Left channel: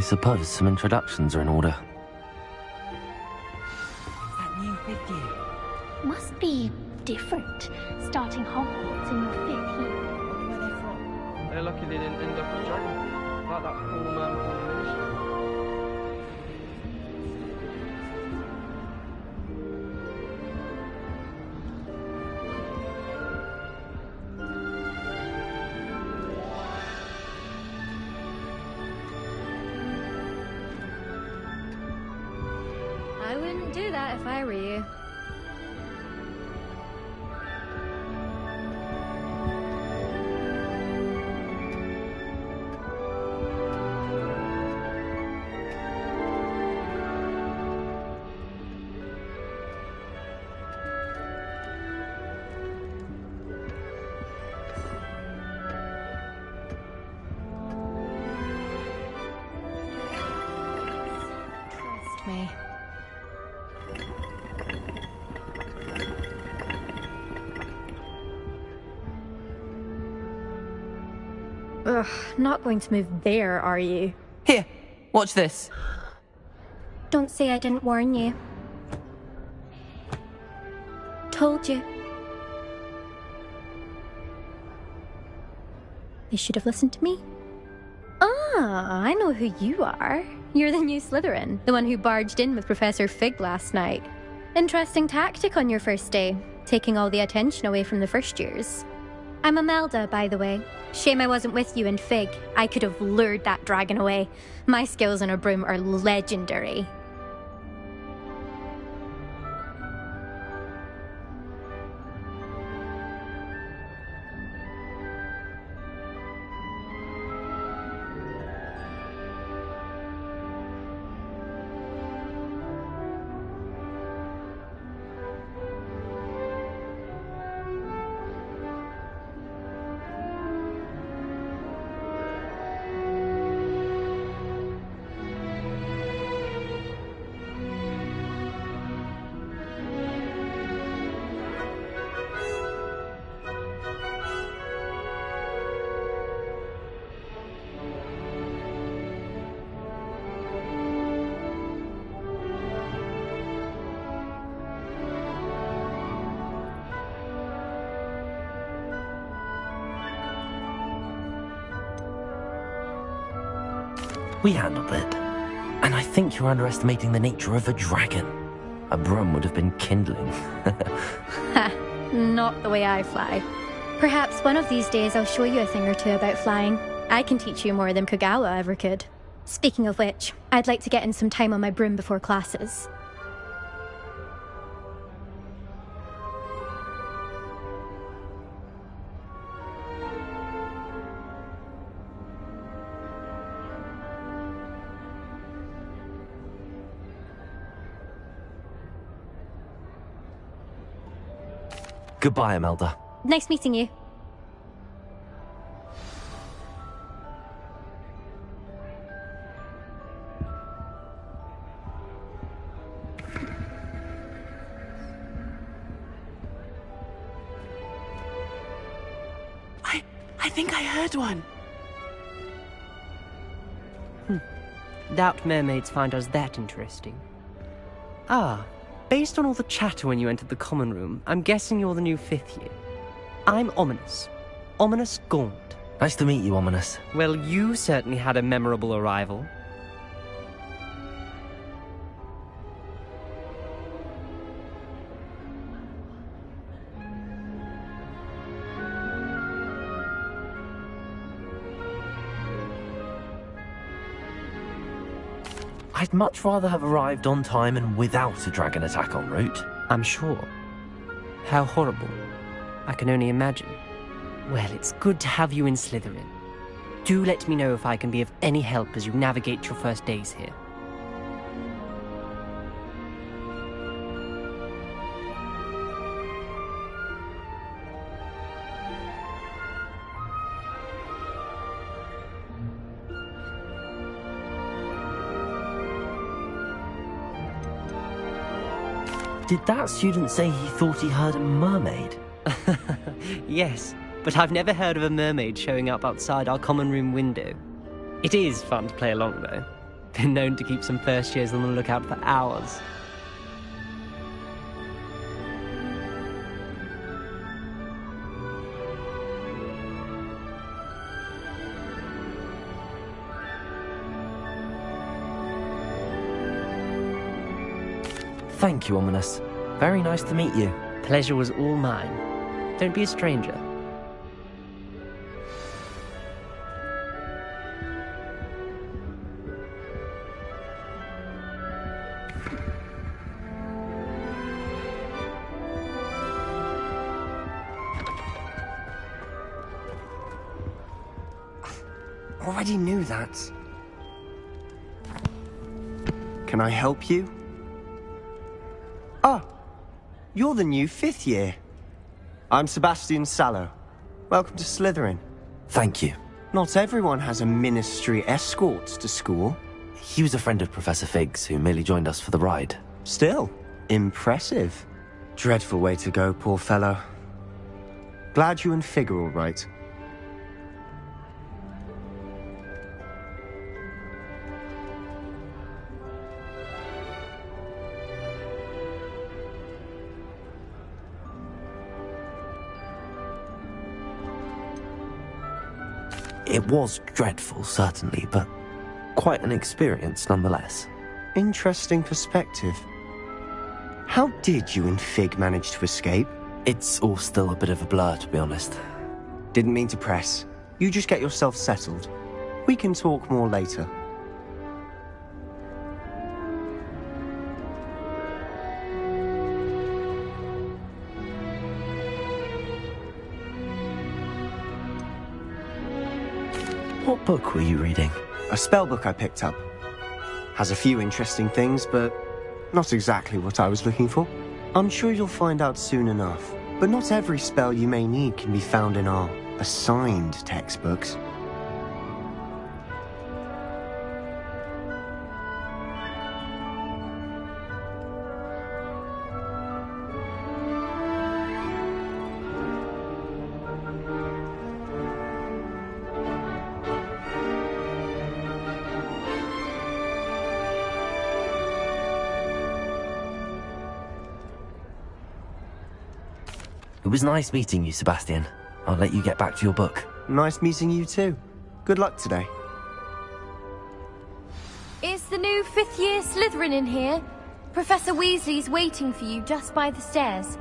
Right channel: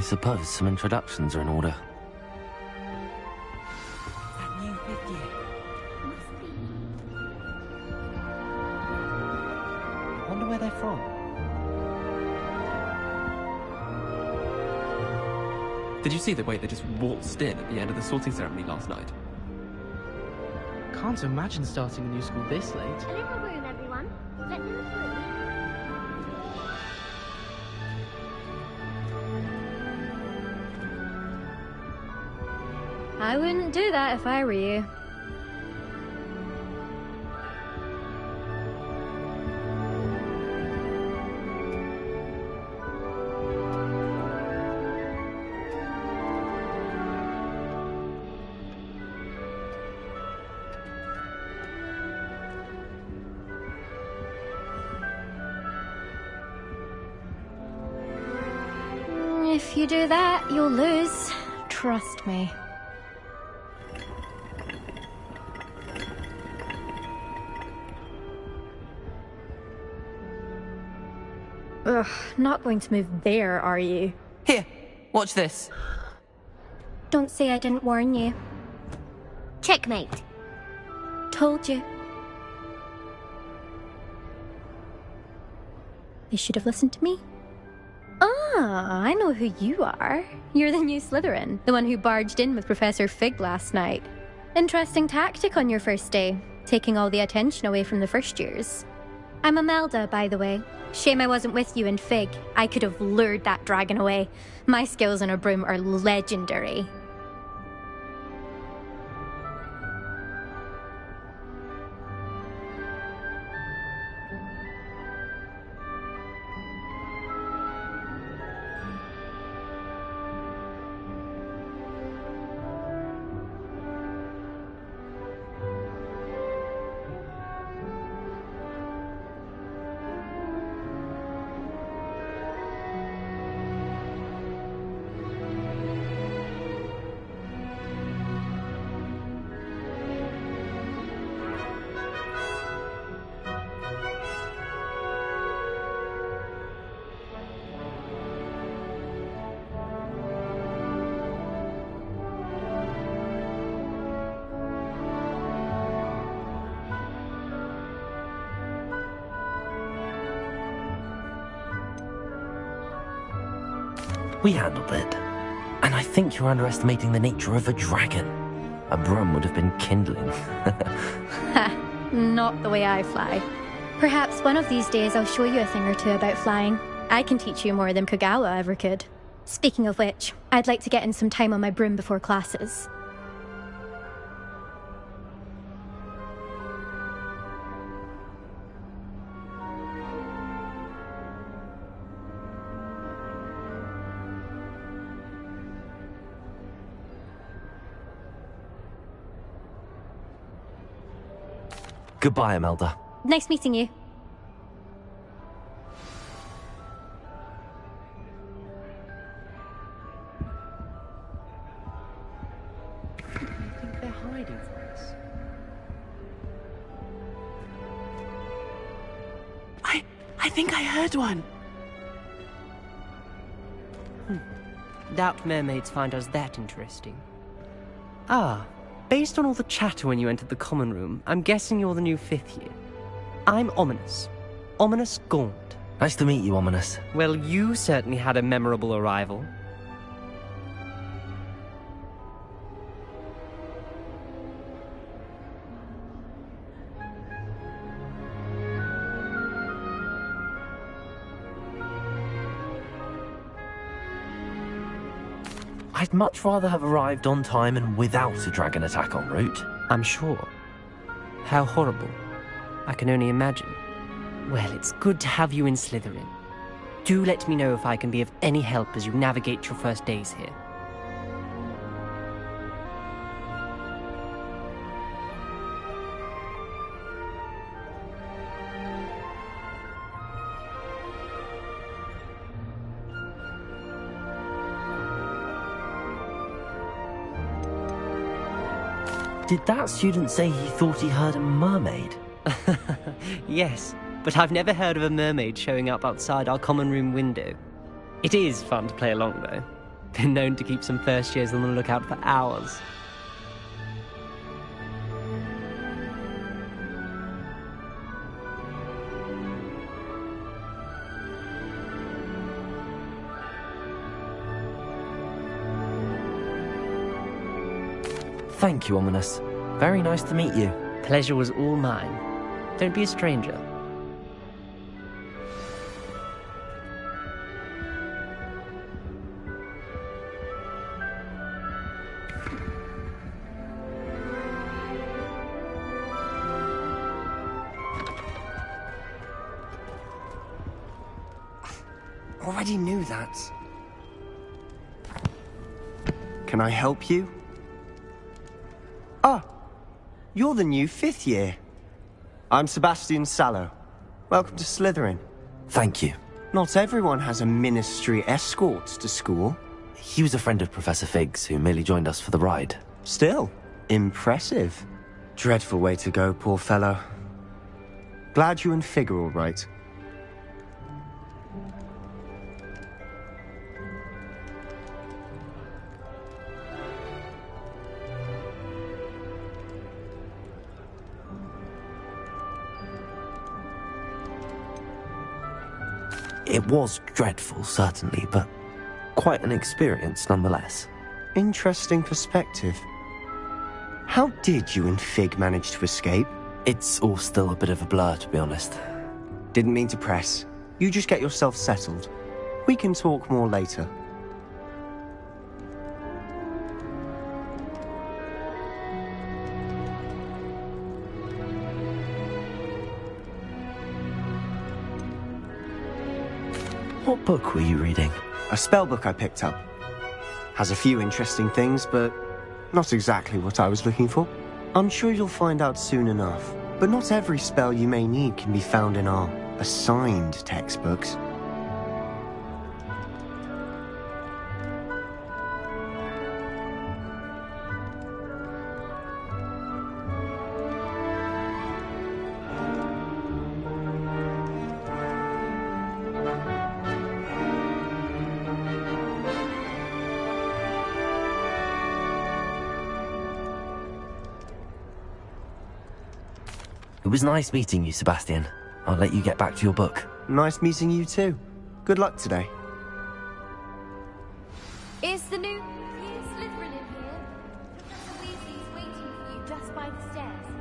I suppose some introductions are in order. That new 5th year. Must be different, starting Hogwarts in your 5th year. I wonder where they're from. Did you see the way they just waltzed in at the end of the sorting ceremony last night? Can't imagine starting a new school this late. Clear the room, everyone. Let them through. I wouldn't do that if I were you. If you do that, you'll lose. Trust me. Ugh, not going to move there, are you? Here, watch this. Don't say I didn't warn you. Checkmate. Told you. They should have listened to me. Ah, I know who you are. You're the new Slytherin, the one who barged in with Professor Fig last night. Interesting tactic on your first day, taking all the attention away from the first years. I'm Imelda, by the way. Shame I wasn't with you in Fig. I could have lured that dragon away. My skills on a broom are legendary. We handled it. And I think you're underestimating the nature of a dragon. A broom would have been kindling. Ha, not the way I fly. Perhaps one of these days I'll show you a thing or two about flying. I can teach you more than Kogawa ever could. Speaking of which, I'd like to get in some time on my broom before classes. Goodbye, Imelda. Nice meeting you. They're hiding from us. I think I heard one. Doubt mermaids find us that interesting. Ah, based on all the chatter when you entered the common room, I'm guessing you're the new 5th year. I'm Ominous. Ominous Gaunt. Nice to meet you, Ominous. Well, you certainly had a memorable arrival. I'd much rather have arrived on time and without a dragon attack en route. I'm sure. How horrible. I can only imagine. Well, it's good to have you in Slytherin. Do let me know if I can be of any help as you navigate your first days here. Did that student say he thought he heard a mermaid? Yes, but I've never heard of a mermaid showing up outside our common room window. It is fun to play along, though. Been known to keep some first years on the lookout for hours. Thank you, Ominous. Very nice to meet you. Pleasure was all mine. Don't be a stranger. Already knew that. Can I help you? Ah, you're the new 5th year. I'm Sebastian Sallow. Welcome to Slytherin. Thank you. Not everyone has a ministry escort to school. He was a friend of Professor Fig's who merely joined us for the ride. Still, impressive. Dreadful way to go, poor fellow. Glad you and Fig are all right. It was dreadful, certainly, but quite an experience nonetheless. Interesting perspective. How did you and Fig manage to escape? It's all still a bit of a blur, to be honest. Didn't mean to press. You just get yourself settled. We can talk more later. What book were you reading? A spell book I picked up. Has a few interesting things, but not exactly what I was looking for. I'm sure you'll find out soon enough. But not every spell you may need can be found in our assigned textbooks. It was nice meeting you, Sebastian. I'll let you get back to your book. Nice meeting you too. Good luck today. Is the new 5th year Slytherin in here? Professor Weasley's waiting for you just by the stairs.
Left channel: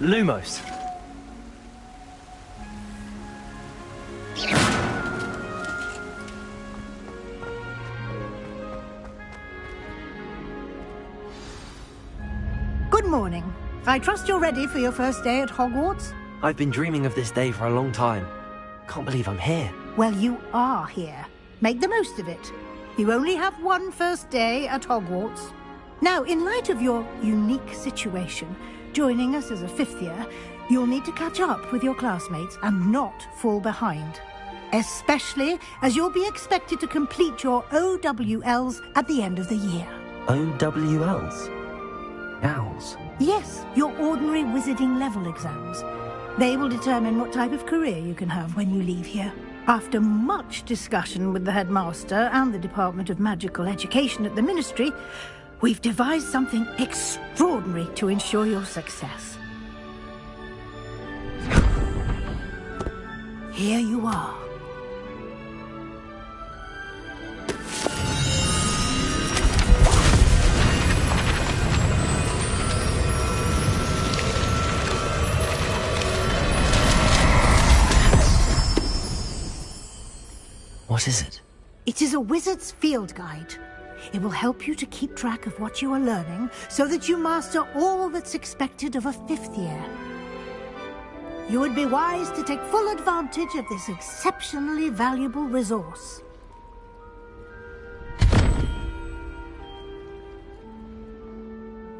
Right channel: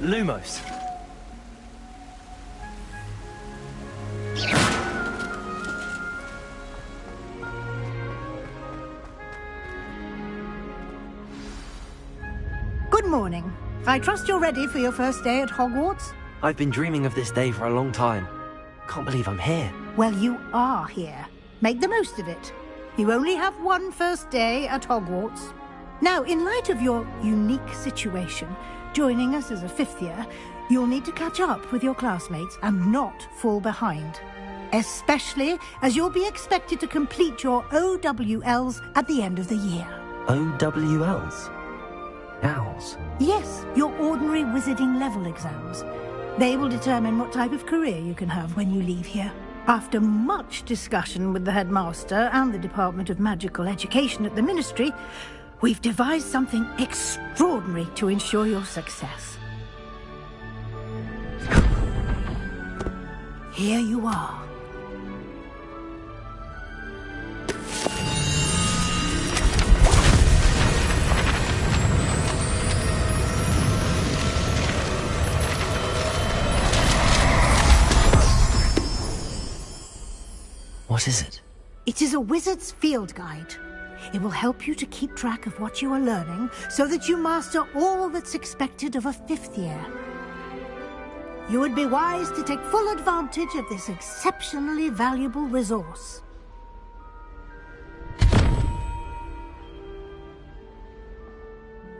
Lumos. Good morning. I trust you're ready for your first day at Hogwarts? I've been dreaming of this day for a long time. Can't believe I'm here. Well, you are here. Make the most of it. You only have one first day at Hogwarts. Now, in light of your unique situation, joining us as a 5th year, you'll need to catch up with your classmates and not fall behind. Especially as you'll be expected to complete your OWLs at the end of the year. OWLs? Owls? Yes, your ordinary wizarding level exams. They will determine what type of career you can have when you leave here. After much discussion with the headmaster and the Department of Magical Education at the Ministry, we've devised something extraordinary to ensure your success. Here you are. What is it? It is a wizard's field guide. It will help you to keep track of what you are learning so that you master all that's expected of a 5th year. You would be wise to take full advantage of this exceptionally valuable resource.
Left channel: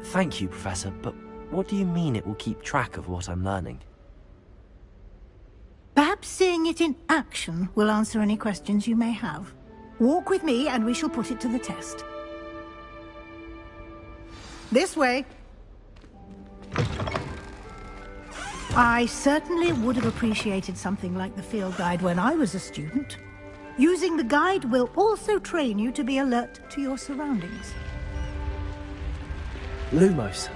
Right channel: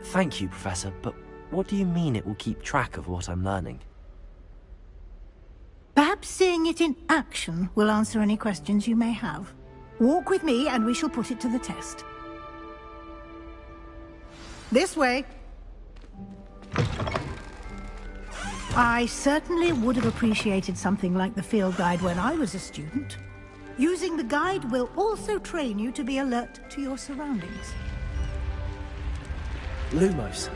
Thank you, Professor, but what do you mean it will keep track of what I'm learning? Perhaps seeing it in action will answer any questions you may have. Walk with me and we shall put it to the test. This way. I certainly would have appreciated something like the field guide when I was a student. Using the guide will also train you to be alert to your surroundings. Lumos.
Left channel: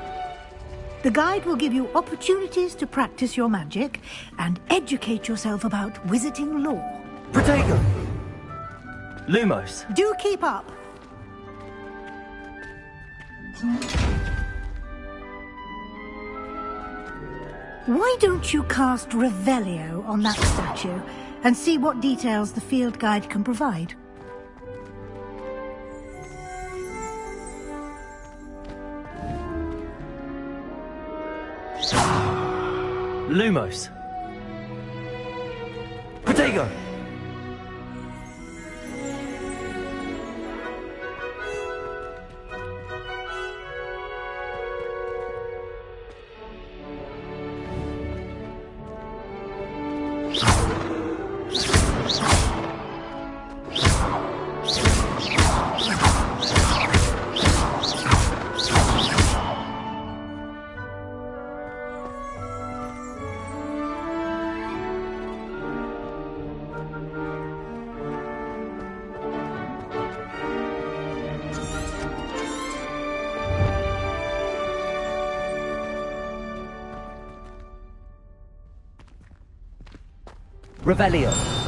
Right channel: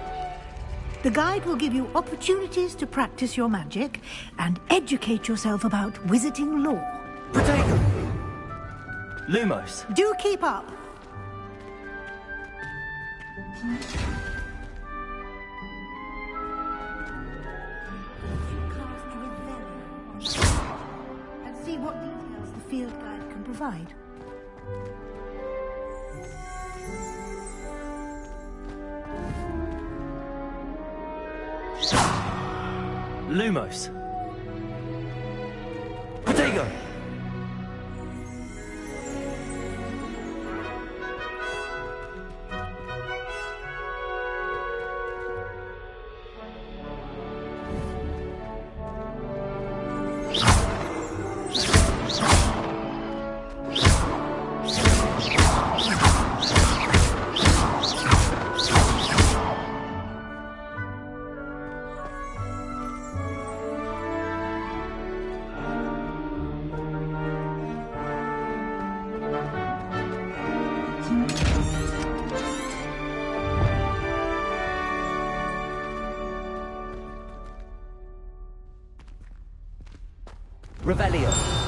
The guide will give you opportunities to practice your magic and educate yourself about wizarding lore. Protego! Lumos. Do keep up. Why don't you cast Revelio on that statue and see what details the field guide can provide? Lumos. Protego! Revelio.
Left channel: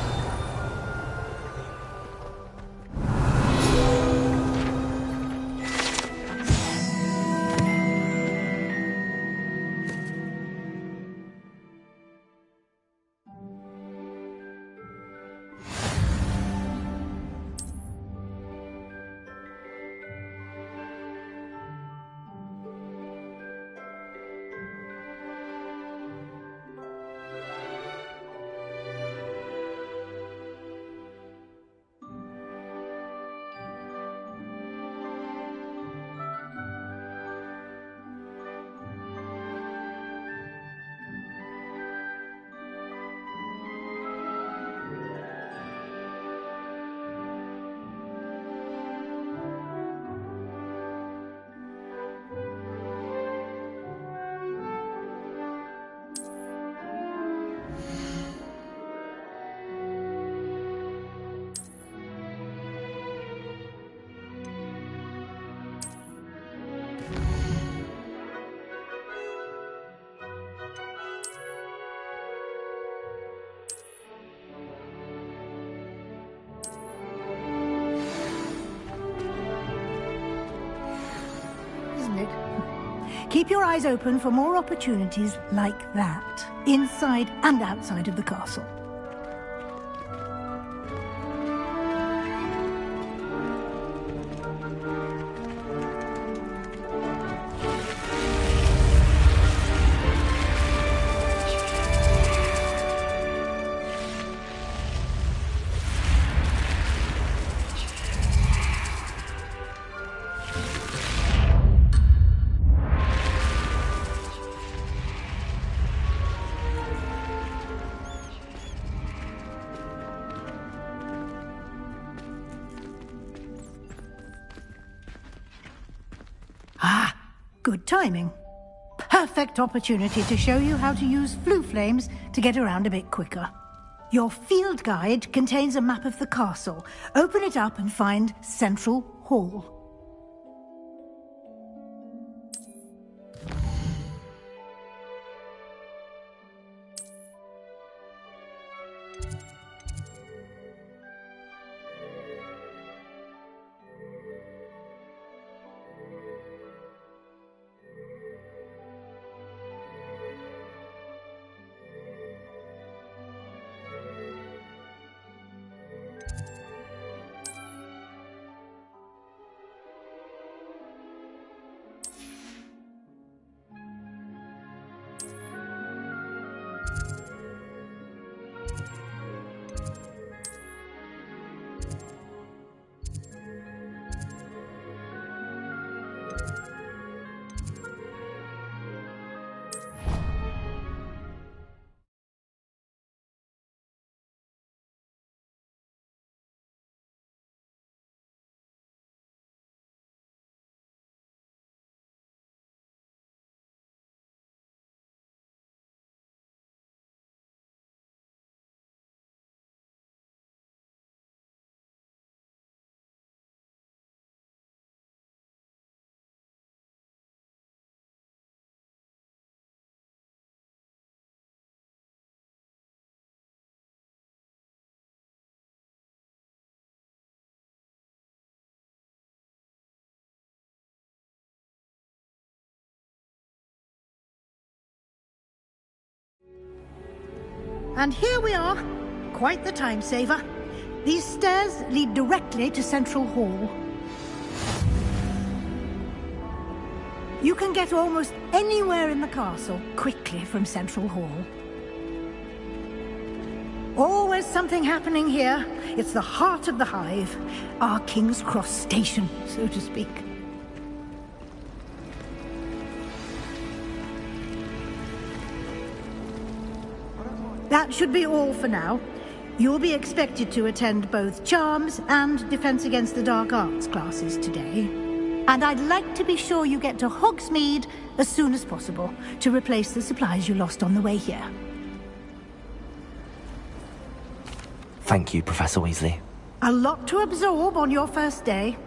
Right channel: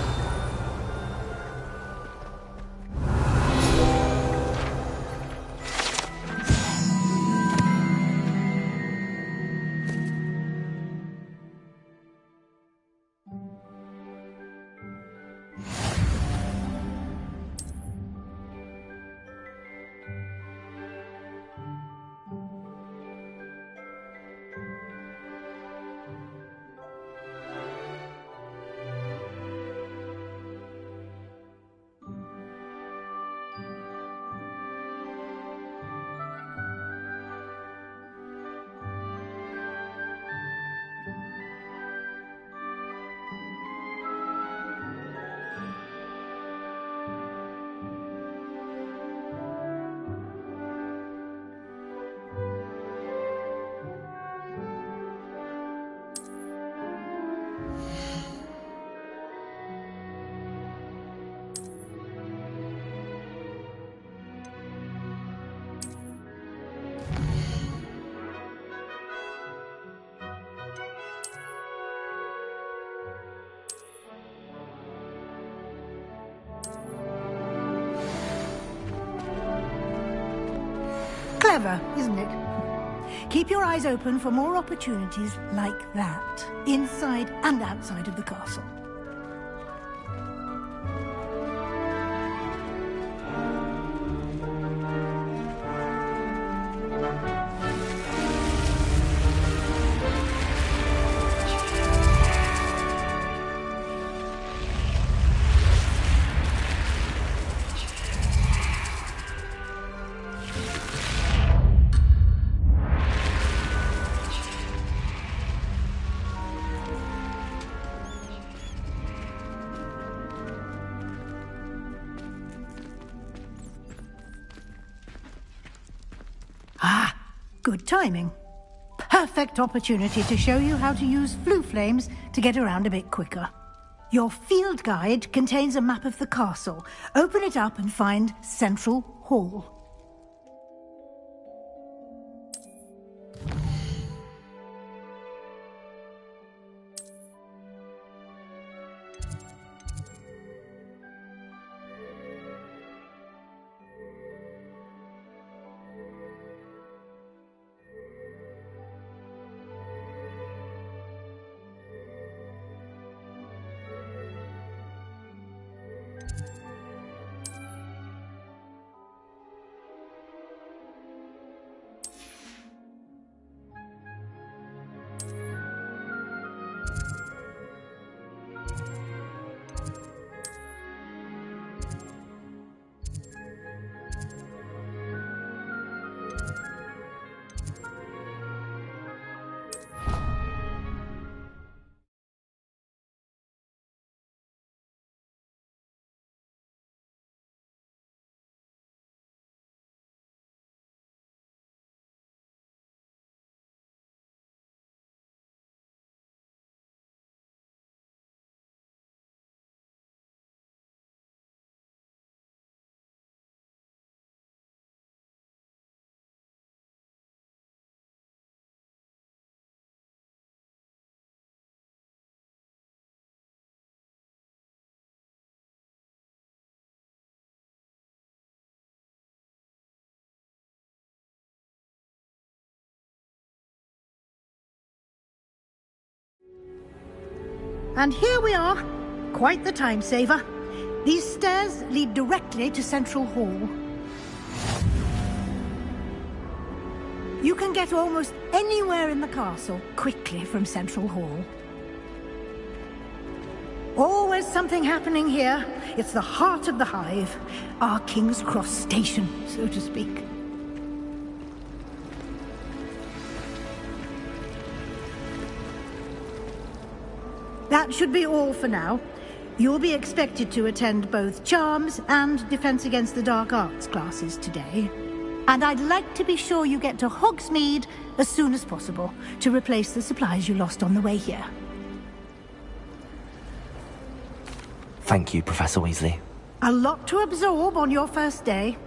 Clever, isn't it? Keep your eyes open for more opportunities like that, inside and outside of the castle. Good timing. Perfect opportunity to show you how to use flue flames to get around a bit quicker. Your field guide contains a map of the castle. Open it up and find Central Hall. And here we are. Quite the time saver. These stairs lead directly to Central Hall. You can get almost anywhere in the castle quickly from Central Hall. Always something happening here. It's the heart of the hive. Our King's Cross station, so to speak. That should be all for now. You'll be expected to attend both Charms and Defense Against the Dark Arts classes today. And I'd like to be sure you get to Hogsmeade as soon as possible to replace the supplies you lost on the way here. Thank you, Professor Weasley. A lot to absorb on your first day,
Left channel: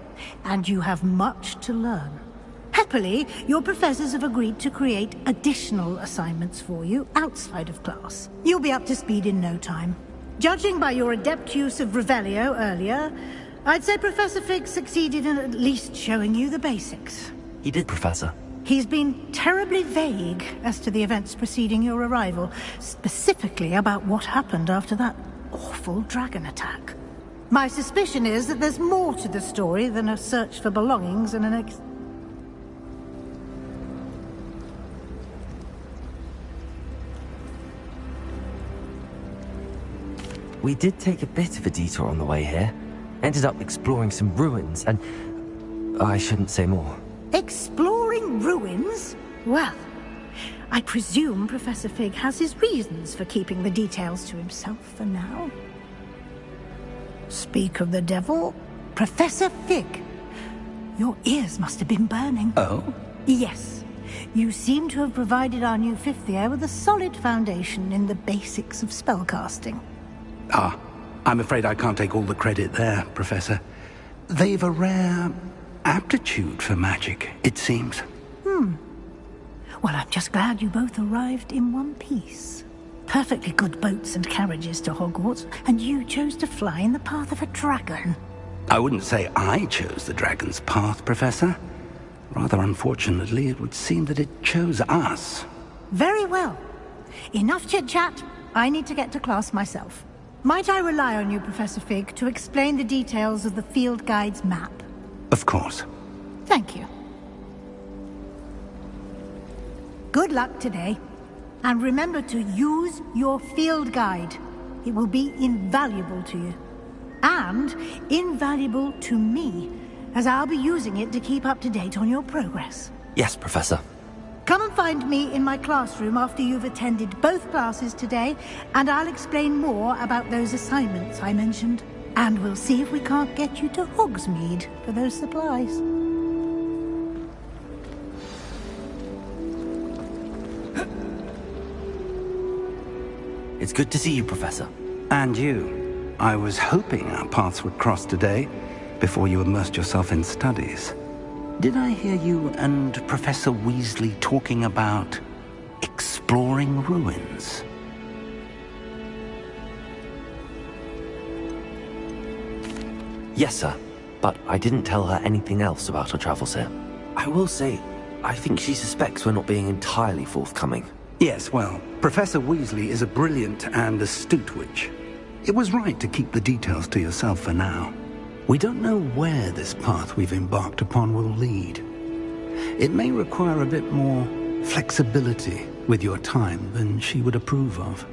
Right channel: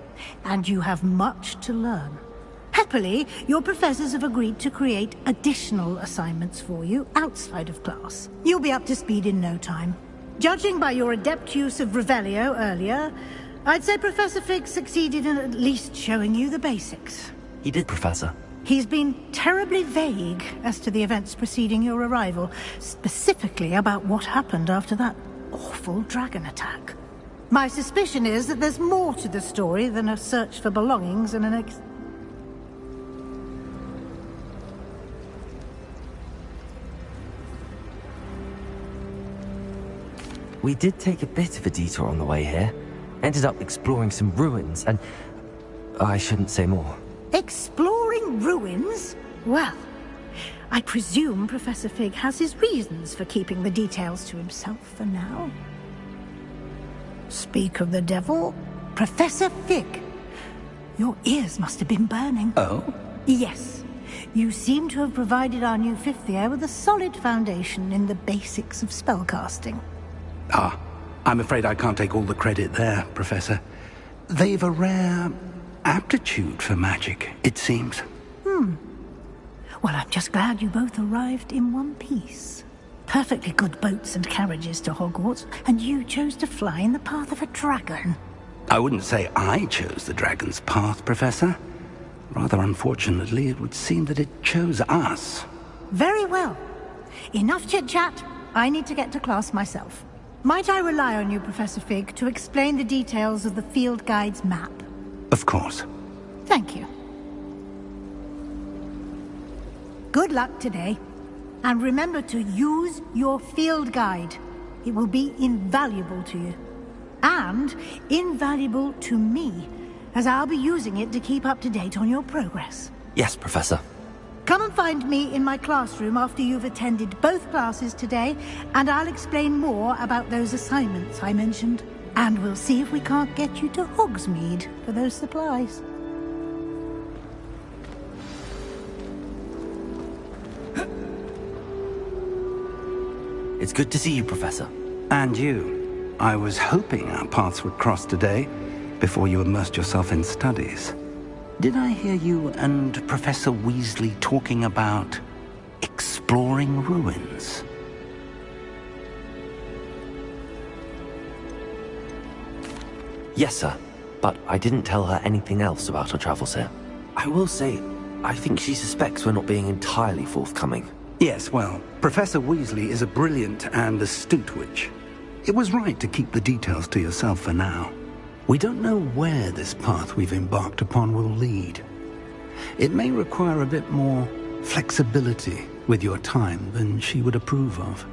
and you have much to learn. Happily, your professors have agreed to create additional assignments for you outside of class. You'll be up to speed in no time. Judging by your adept use of Revelio earlier, I'd say Professor Fig succeeded in at least showing you the basics. He did, Professor. He's been terribly vague as to the events preceding your arrival, specifically about what happened after that awful dragon attack. My suspicion is that there's more to the story than a search for belongings and an We did take a bit of a detour on the way here. Ended up exploring some ruins, and I shouldn't say more. Exploring ruins? Well, I presume Professor Fig has his reasons for keeping the details to himself for now. Speak of the devil, Professor Fig. Your ears must have been burning. Oh? Yes. You seem to have provided our new fifth year with a solid foundation in the basics of spellcasting. Ah, I'm afraid I can't take all the credit there, Professor. They've a rare aptitude for magic, it seems. Well, I'm just glad you both arrived in one piece. Perfectly good boats and carriages to Hogwarts, and you chose to fly in the path of a dragon. I wouldn't say I chose the dragon's path, Professor. Rather unfortunately, it would seem that it chose us. Very well. Enough chit-chat. I need to get to class myself. Might I rely on you, Professor Fig, to explain the details of the field guide's map? Of course. Thank you. Good luck today. And remember to use your field guide. It will be invaluable to you. And invaluable to me, as I'll be using it to keep up to date on your progress. Yes, Professor. Come and find me in my classroom after you've attended both classes today, and I'll explain more about those assignments I mentioned. And we'll see if we can't get you to Hogsmeade for those supplies. It's good to see you, Professor. And you. I was hoping our paths would cross today, before you immersed yourself in studies. Did I hear you and Professor Weasley talking about exploring ruins? Yes, sir. But I didn't tell her anything else about our travels here. I will say, I think she suspects we're not being entirely forthcoming. Yes, well, Professor Weasley is a brilliant and astute witch. It was right to keep the details to yourself for now. We don't know where this path we've embarked upon will lead. It may require a bit more flexibility with your time than she would approve of.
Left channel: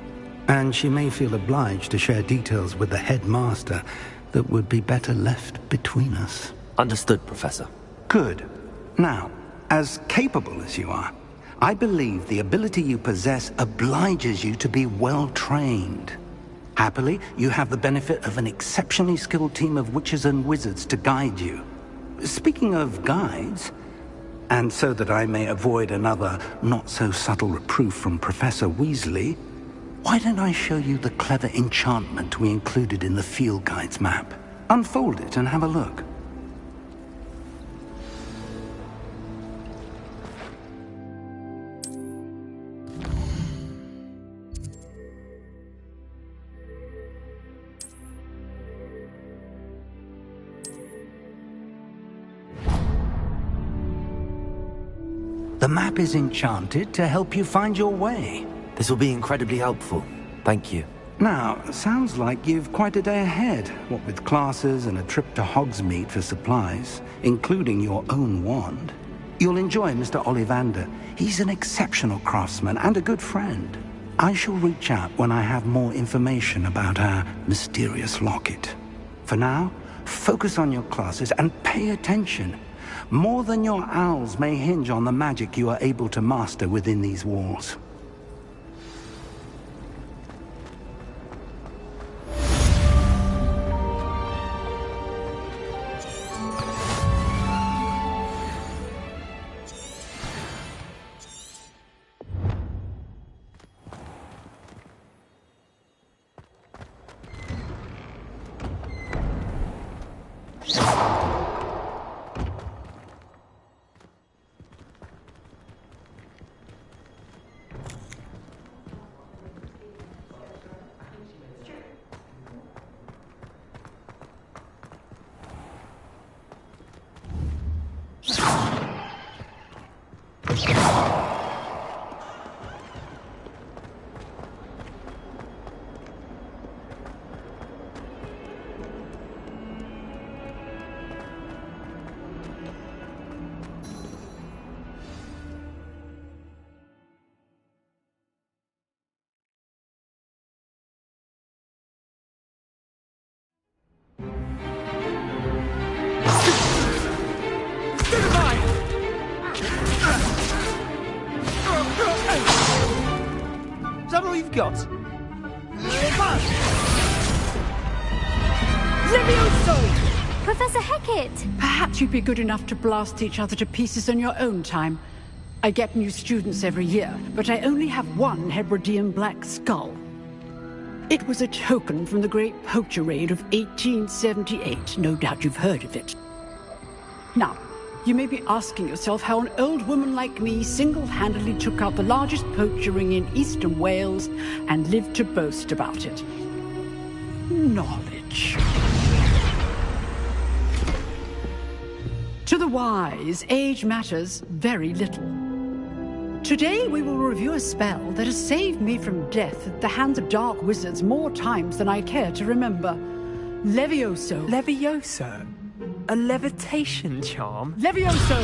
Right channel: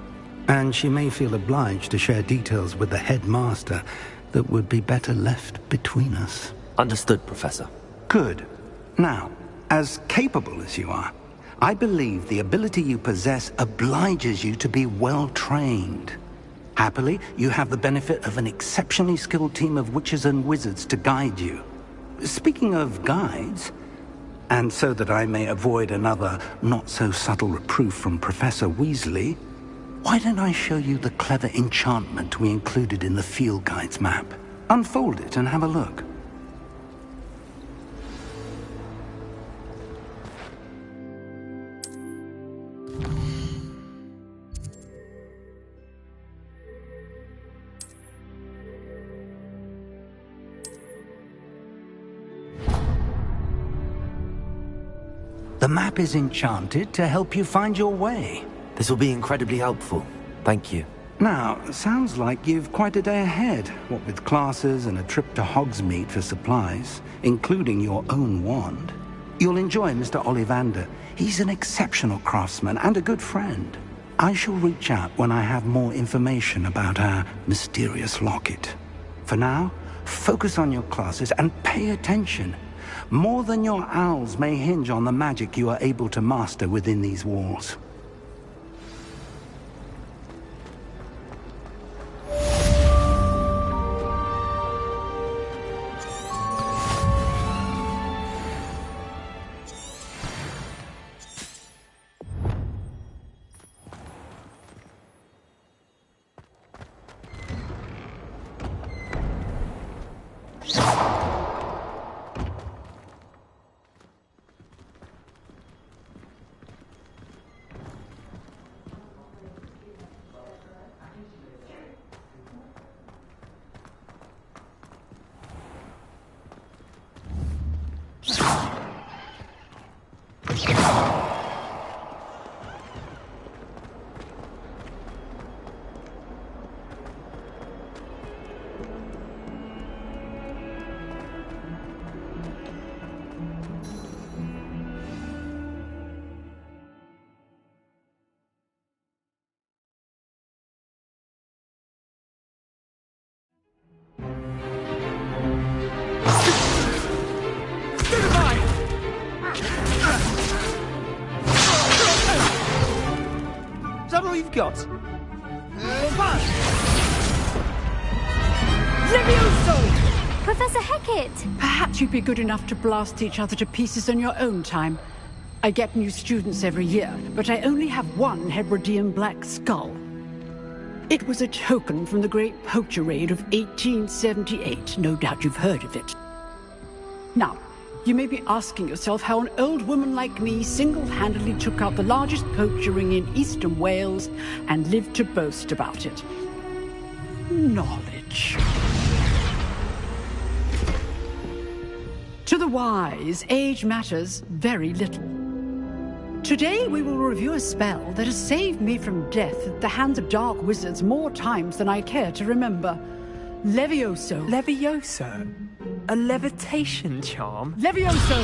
And she may feel obliged to share details with the headmaster that would be better left between us. Understood, Professor. Good. Now, as capable as you are, I believe the ability you possess obliges you to be well-trained. Happily, you have the benefit of an exceptionally skilled team of witches and wizards to guide you. Speaking of guides, and so that I may avoid another not-so-subtle reproof from Professor Weasley, why don't I show you the clever enchantment we included in the field guide's map? Unfold it and have a look. The map is enchanted to help you find your way. This will be incredibly helpful. Thank you. Now, sounds like you've quite a day ahead, what with classes and a trip to Hogsmeade for supplies, including your own wand. You'll enjoy Mr. Ollivander. He's an exceptional craftsman and a good friend. I shall reach out when I have more information about our mysterious locket. For now, focus on your classes and pay attention. More than your owls may hinge on the magic you are able to master within these walls. Is that all you've got? Levioso! Professor Hecat! Perhaps you'd be good enough to blast each other to pieces on your own time. I get new students every year, but I only have one Hebridean black skull. It was a token from the Great Poacher Raid of 1878. No doubt you've heard of it. Now, you may be asking yourself how an old woman like me single-handedly took out the largest poacher ring in eastern Wales and lived to boast about it. Knowledge. To the wise, age matters very little. Today we will review a spell that has saved me from death at the hands of dark wizards more times than I care to remember. Levioso. Levioso? A levitation charm? Levioso!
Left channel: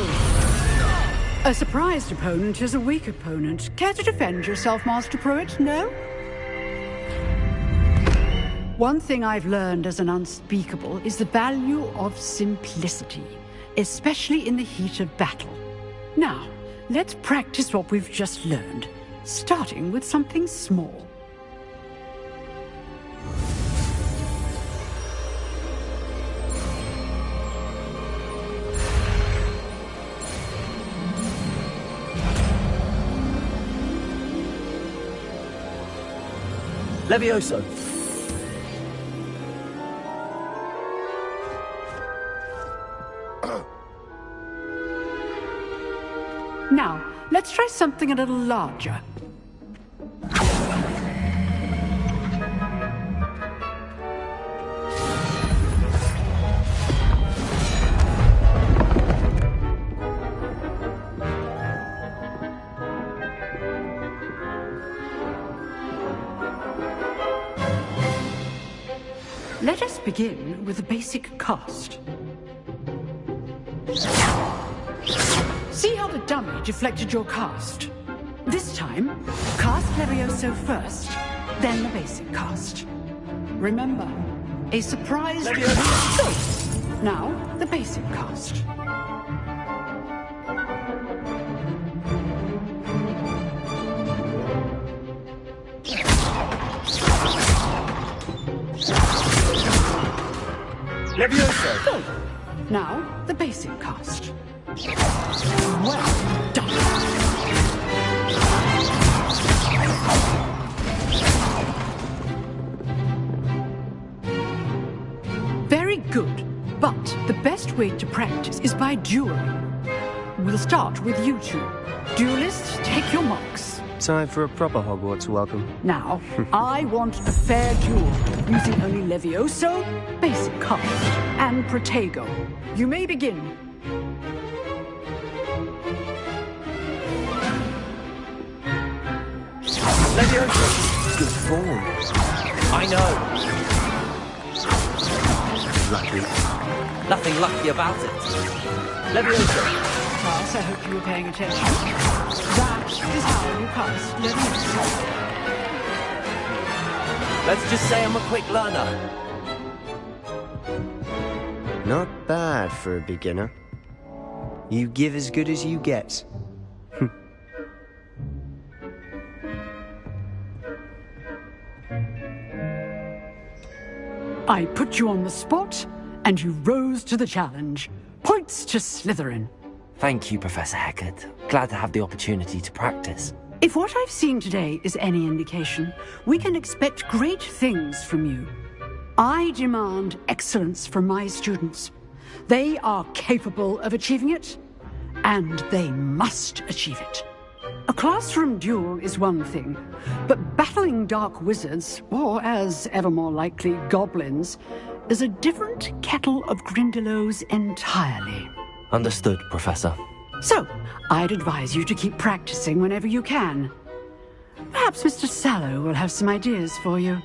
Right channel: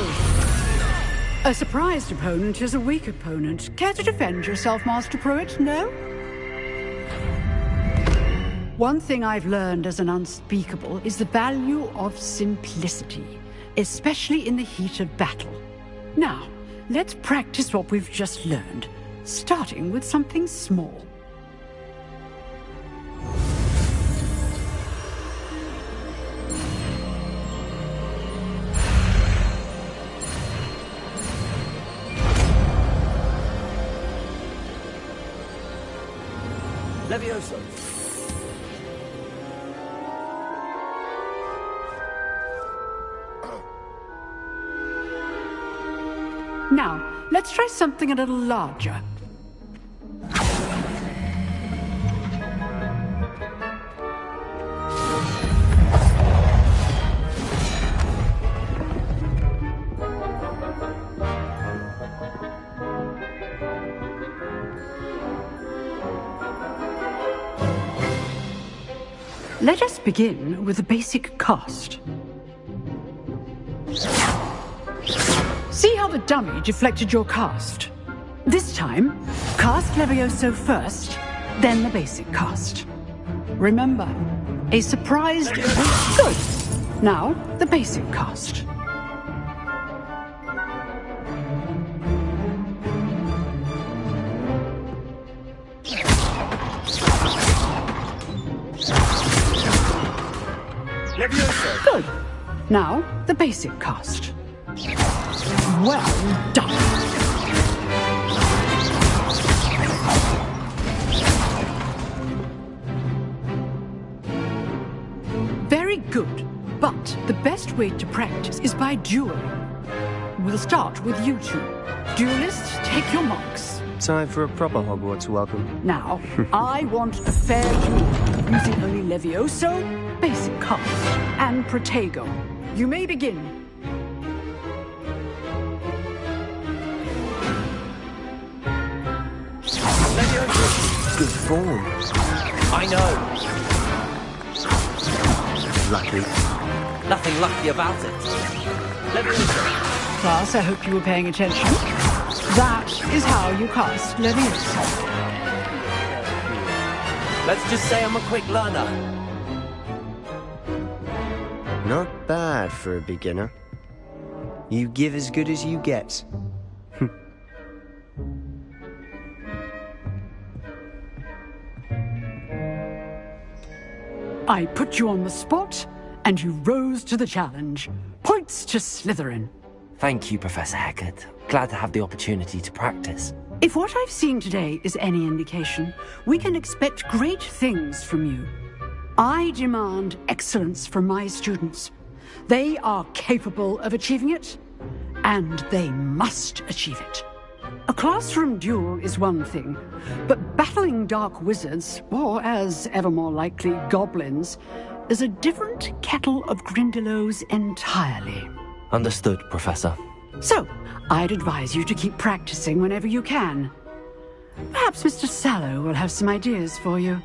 A surprised opponent is a weak opponent. Care to defend yourself, Master Pruitt? No? One thing I've learned as an unspeakable is the value of simplicity, especially in the heat of battle. Now, let's practice what we've just learned, starting with something small. Levioso! Now, let's try something a little larger. Let us begin with the basic cast. See how the dummy deflected your cast? This time, cast Levioso first, then the basic cast. Remember, a surprise... Good! Now, the basic cast. Levioso! Good! Now, the basic cast. Well done! Very good, but the best way to practice is by dueling. We'll start with you two. Duelists, take your marks. Time for a proper Hogwarts welcome. Now, I want a fair duel, using only Levioso, basic cast, and Protego. You may begin. Levioso! good form. I know. Lucky. Nothing lucky about it. Leviosa. Class, I hope you were paying attention. That is how you cast Leviosa. Let's just say I'm a quick learner. Not bad for a beginner. You give as good as you get. I put you on the spot, and you rose to the challenge. Points to Slytherin. Thank you, Professor Hecat. Glad to have the opportunity to practice. If what I've seen today is any indication, we can expect great things from you. I demand excellence from my students. They are capable of achieving it, and they must achieve it. A classroom duel is one thing, but battling dark wizards, or as ever more likely, goblins, is a different kettle of Grindylows entirely. Understood, Professor. So, I'd advise you to keep practicing whenever you can. Perhaps Mr. Sallow will have some ideas for you.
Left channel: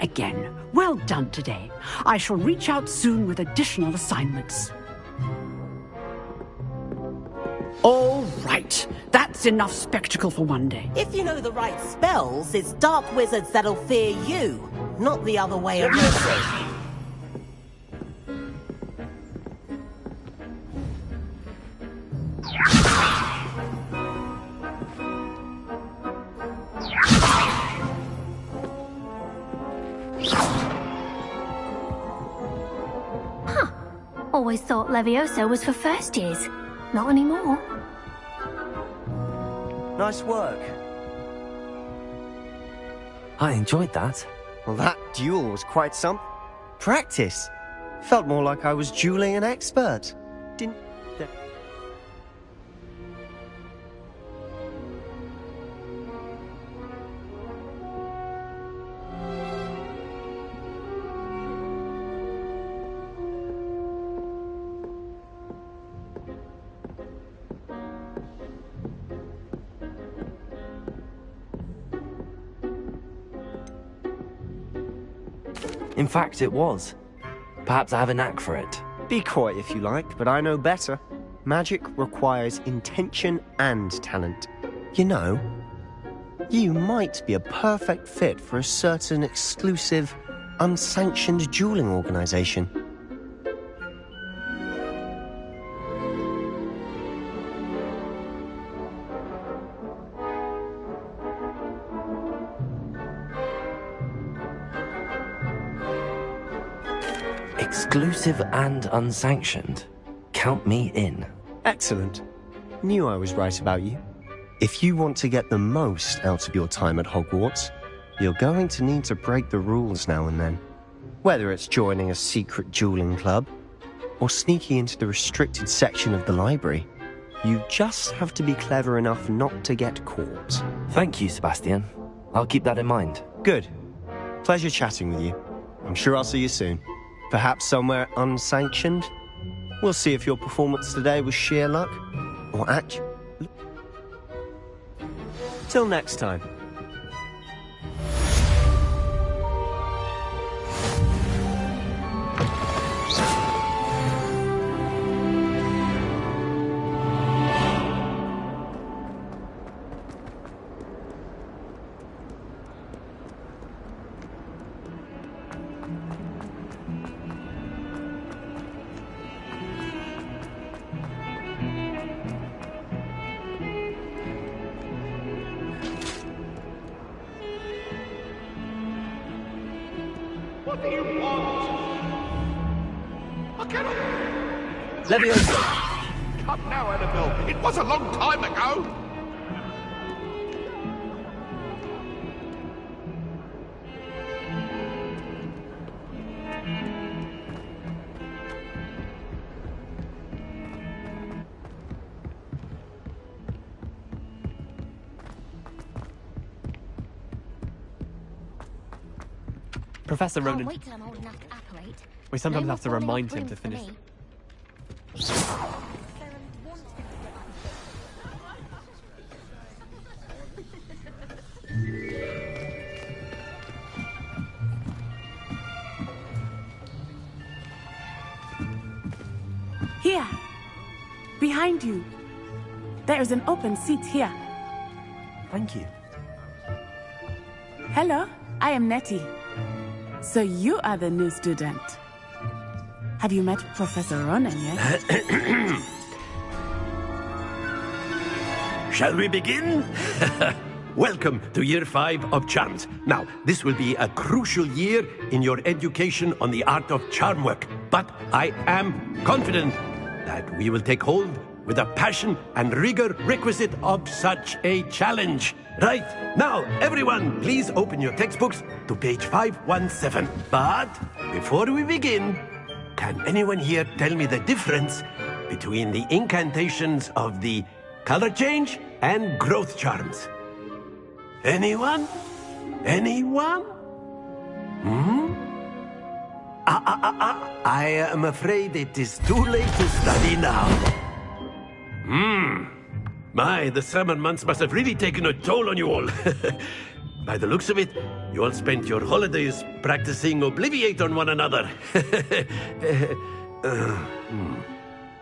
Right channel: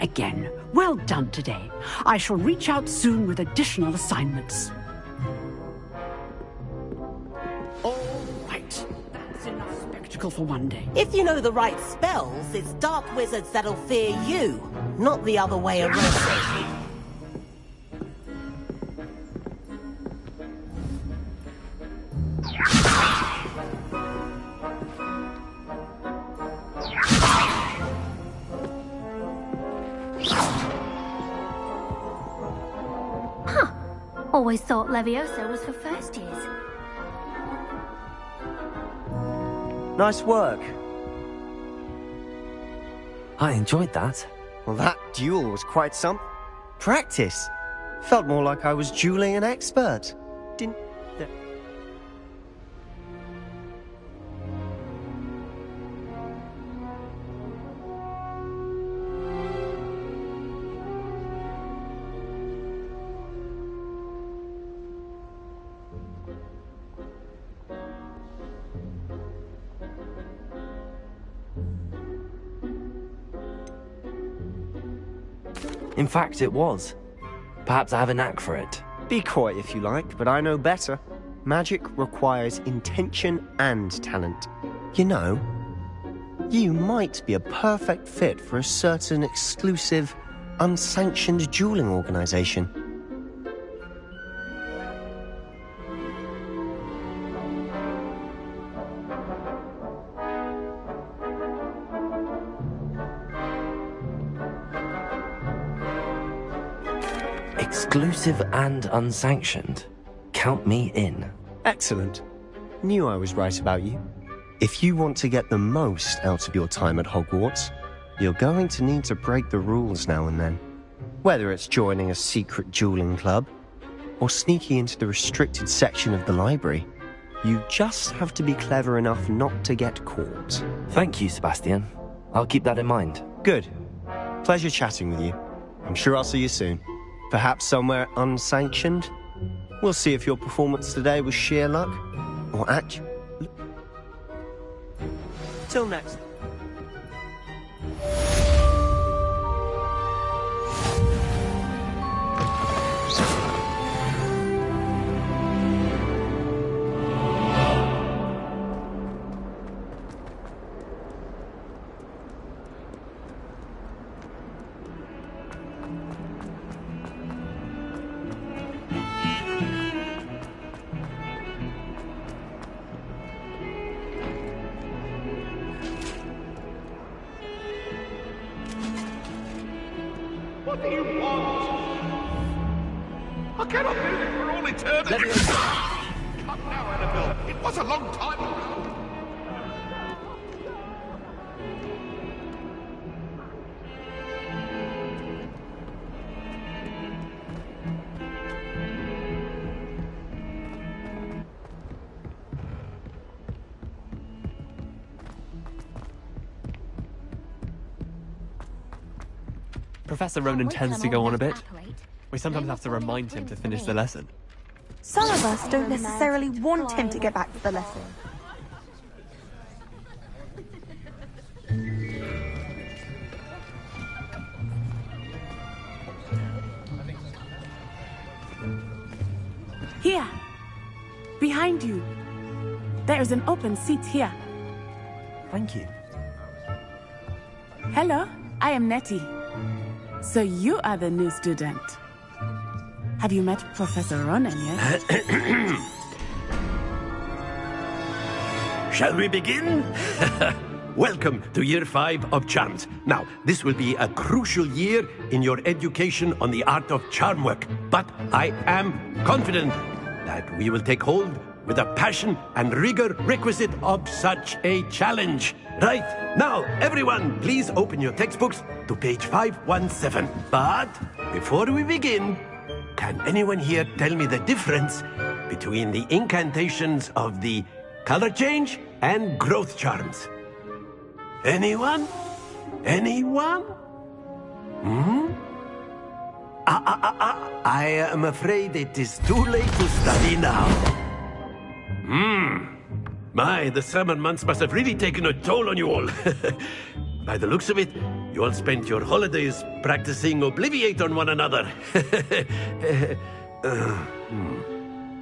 Again, well done today. I shall reach out soon with additional assignments. All right. That's enough spectacle for one day. If you know the right spells, it's dark wizards that'll fear you, not the other way around. Huh. Always thought Leviosa was for first years. Not anymore. Nice work. I enjoyed that. Well, that duel was quite some practice. Felt more like I was dueling an expert. Didn't... In fact, it was. Perhaps I have a knack for it. Be coy if you like, but I know better. Magic requires intention and talent. You know, you might be a perfect fit for a certain exclusive, unsanctioned dueling organization. Exclusive and unsanctioned. Count me in. Excellent. Knew I was right about you. If you want to get the most out of your time at Hogwarts, you're going to need to break the rules now and then. Whether it's joining a secret dueling club, or sneaking into the restricted section of the library, you just have to be clever enough not to get caught. Thank you, Sebastian. I'll keep that in mind. Good. Pleasure chatting with you. I'm sure I'll see you soon. Perhaps somewhere unsanctioned? We'll see if your performance today was sheer luck, or actually... Till next time. What do you want? I cannot live for all eternity. Leviosa! Come now, Annabelle. It was a long time ago. Professor Ronan tends to go on a bit. We sometimes have to remind him to finish the lesson. Some of us don't necessarily want him to get back to the lesson. Here. Behind you. There is an open seat here. Thank you. Hello, I am Nettie. So you are the new student. Have you met Professor Ronan yet? Shall we begin? Welcome to Year 5 of Charms. Now, this will be a crucial year in your education on the art of charm work. But I am confident that we will take hold with the passion and rigor requisite of such a challenge. Right, now, everyone, please open your textbooks to page 517. But before we begin, can anyone here tell me the difference between the incantations of the color change and growth charms? Anyone? Anyone? I am afraid it is too late to study now. My, the summer months must have really taken a toll on you all. By the looks of it, you all spent your holidays practicing Obliviate on one another.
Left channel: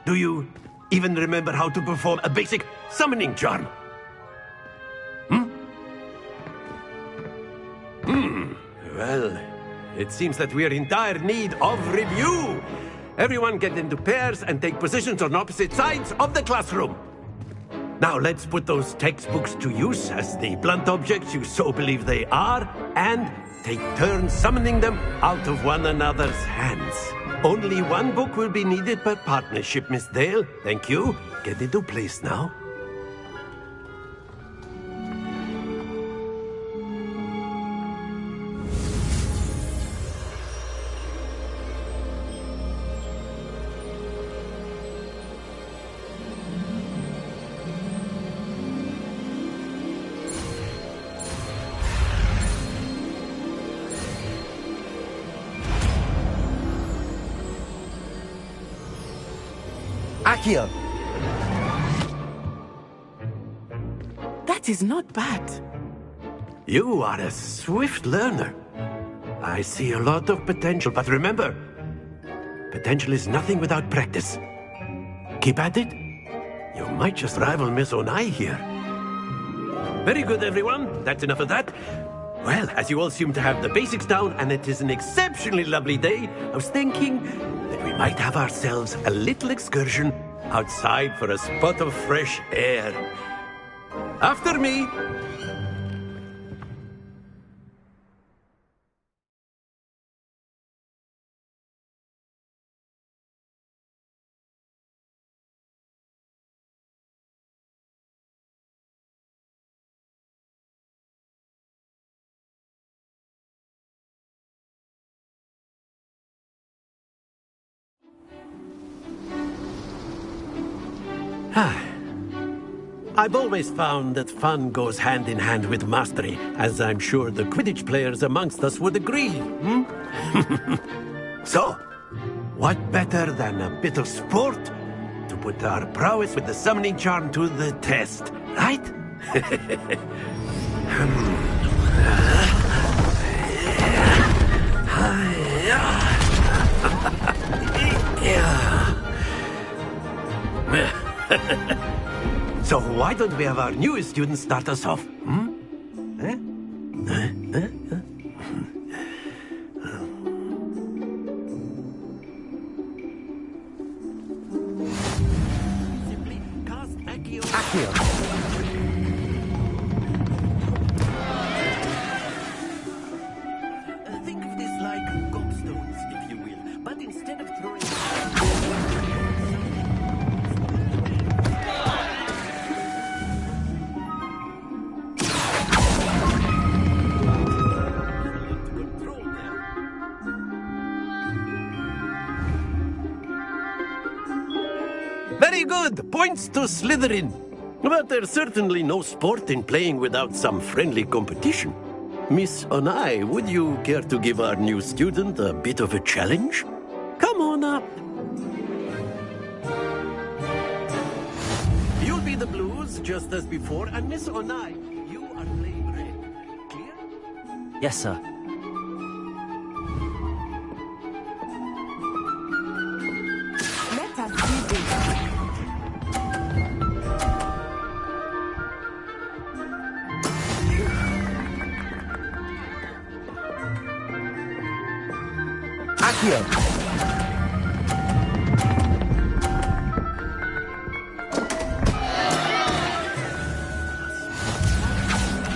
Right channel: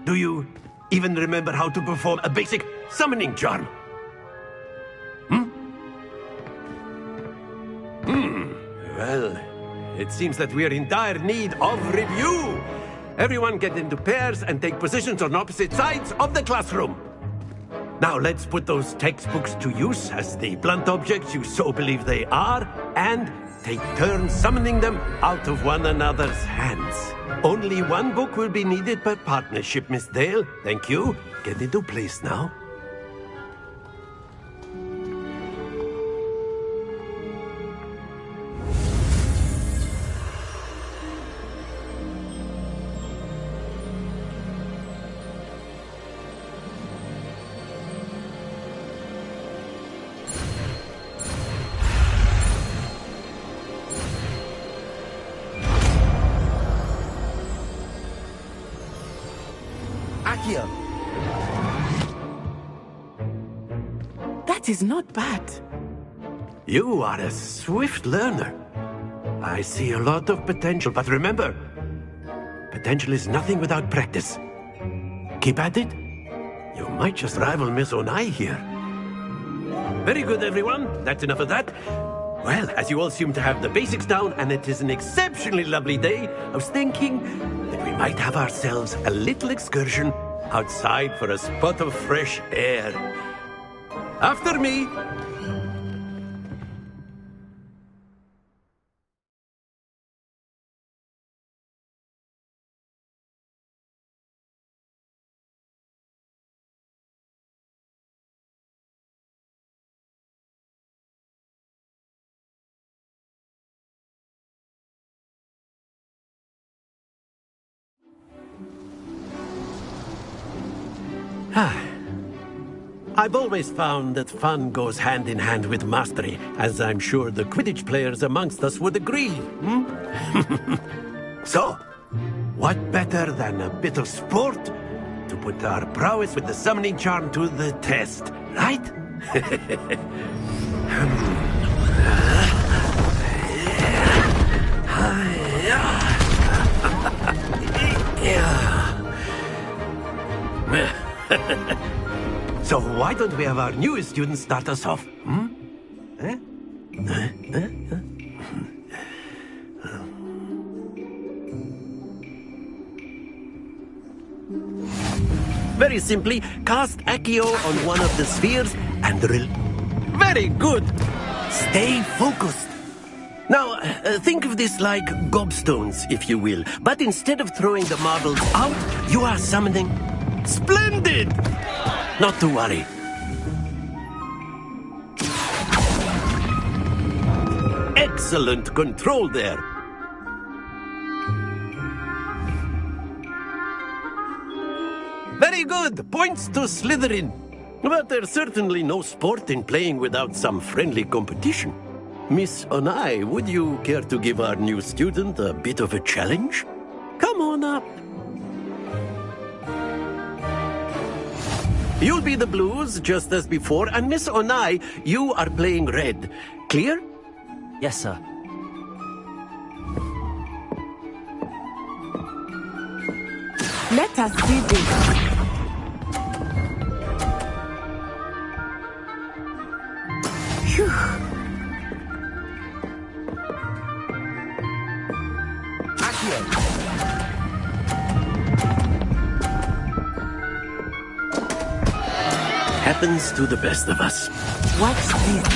Do you even remember how to perform a basic summoning charm? Well, it seems that we are in dire need of review. Everyone get into pairs and take positions on opposite sides of the classroom. Now let's put those textbooks to use as the blunt objects you so believe they are, and take turns summoning them out of one another's hands. Only one book will be needed per partnership, Miss Dale. Thank you. Get into place now. Accio! That is not bad. You are a swift learner. I see a lot of potential, but remember, potential is nothing without practice. Keep at it. You might just rival Miss Onai here. Very good, everyone. That's enough of that. Well, as you all seem to have the basics down, and it is an exceptionally lovely day, I was thinking that we might have ourselves a little excursion outside for a spot of fresh air. After me! I've always found that fun goes hand in hand with mastery, as I'm sure the Quidditch players amongst us would agree. So, what better than a bit of sport to put our prowess with the summoning charm to the test, right? So why don't we have our newest student start us off? Very simply, cast Accio on one of the spheres and very good! Stay focused. Now, think of this like gobstones, if you will. But instead of throwing the marbles out, you are summoning... Splendid! Not to worry. Excellent control there. Very good. Points to Slytherin. But there's certainly no sport in playing without some friendly competition. Miss Onai, would you care to give our new student a bit of a challenge? Come on up. You'll be the blues, just as before, and Miss Onai, you are playing red. Clear? Yes, sir. Let us see this. Phew. Accio. Happens to the best of us. What's this?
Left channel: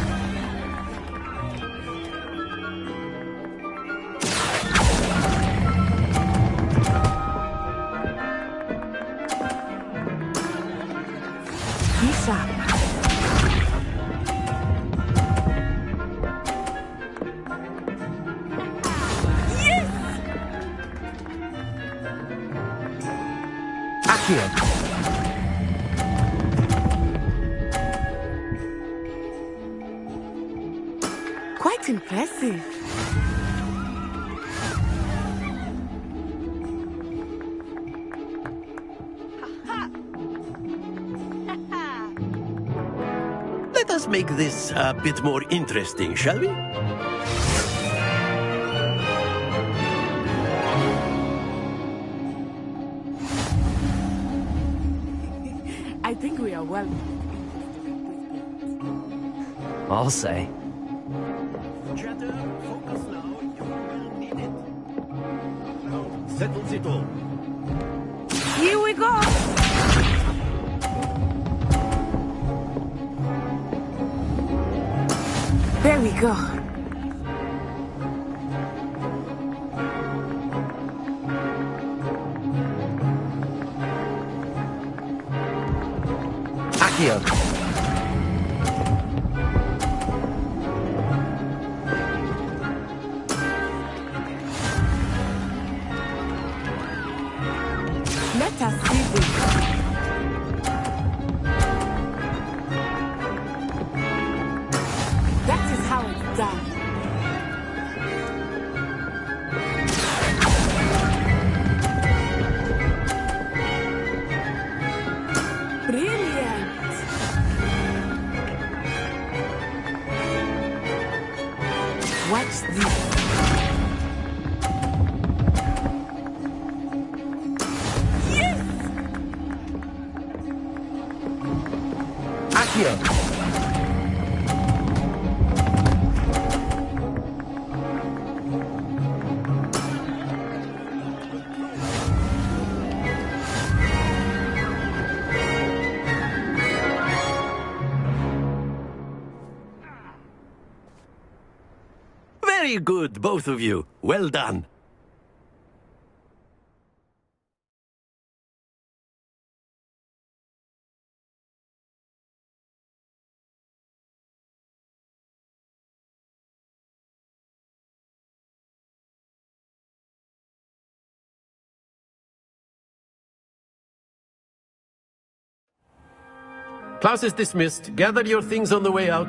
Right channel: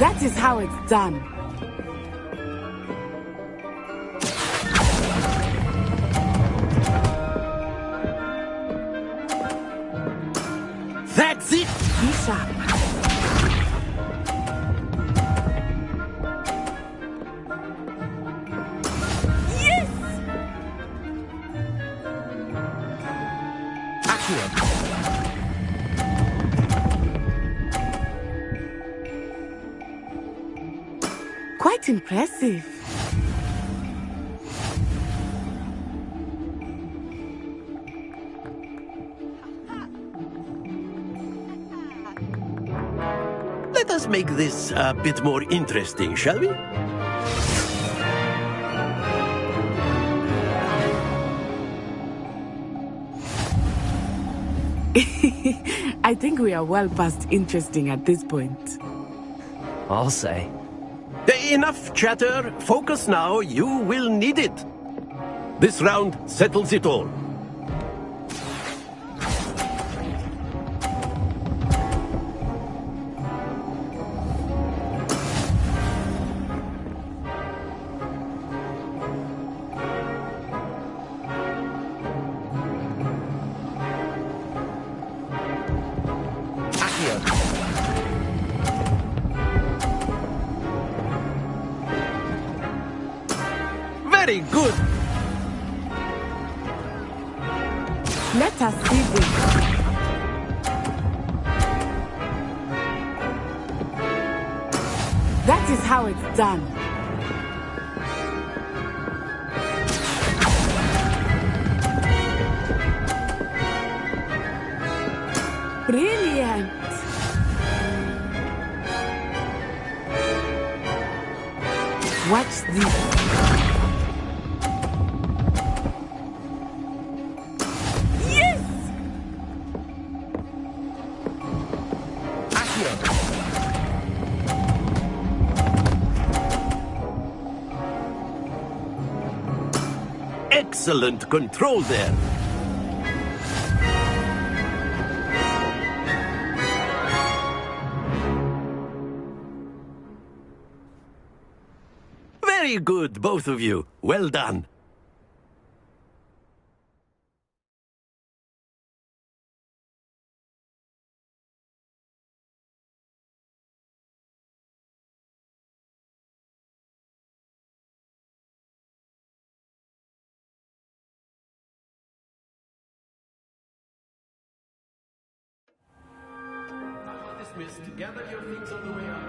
That is how it's done. That's it! Be sharp. Quite impressive. Let us make this a bit more interesting, shall we? I think we are well past interesting at this point. I'll say. Enough chatter. Focus now. You will need it. This round settles it all. Here we go. There we go. Accio. Very good. Let us see this. That is how it's done. Brilliant. Watch this. Excellent control there. Very good, both of you. Well done. Class is dismissed. Gather your things on the way out.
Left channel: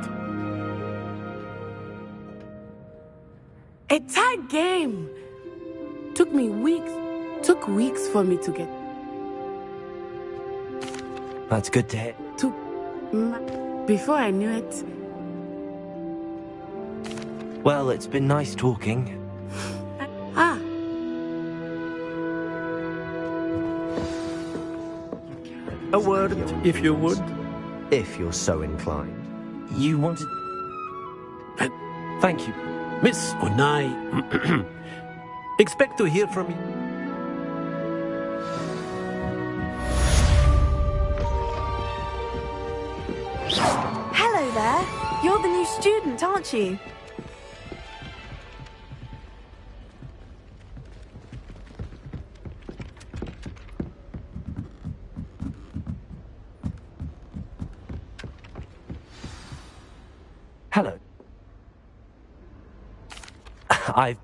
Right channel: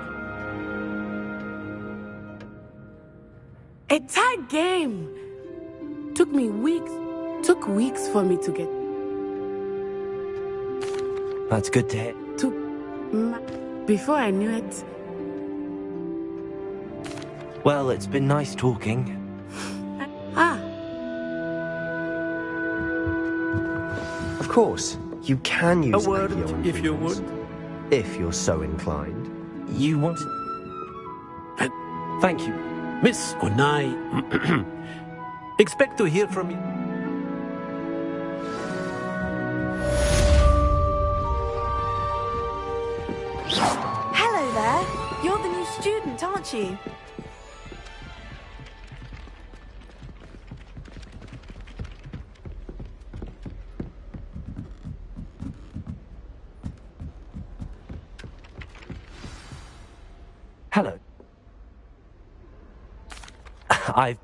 A tight game. Took weeks for me to get. That's good to hear. Before I knew it. Well, it's been nice talking. Of course, you can use A word, if you would. If you're so inclined. You wanted... Thank you. Miss Onai, expect to hear from me. Hello there. You're the new student, aren't you? Hello. I've...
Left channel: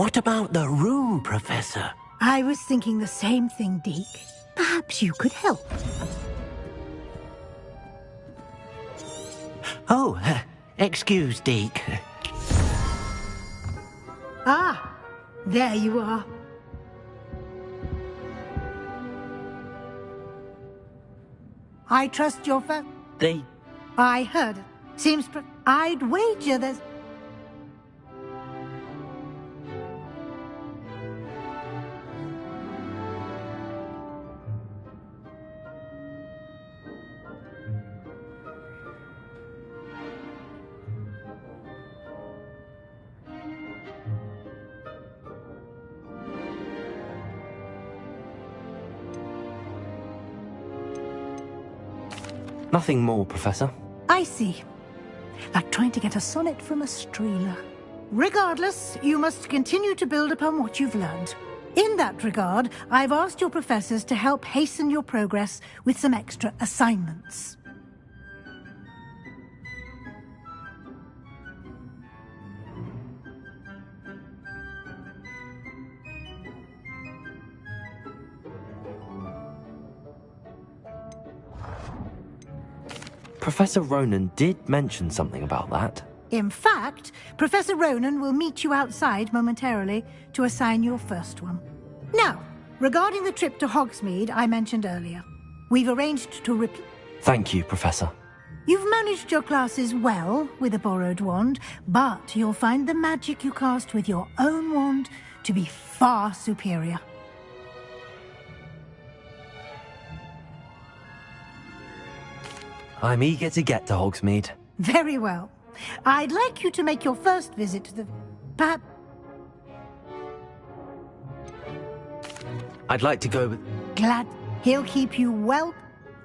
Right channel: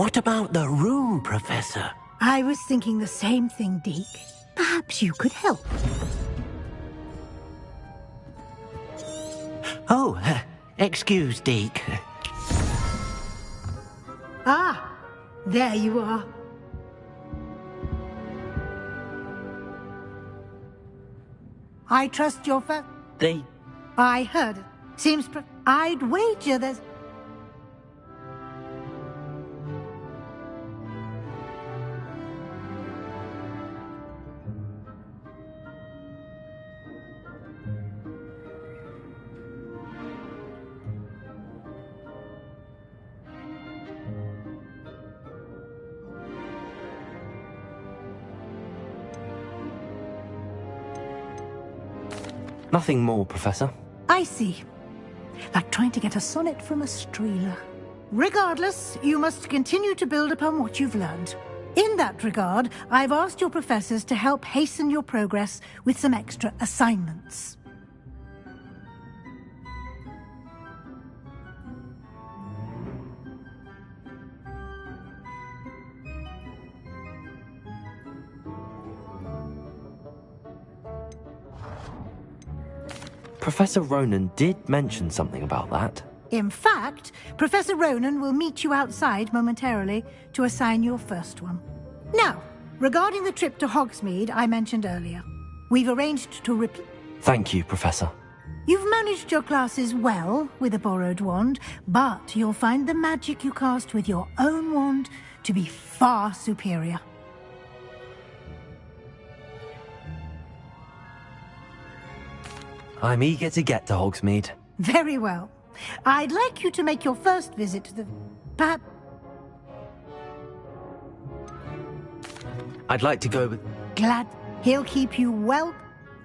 What about the room, Professor? I was thinking the same thing, Deke. Perhaps you could help. Oh, excuse, Deke. Ah, there you are. I trust your They... I heard it. Seems I'd wager there's... Nothing more, Professor. I see. Like trying to get a sonnet from a streeler. Regardless, you must continue to build upon what you've learned. In that regard, I've asked your professors to help hasten your progress with some extra assignments. Professor Ronan did mention something about that. In fact, Professor Ronan will meet you outside momentarily to assign your first one. Now, regarding the trip to Hogsmeade I mentioned earlier, we've arranged to Thank you, Professor. You've managed your classes well with a borrowed wand, but you'll find the magic you cast with your own wand to be far superior. I'm eager to get to Hogsmeade. Very well. I'd like you to make your first visit to the... Perhaps... I'd like to go with... Glad he'll keep you well...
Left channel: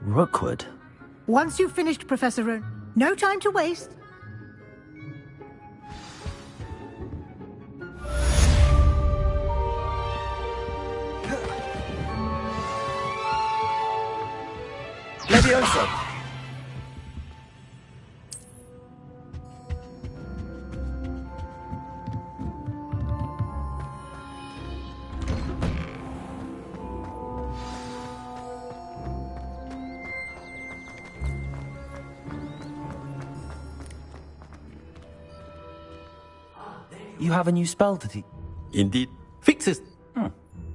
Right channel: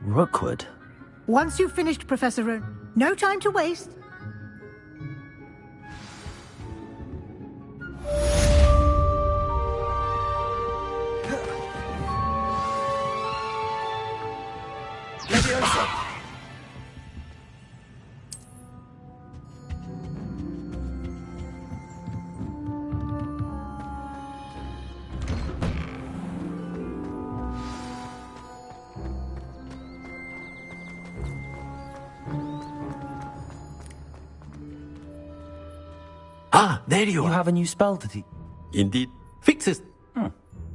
Rookwood? Once you've finished, Professor Ronan. No time to waste. Leviosa! Ah, there you are. You have a new spell to teach. Indeed. Fixes.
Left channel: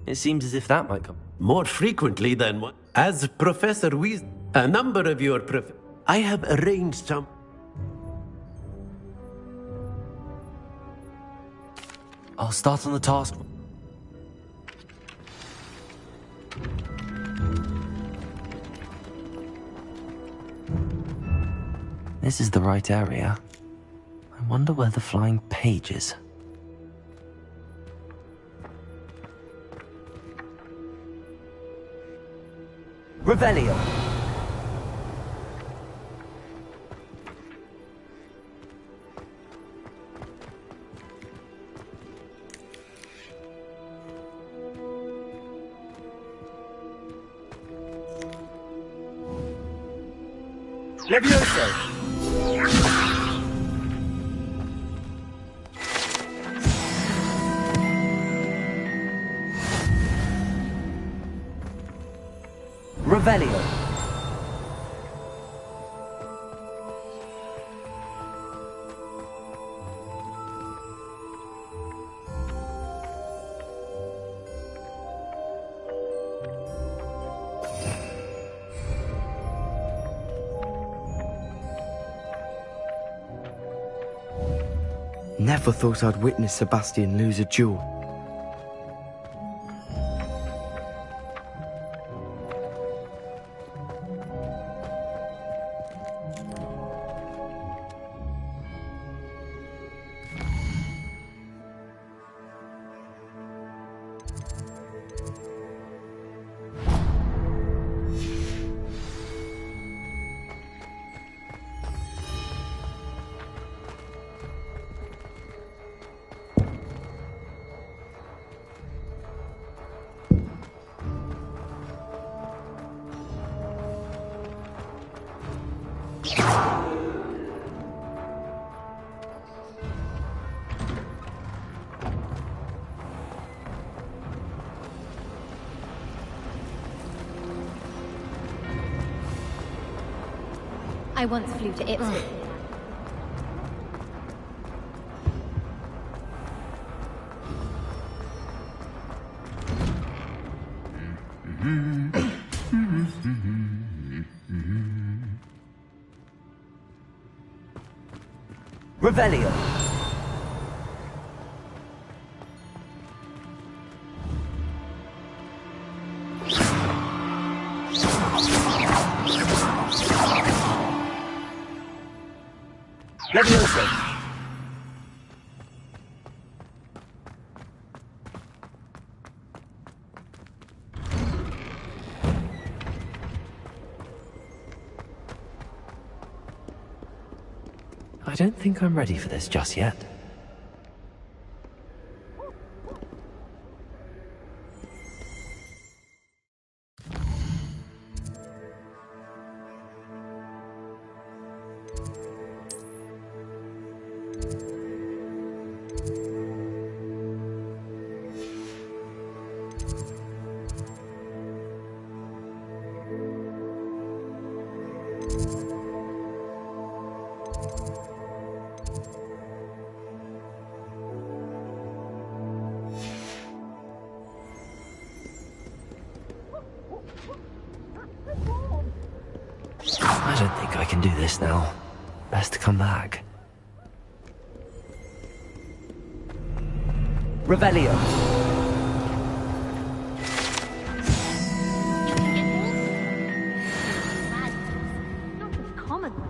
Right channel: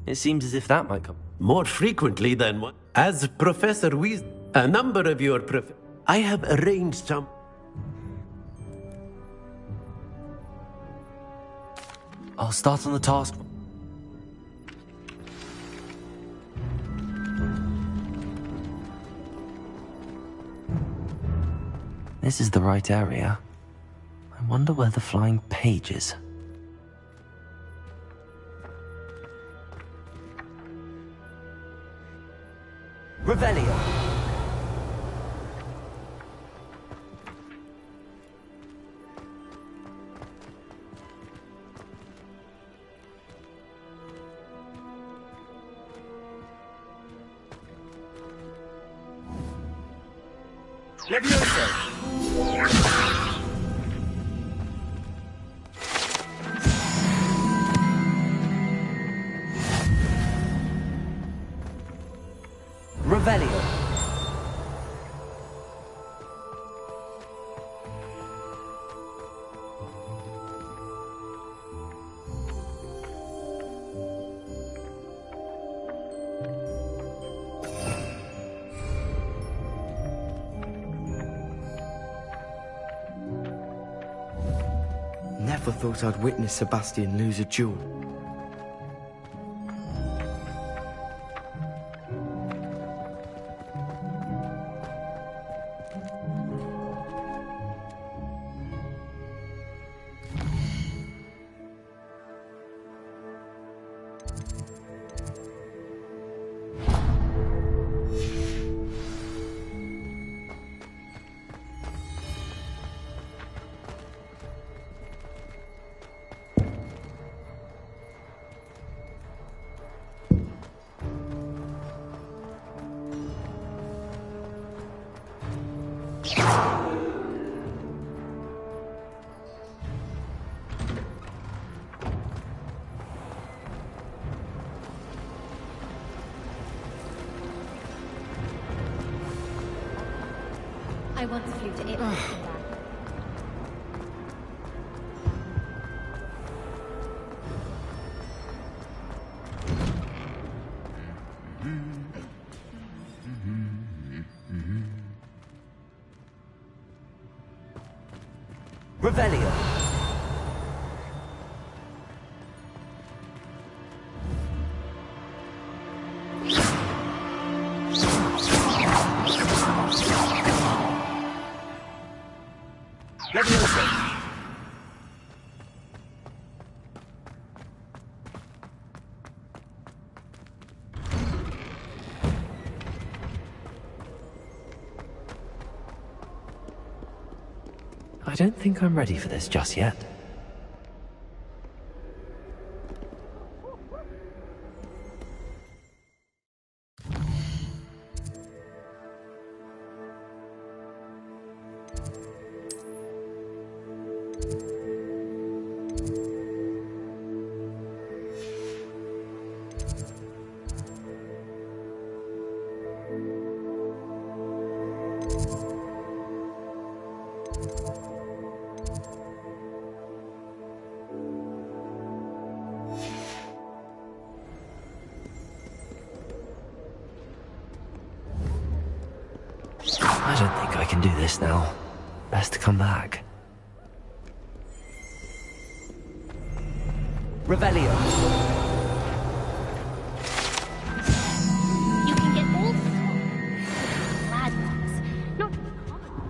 It seems as if that might come. More frequently than one. As Professor Weasley, a number of your I have arranged some... I'll start on the task. This is the right area. I wonder where the flying page is. Revelio. Levioso. Revelio. Never thought I'd witness Sebastian lose a duel. I once flew to Ipswich and back. Revelio. Leviosa. I don't think I'm ready for this just yet. I don't think I can do this now. Best to come back. Revelio. You can get all sorts of bad ones, not just common ones.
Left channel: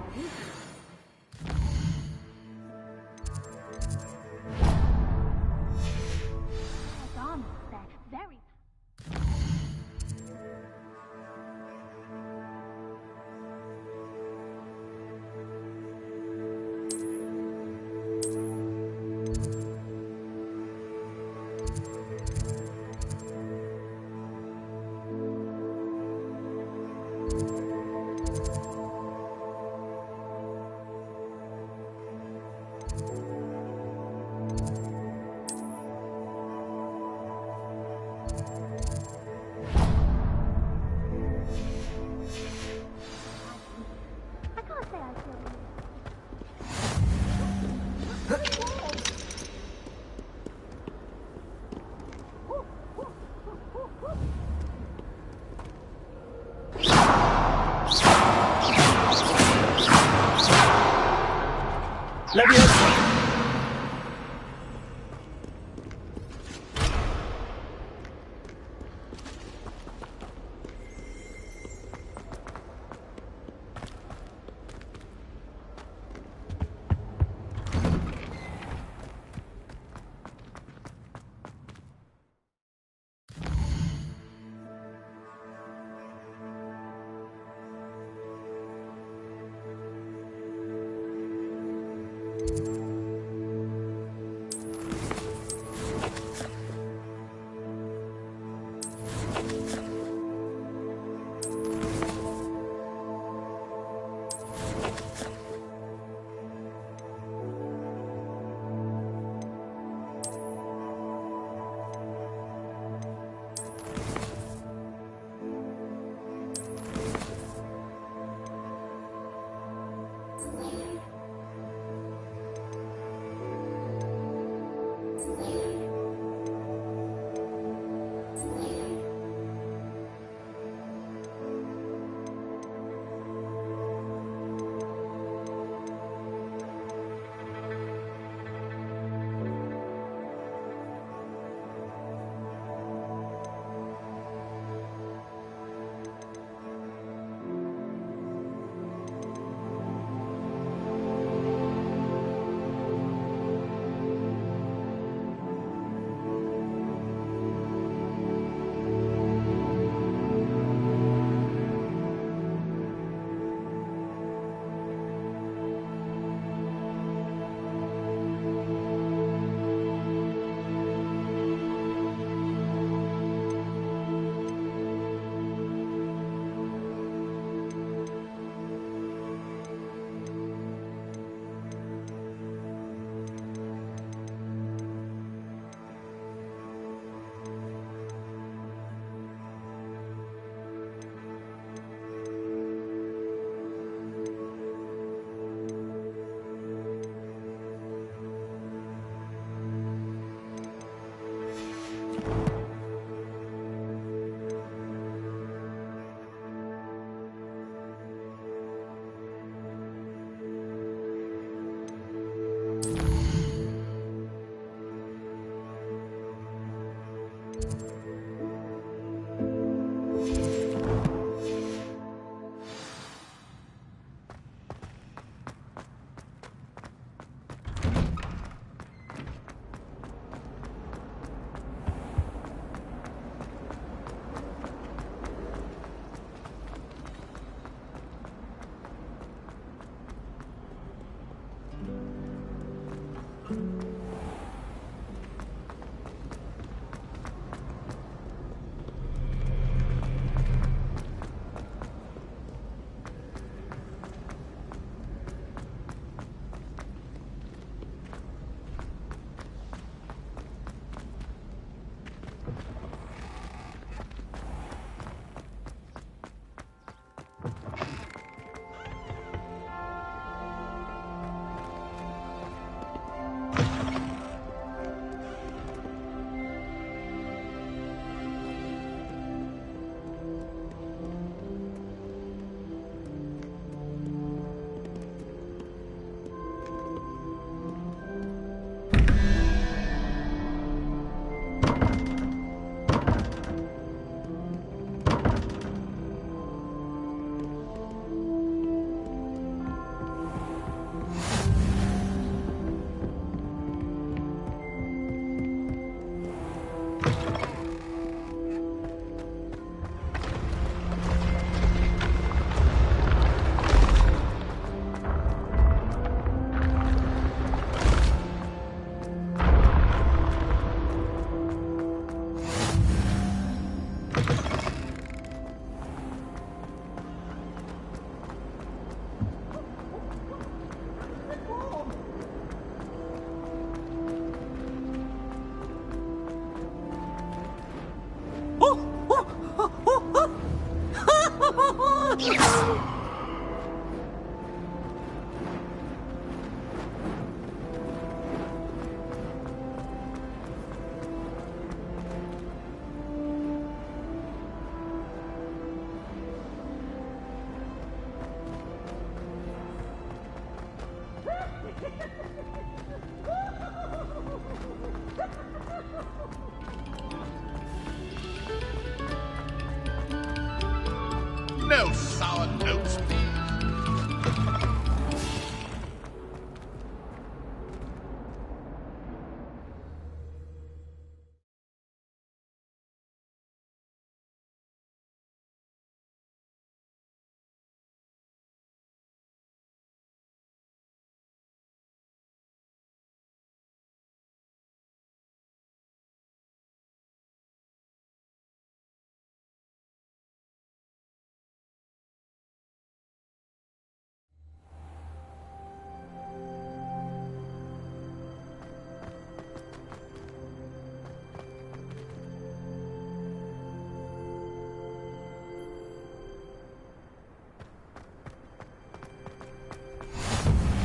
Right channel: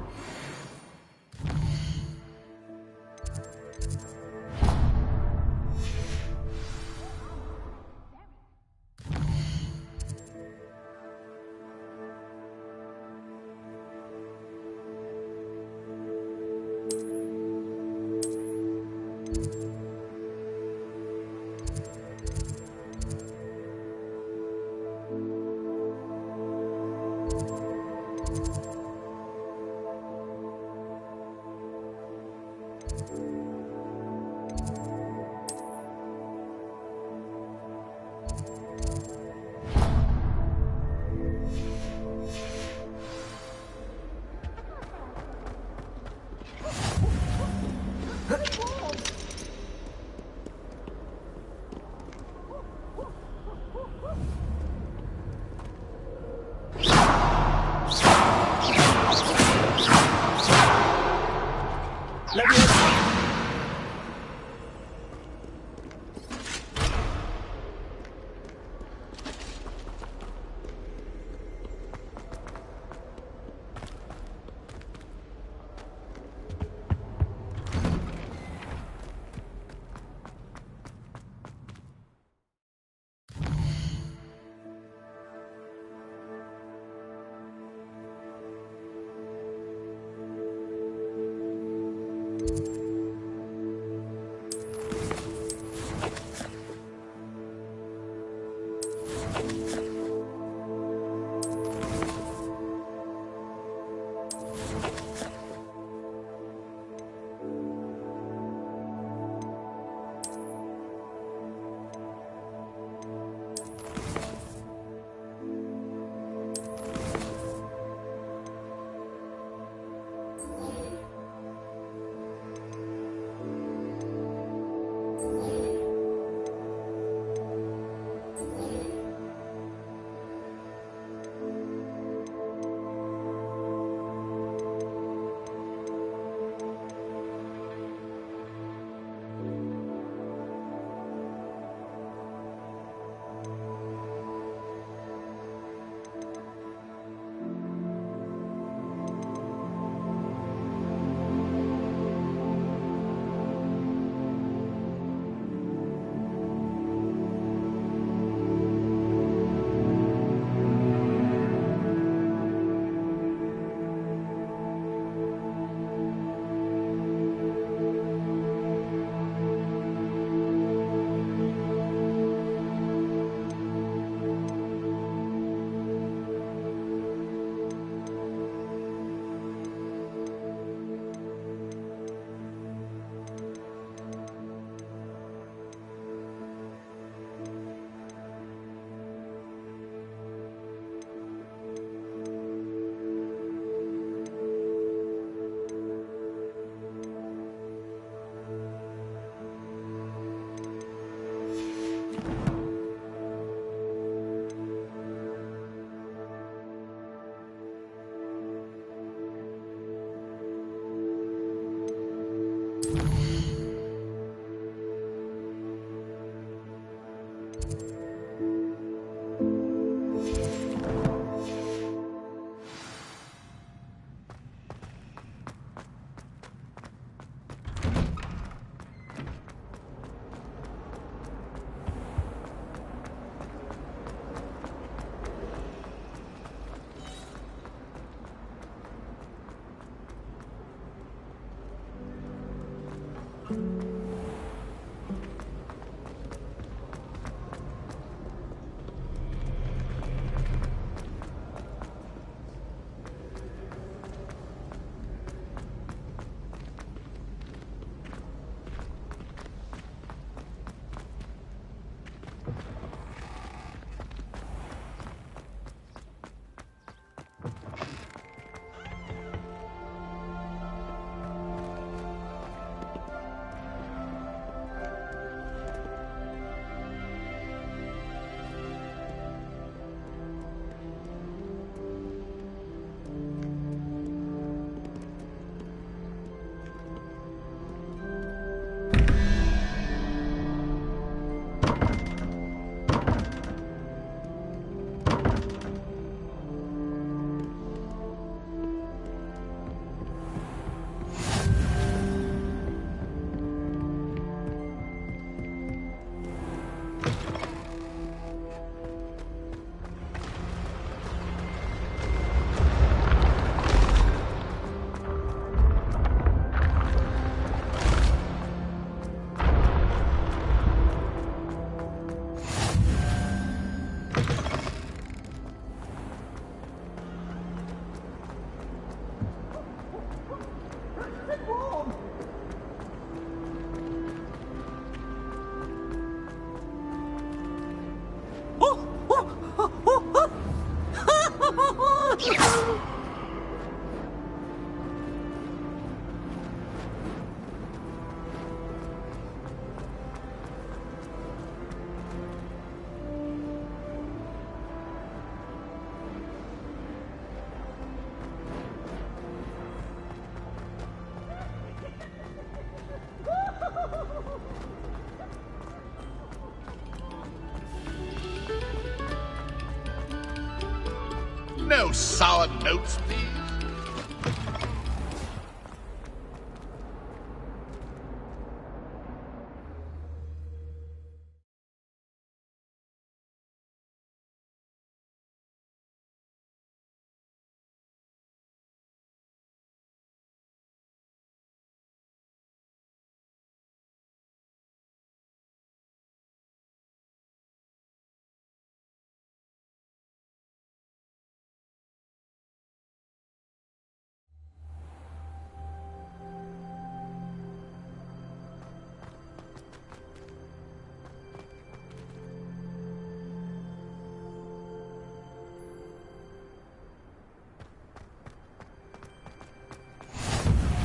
No sour notes, please.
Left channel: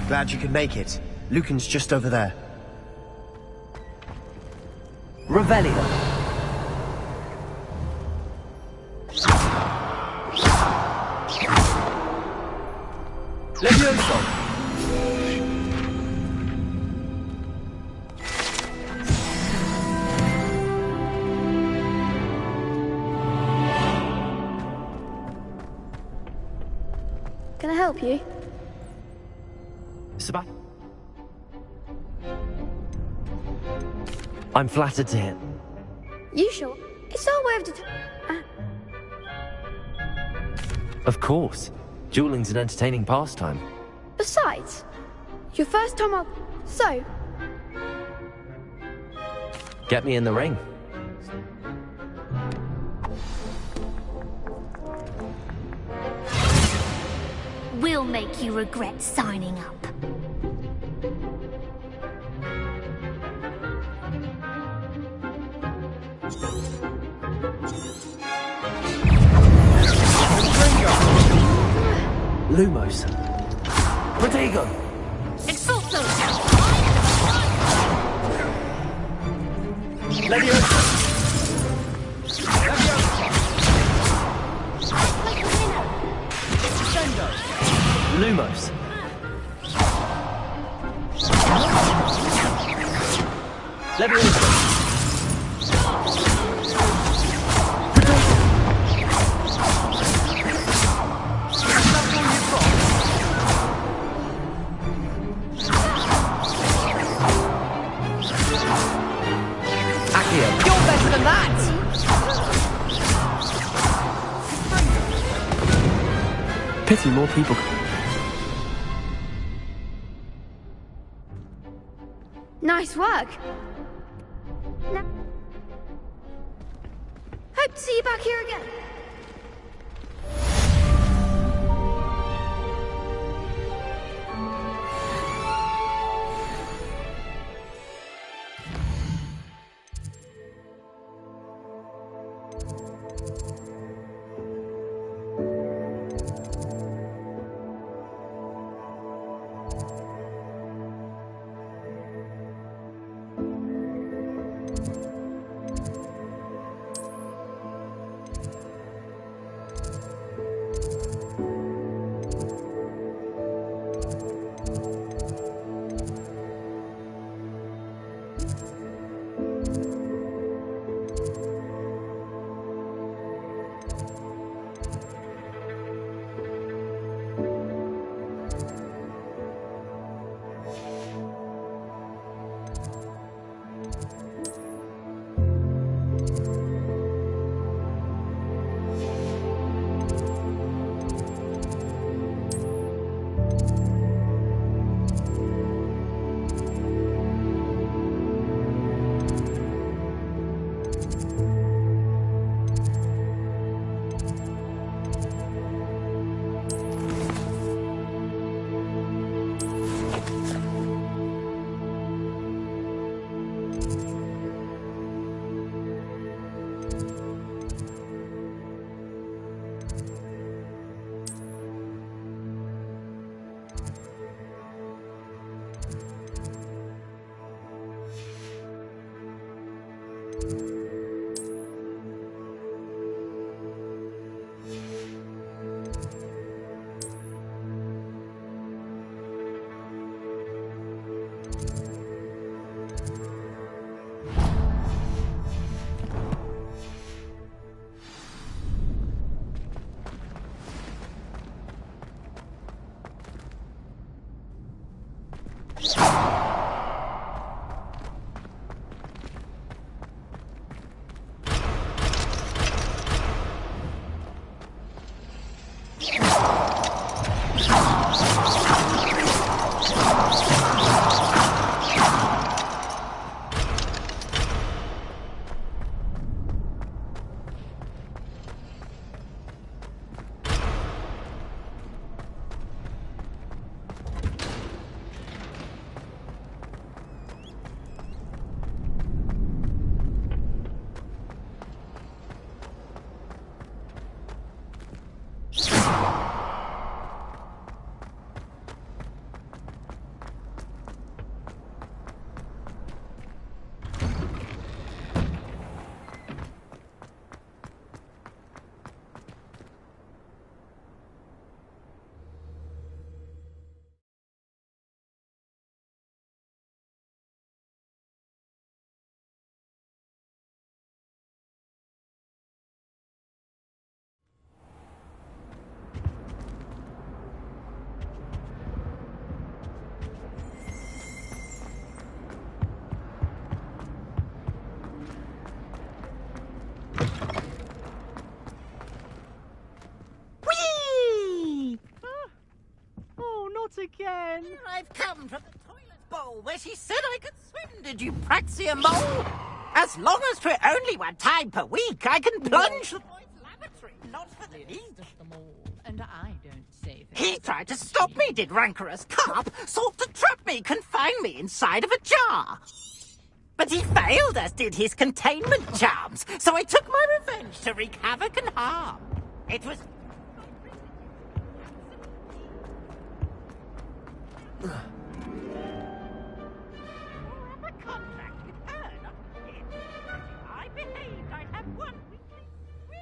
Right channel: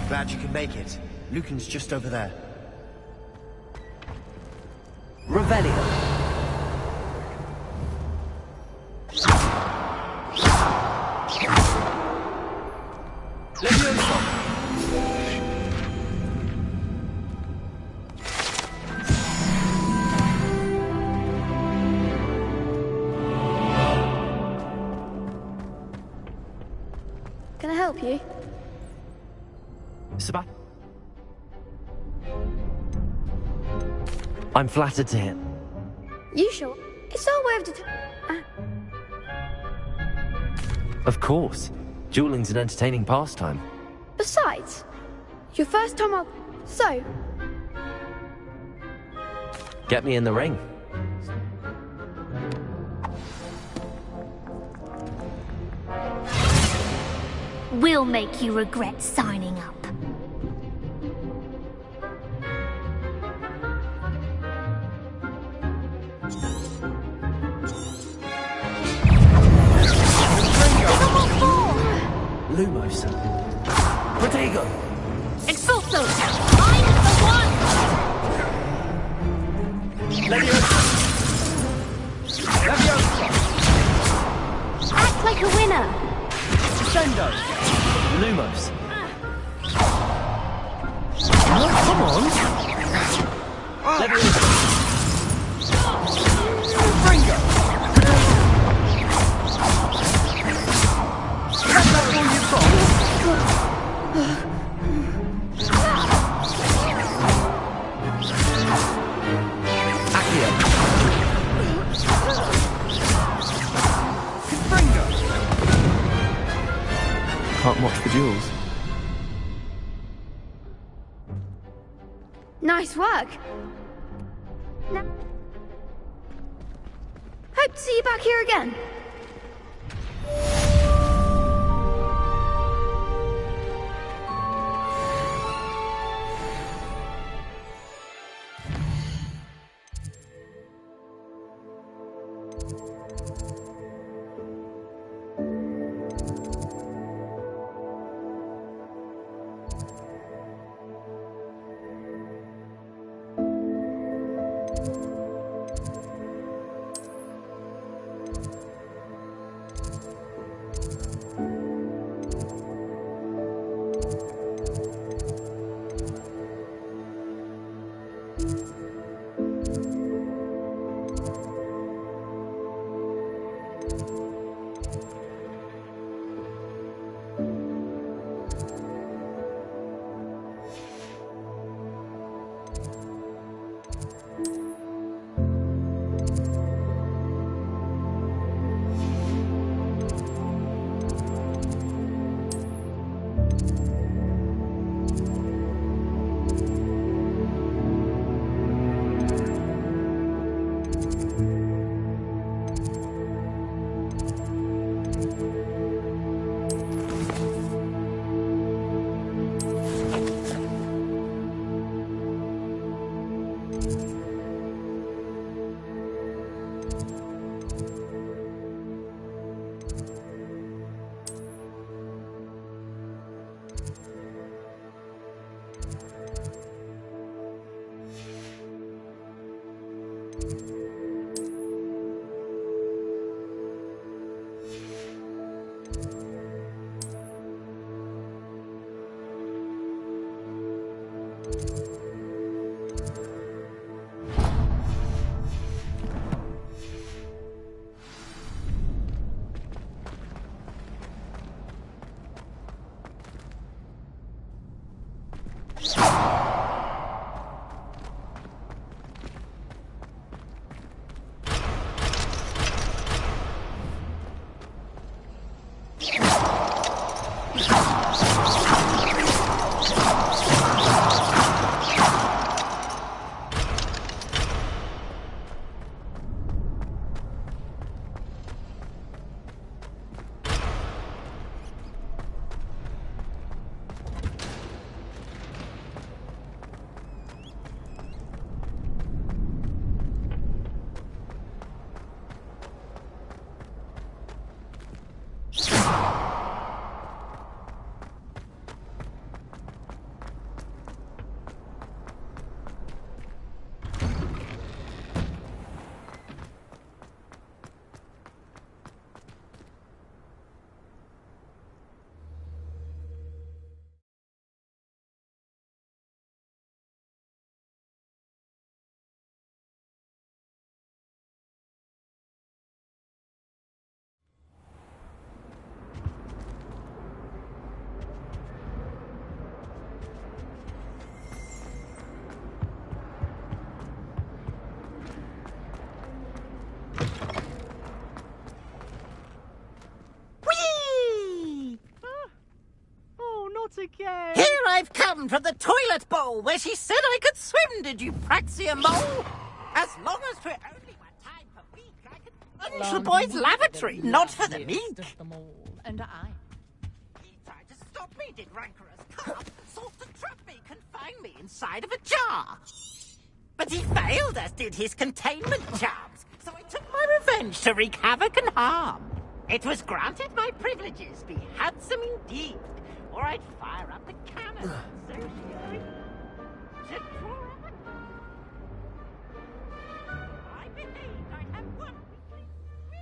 Glad you could make it. Lucan's just over there. Revelio. Levioso. Can I help you? Sebastian. I'm flattered to hear. You sure? It's our way of Of course. Dueling's an entertaining pastime. Besides, your first time up. So, Get me in the ring. We'll make you regret signing up. Lumos. Protego. Expulso! Leviosa. Act like a winner! Sendo. Lumos. Leviosa. Pity more people can't watch the duels. nice work. Hope to see you back here again. Again. Here I've come from the toilet bowl where she said I could swim, did you praxia mole? As long as for only one time per week, I can plunge the boy's lavatory, not for the meek. And I don't say that. He tried to stop me, did rancorous carp, sought to trap me, confine me inside of a jar. But he failed, as did his containment charms, so I took my revenge to wreak havoc and harm. It was granted my privileges be handsome indeed, or I'd fire up the cannon. To draw up a contract with her, not him. If I behaved, I'd have one weekly spree.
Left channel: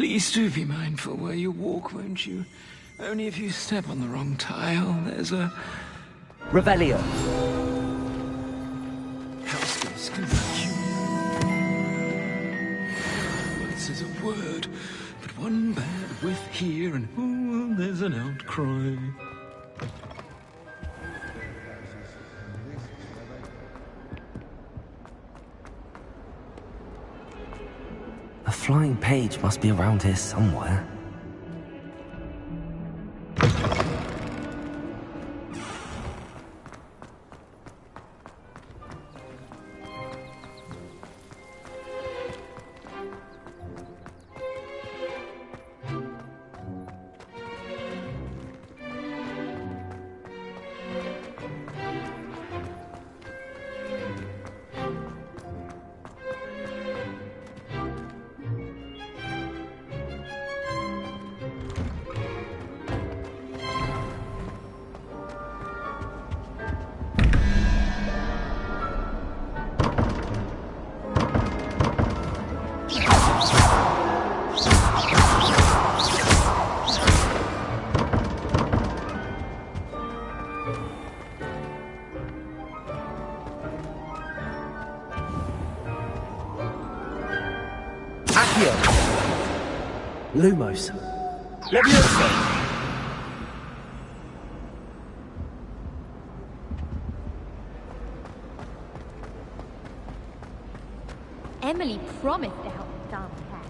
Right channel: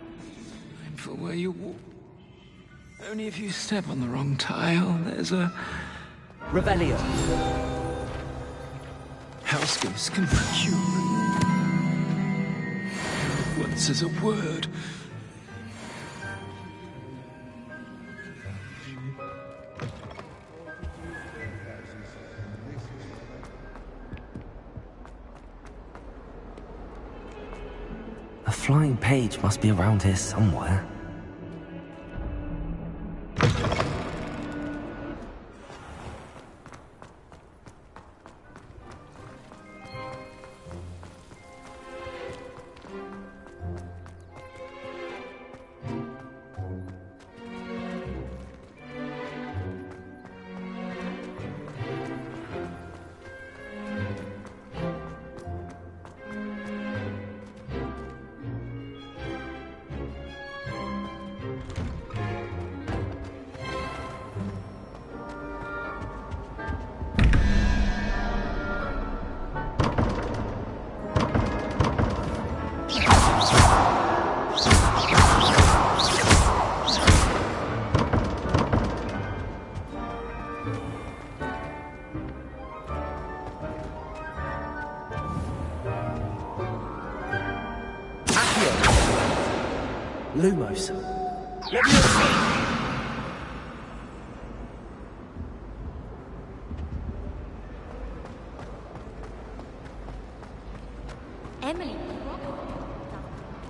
Please do be mindful where you walk, won't you? Only if you step on the wrong tile, there's a... Revelio. House ghosts can make you. One says a word, but one bad whiff here, and oh, there's an outcry. A flying page must be around here somewhere. Lumos. Emily promised to help the dance class.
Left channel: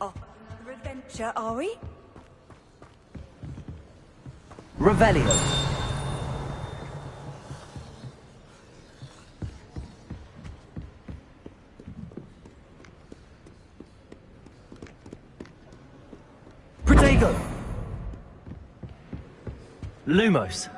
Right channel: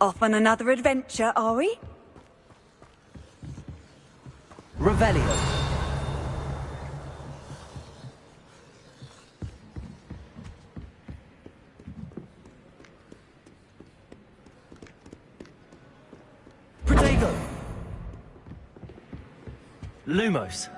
Off on another adventure, are we? Revelio. Protego. Lumos.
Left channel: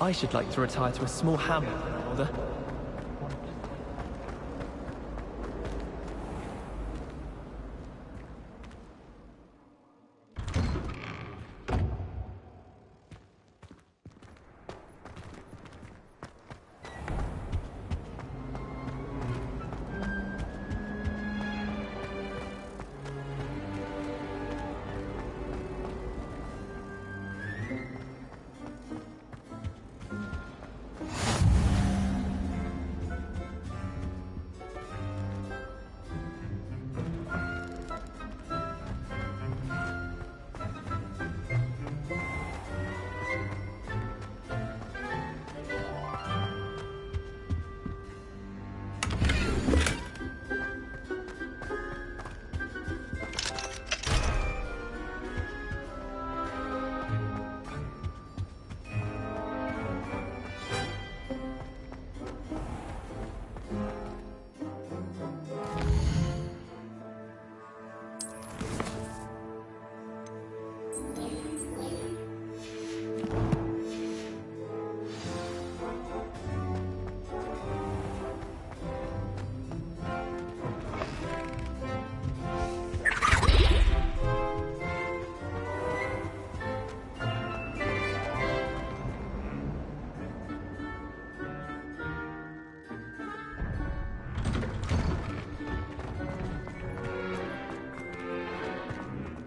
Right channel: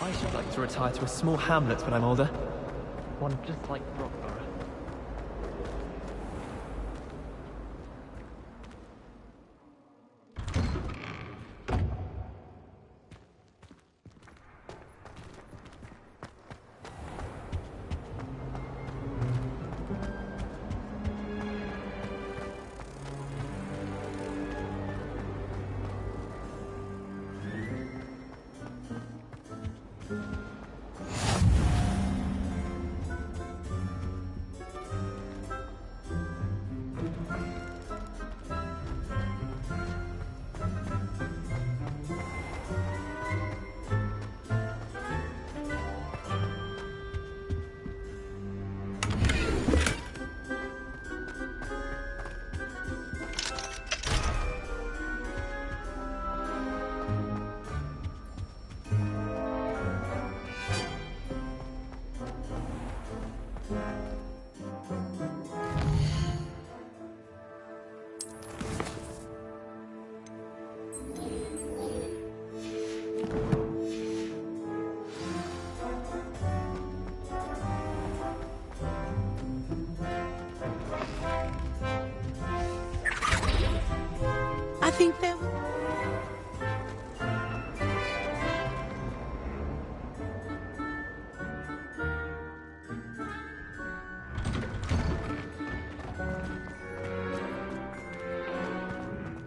I should like to retire to a small hamlet when I'm older. One just like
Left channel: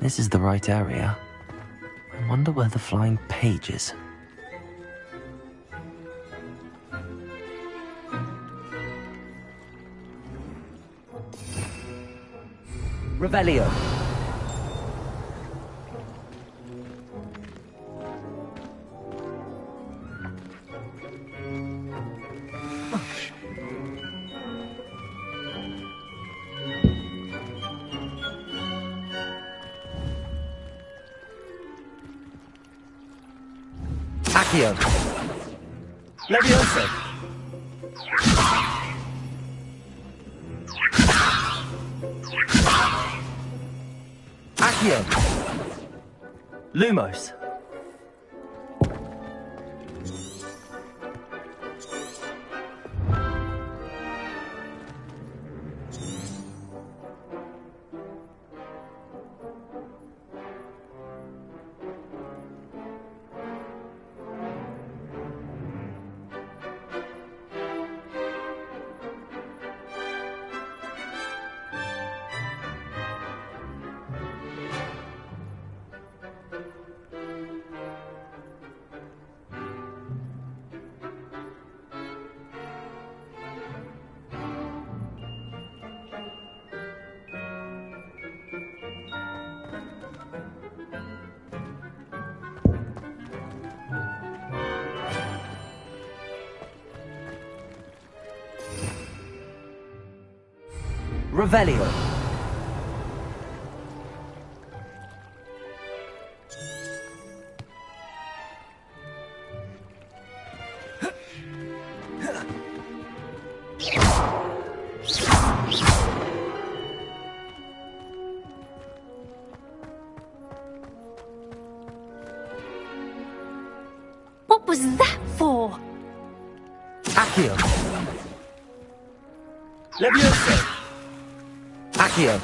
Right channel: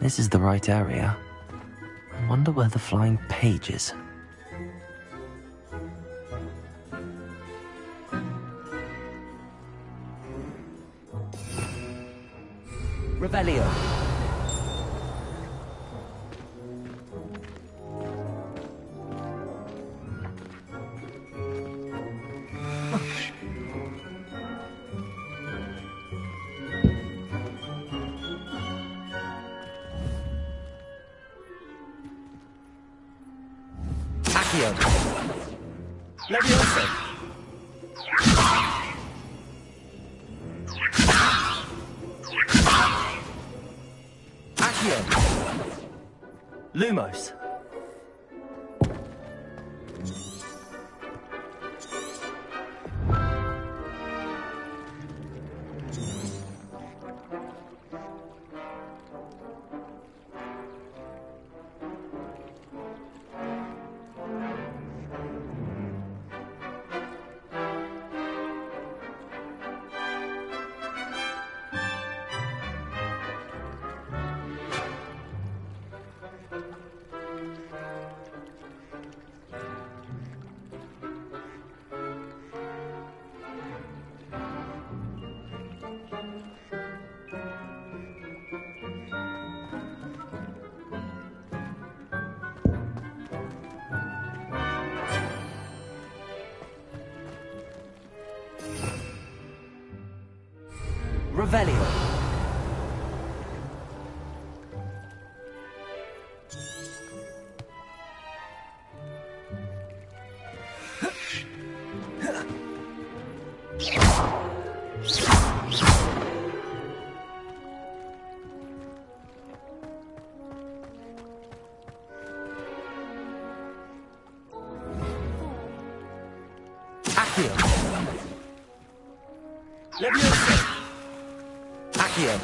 This is the right area. I wonder where the flying page is. Revelio. Accio. Levioso. Accio. Lumos. Revelio. What was that for? Accio. Levioso. Accio.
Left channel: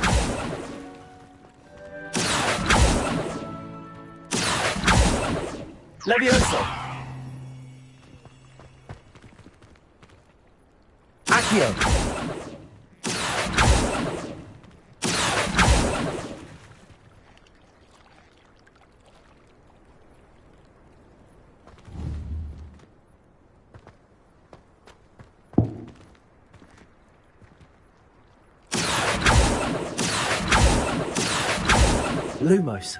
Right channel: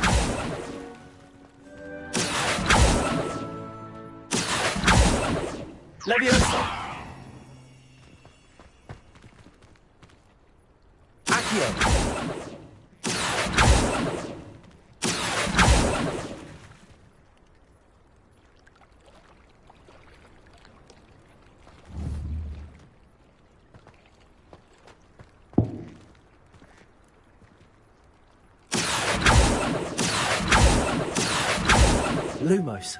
Levioso. Accio. Lumos.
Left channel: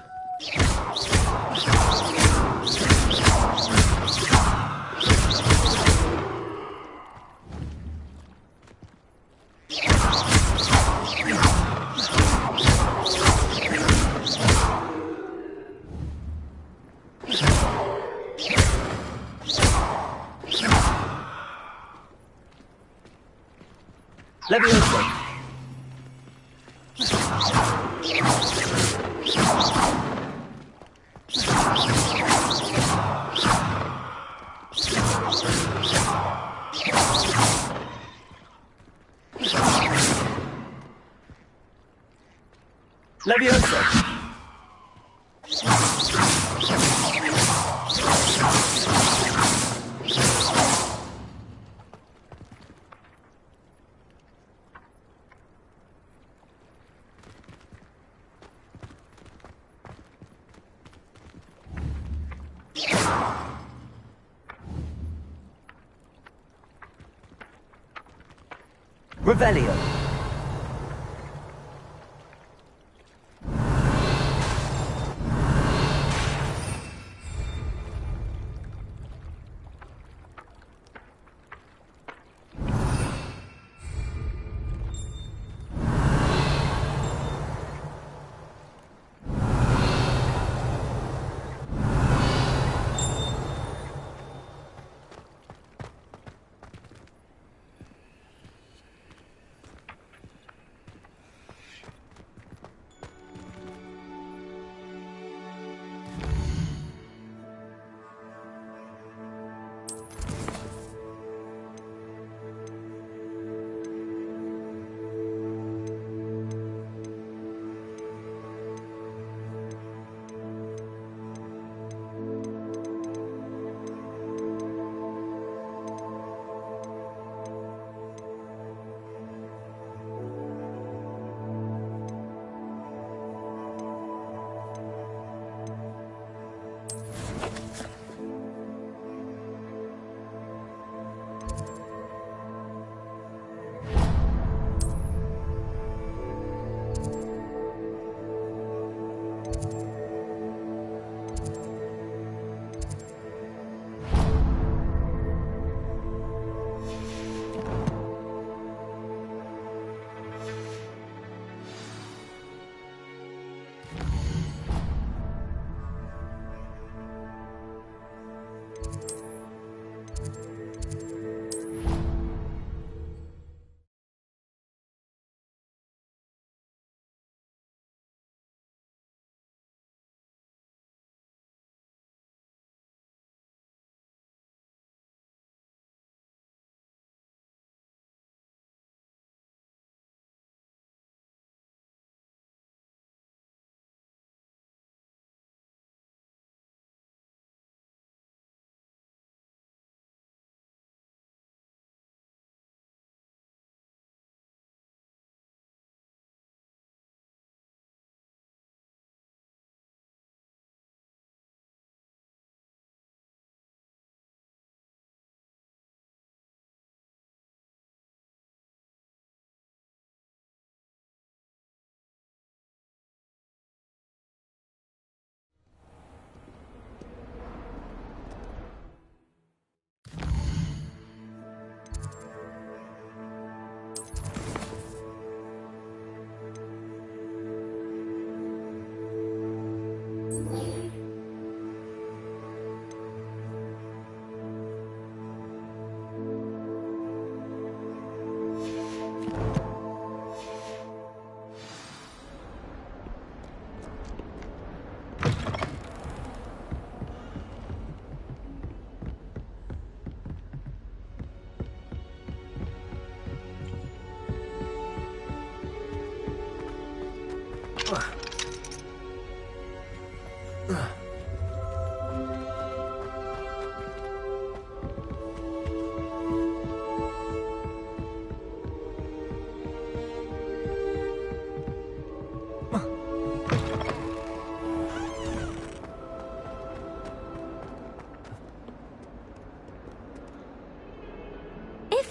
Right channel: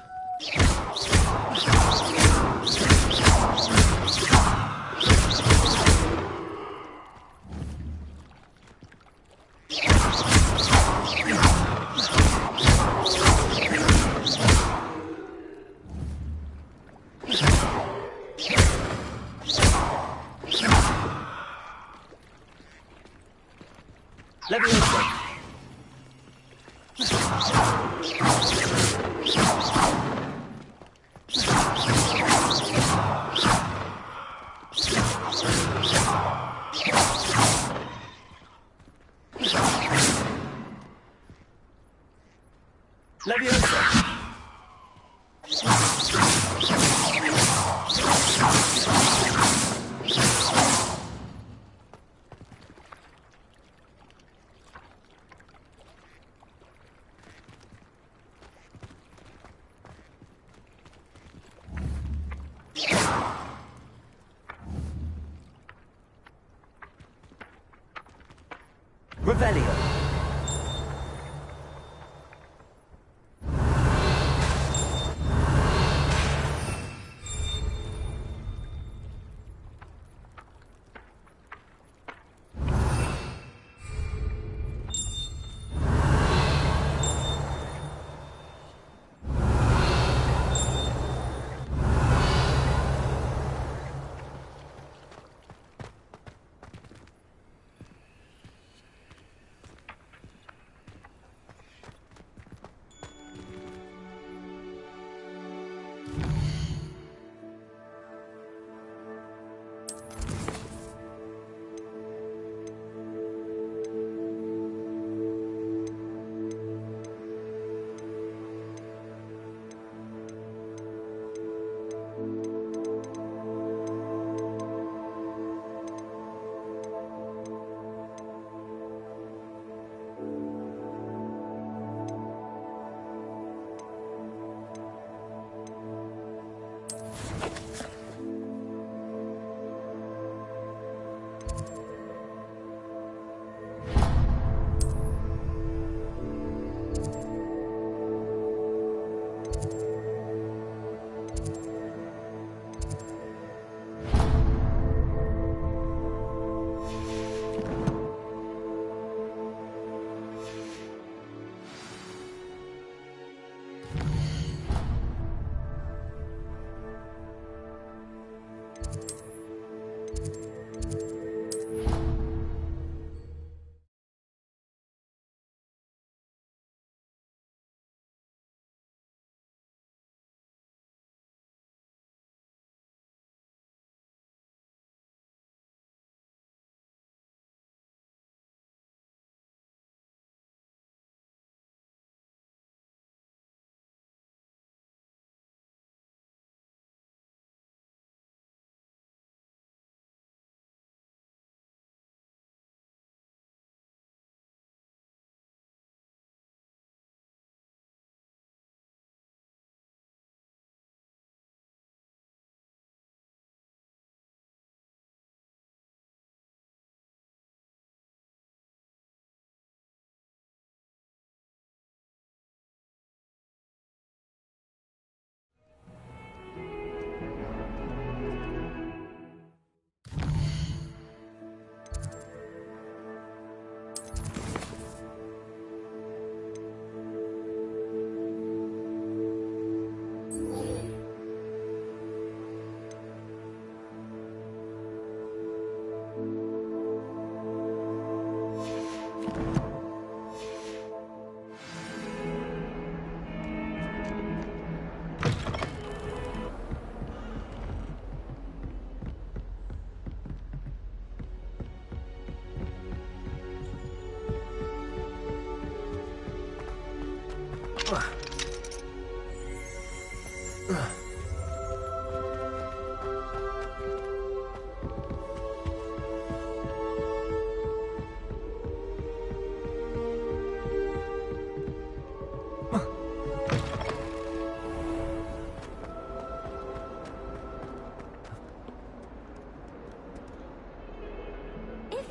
Levioso. Levioso. Revelio.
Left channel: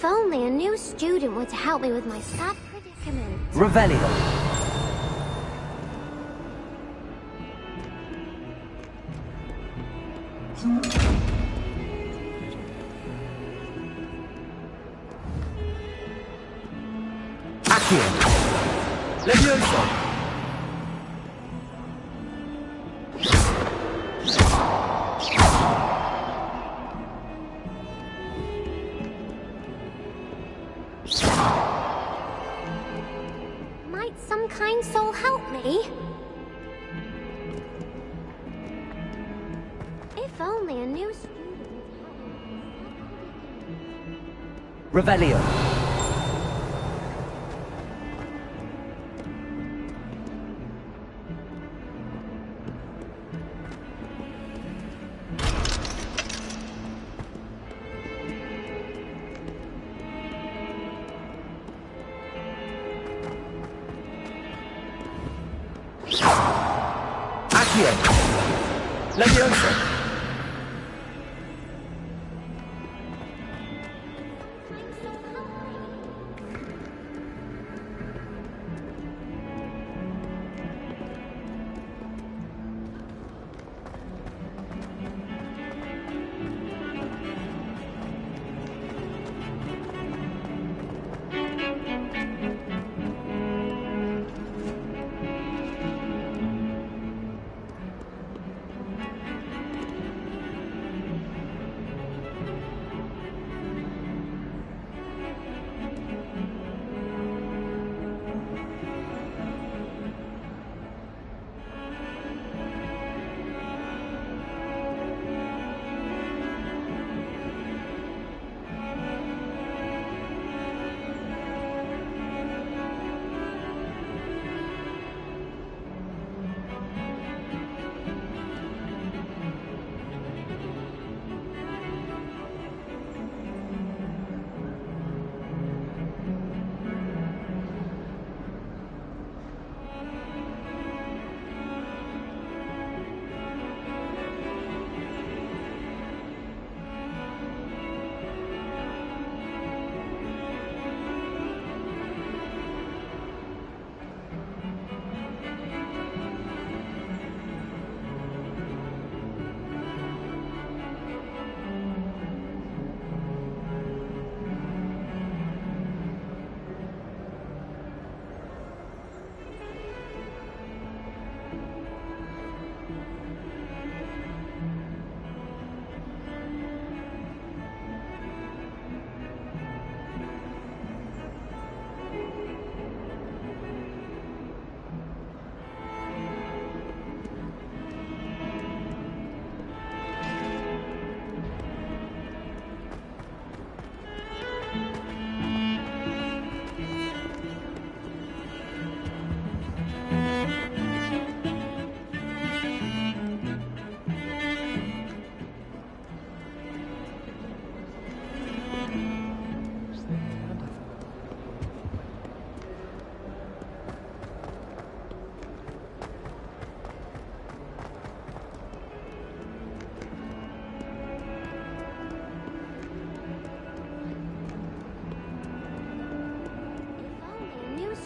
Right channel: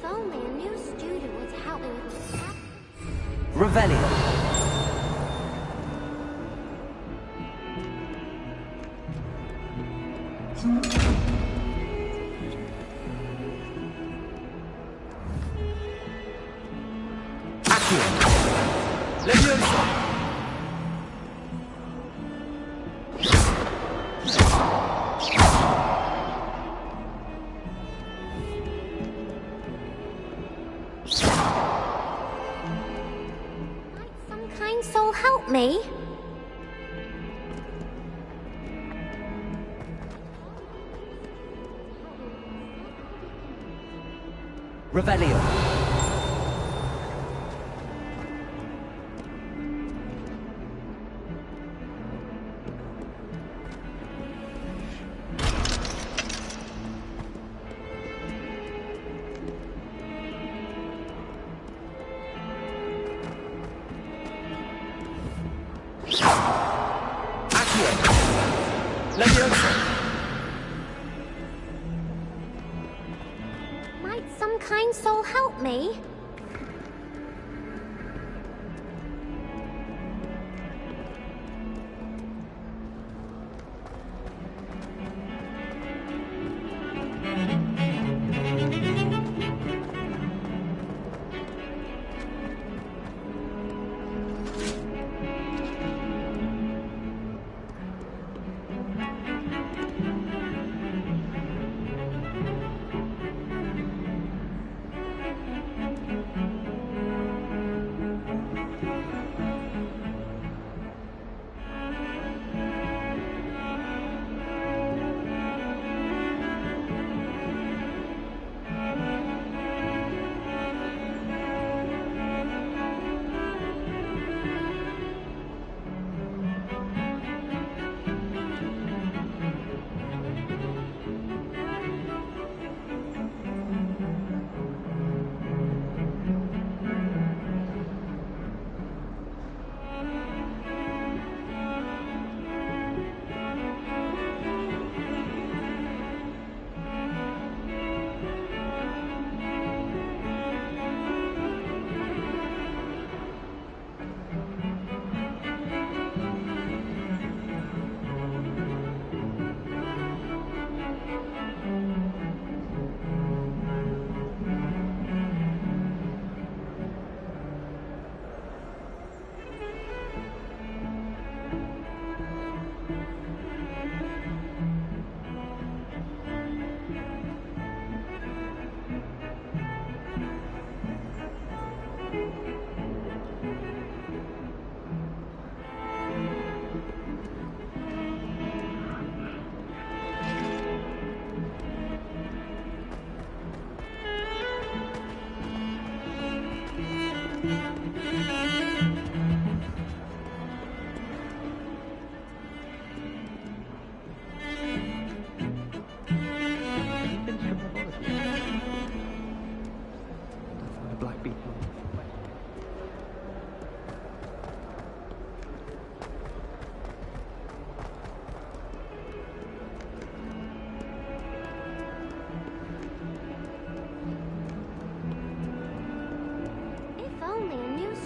If only a new student were to help me with my sad predicament. Revelio. Leviosa! Might some kind soul help me? If only a new student would help me with my sad predicament. Revelio. Leviosa! Might some kind soul help me?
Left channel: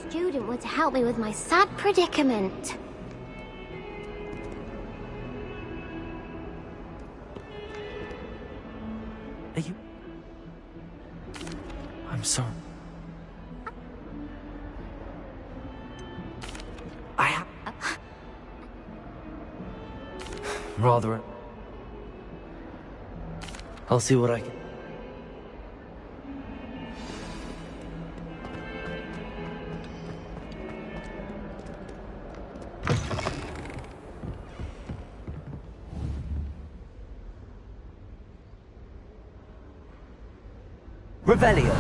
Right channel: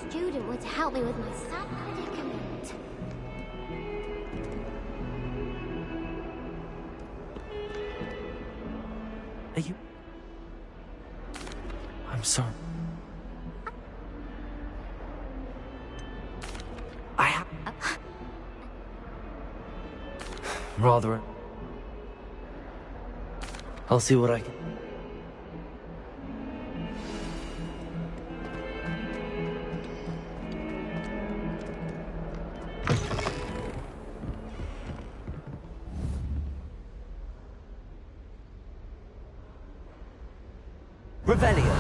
Student were to help me with my sad predicament. Are you... I'm sorry. I have... Rather... I'll see what I can... Revelio.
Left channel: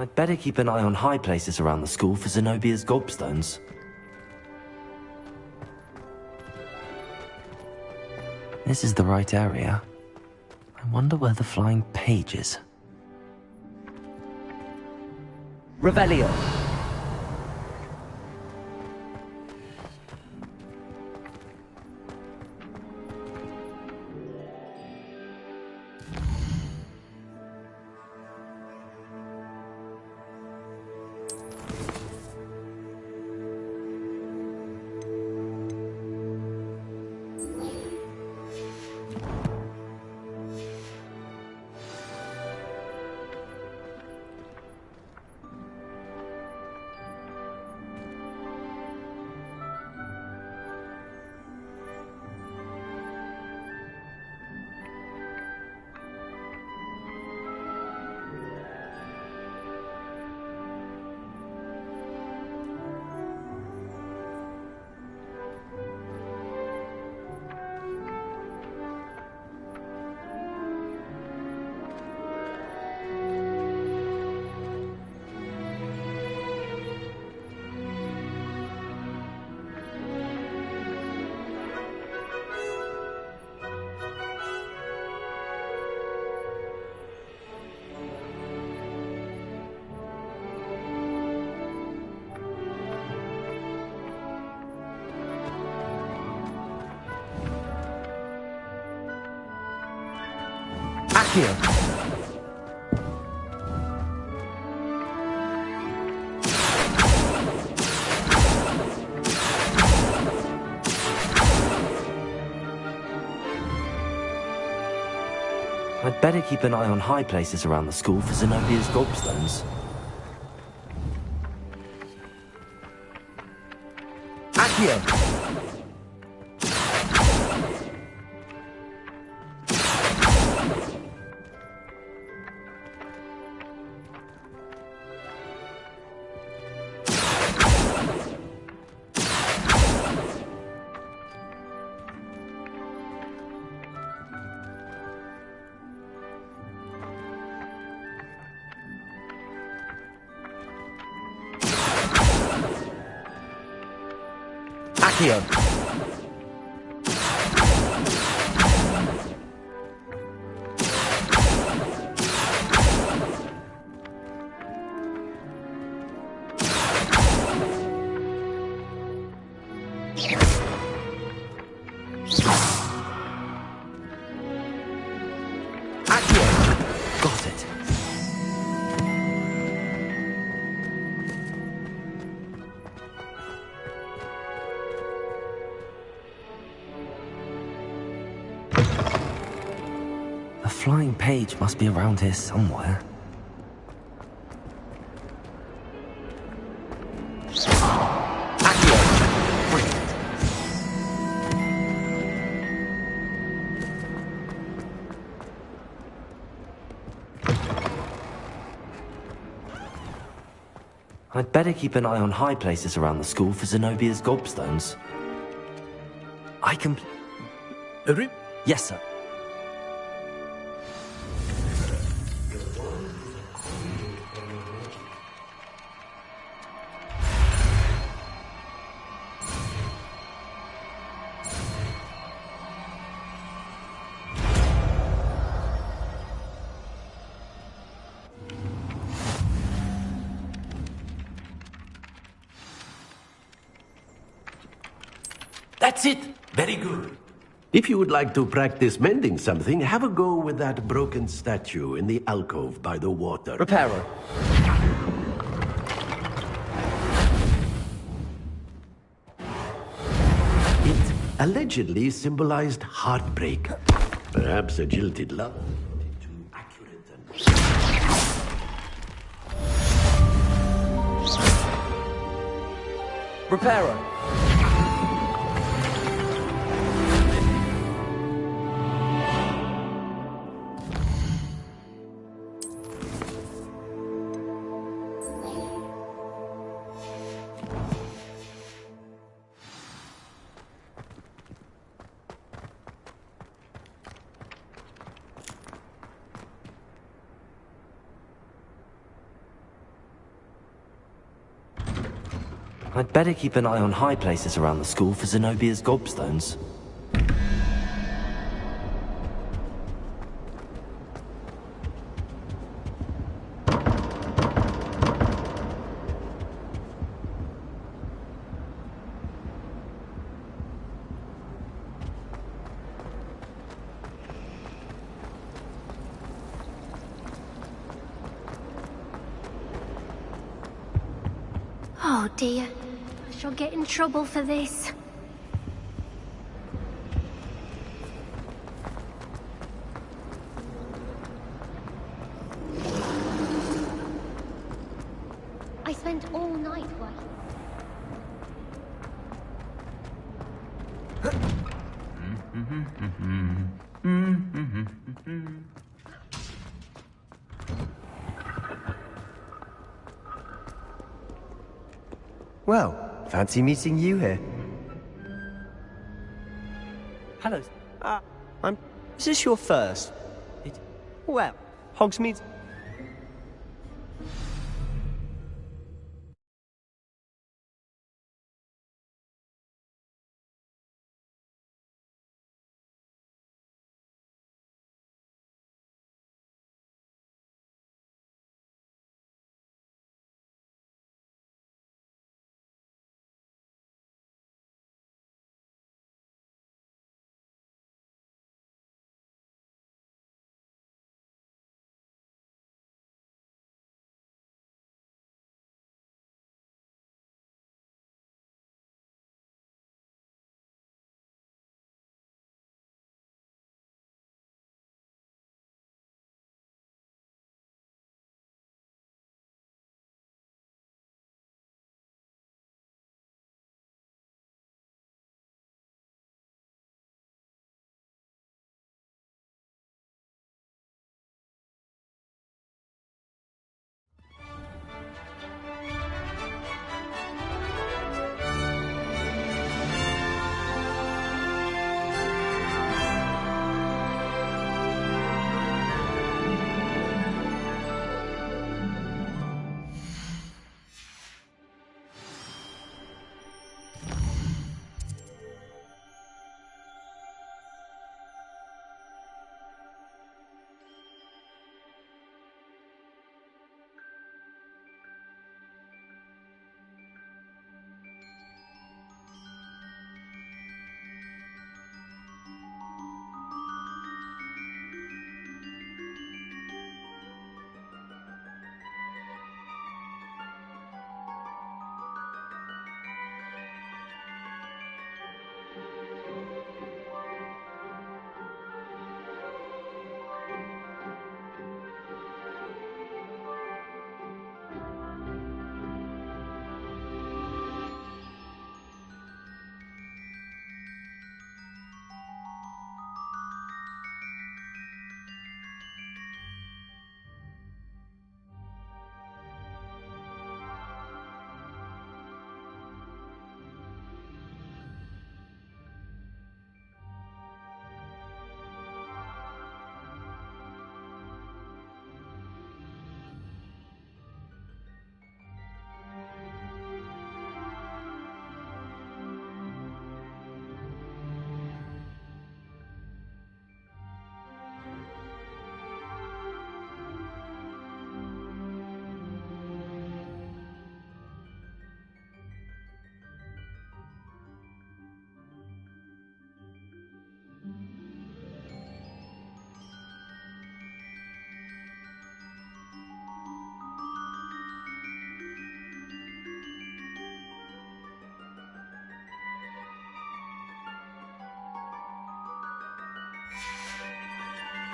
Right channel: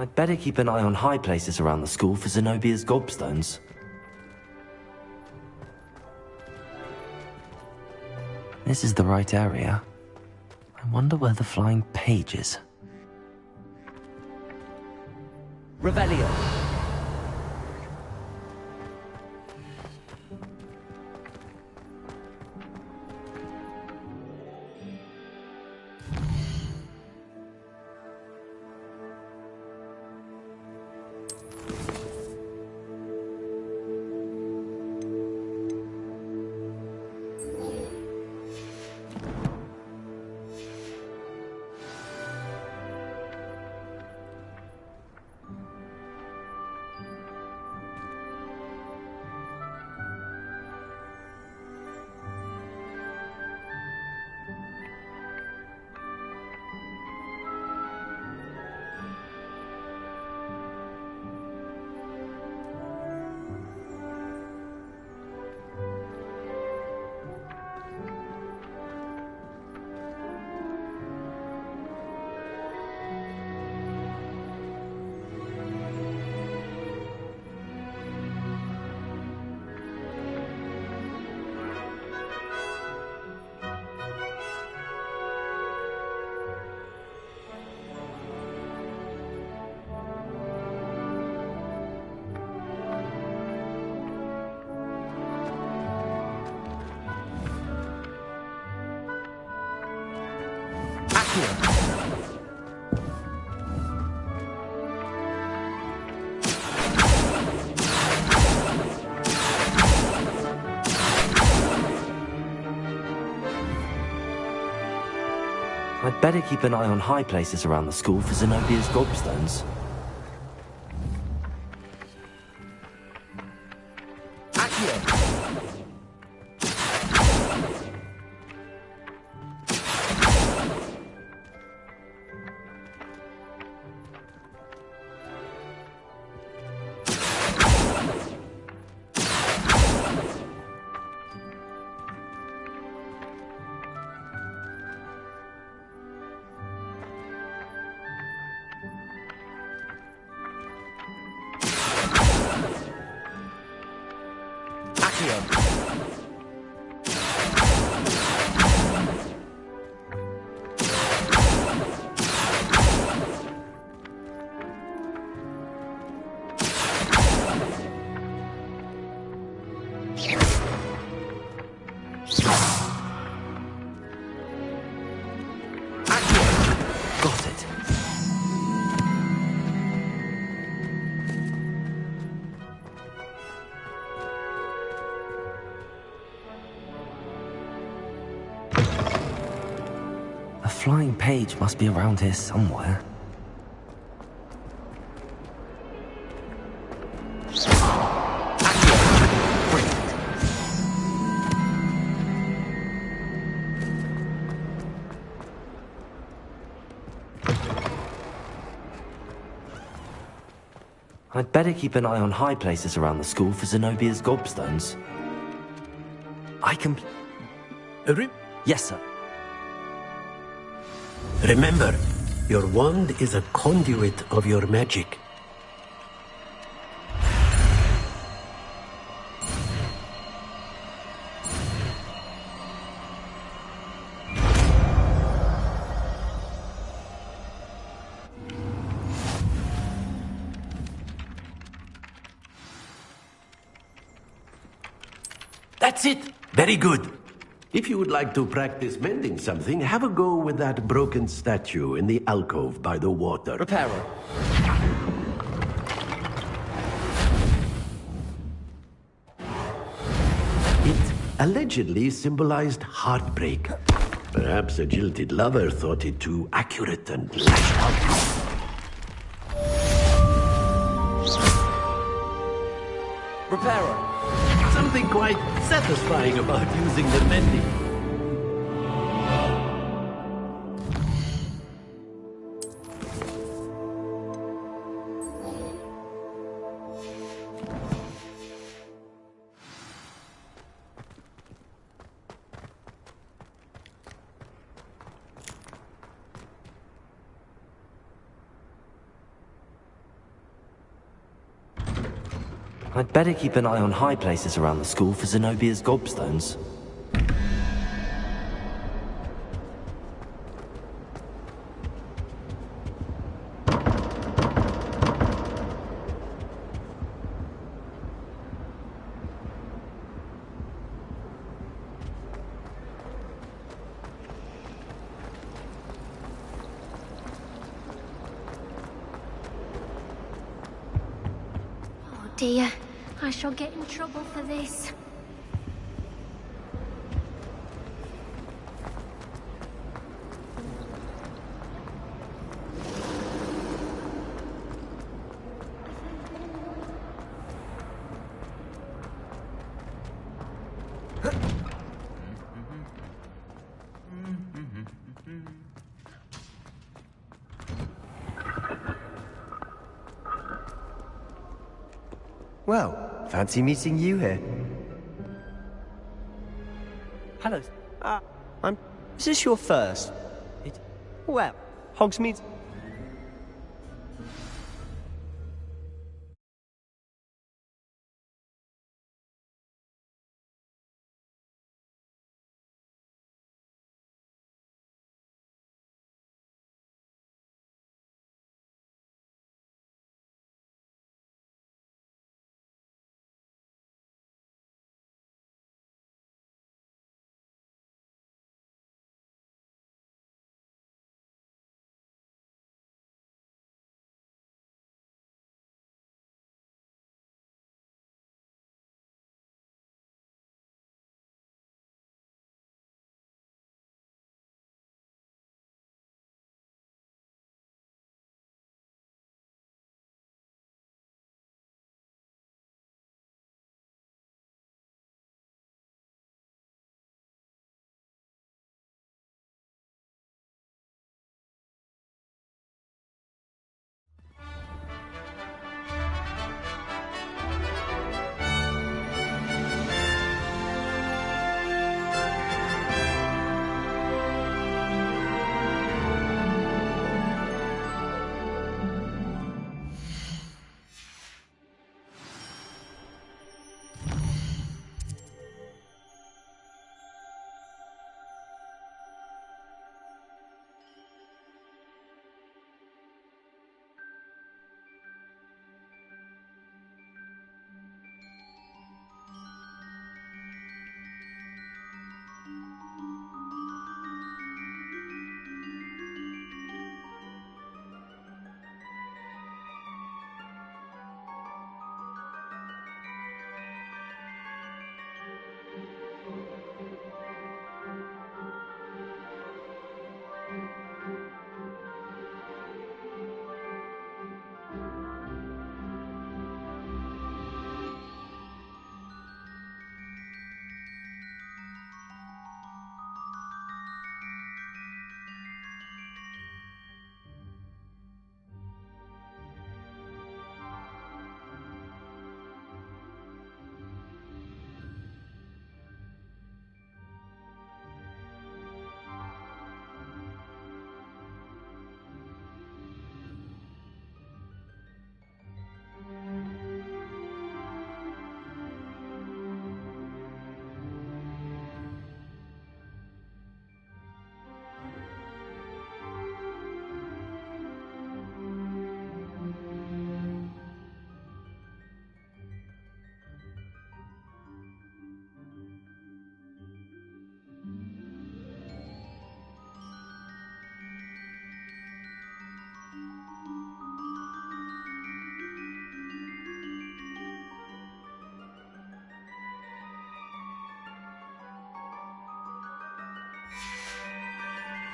I'd better keep an eye on high places around the school for Zenobia's gobstones. This is the right area. I wonder where the flying page is. Revelio. Here. I'd better keep an eye on high places around the school for Zenobia's gobstones. Accio! Accio! Got it. The flying page must be around here somewhere. I'd better keep an eye on high places around the school for Zenobia's gobstones. I can... Yes, sir. Remember, your wand is a conduit of your magic. That's it! Very good. If you would like to practice mending something, have a go with that broken statue in the alcove by the water. Repairer. It allegedly symbolized heartbreak. Perhaps a jilted lover thought it too accurate and... Repairer. Something quite satisfying about using the mending. I'd better keep an eye on high places around the school for Zenobia's gobstones. Oh dear, I shall get in trouble for this. I spent all night Well, fancy meeting you here. Hello. Is this your first? Well, Hogsmeade.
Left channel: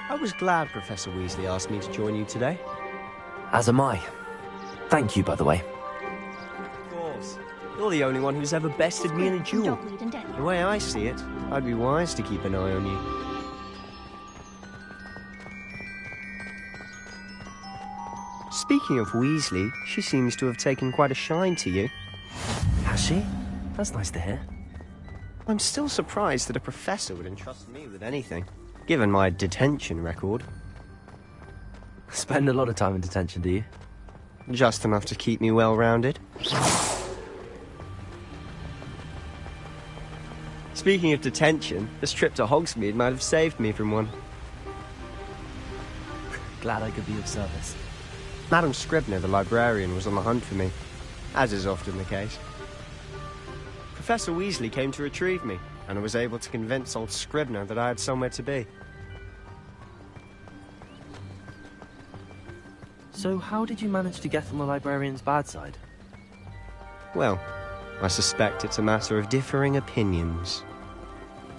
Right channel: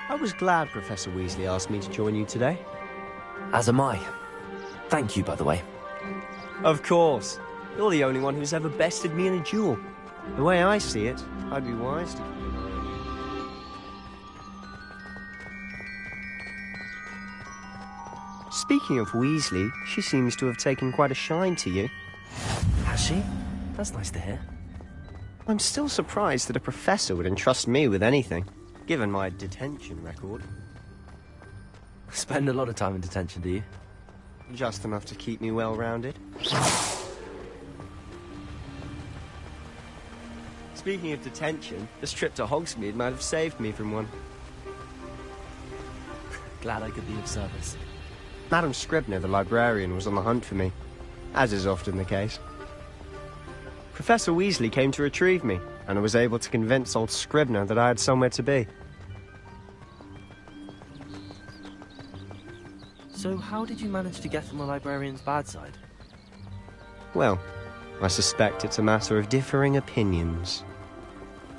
I was glad Professor Weasley asked me to join you today. As am I. Thank you, by the way. Of course. You're the only one who's ever bested me in a duel. The way I see it, I'd be wise to keep an eye on you. Speaking of Weasley, she seems to have taken quite a shine to you. Has she? That's nice to hear. I'm still surprised that a professor would entrust me with anything, given my detention record. Spend a lot of time in detention, do you? Just enough to keep me well-rounded. Speaking of detention, this trip to Hogsmeade might have saved me from one. Glad I could be of service. Madam Scribner, the librarian, was on the hunt for me, as is often the case. Professor Weasley came to retrieve me, and I was able to convince old Scribner that I had somewhere to be. So how did you manage to get on the librarian's bad side? Well, I suspect it's a matter of differing opinions.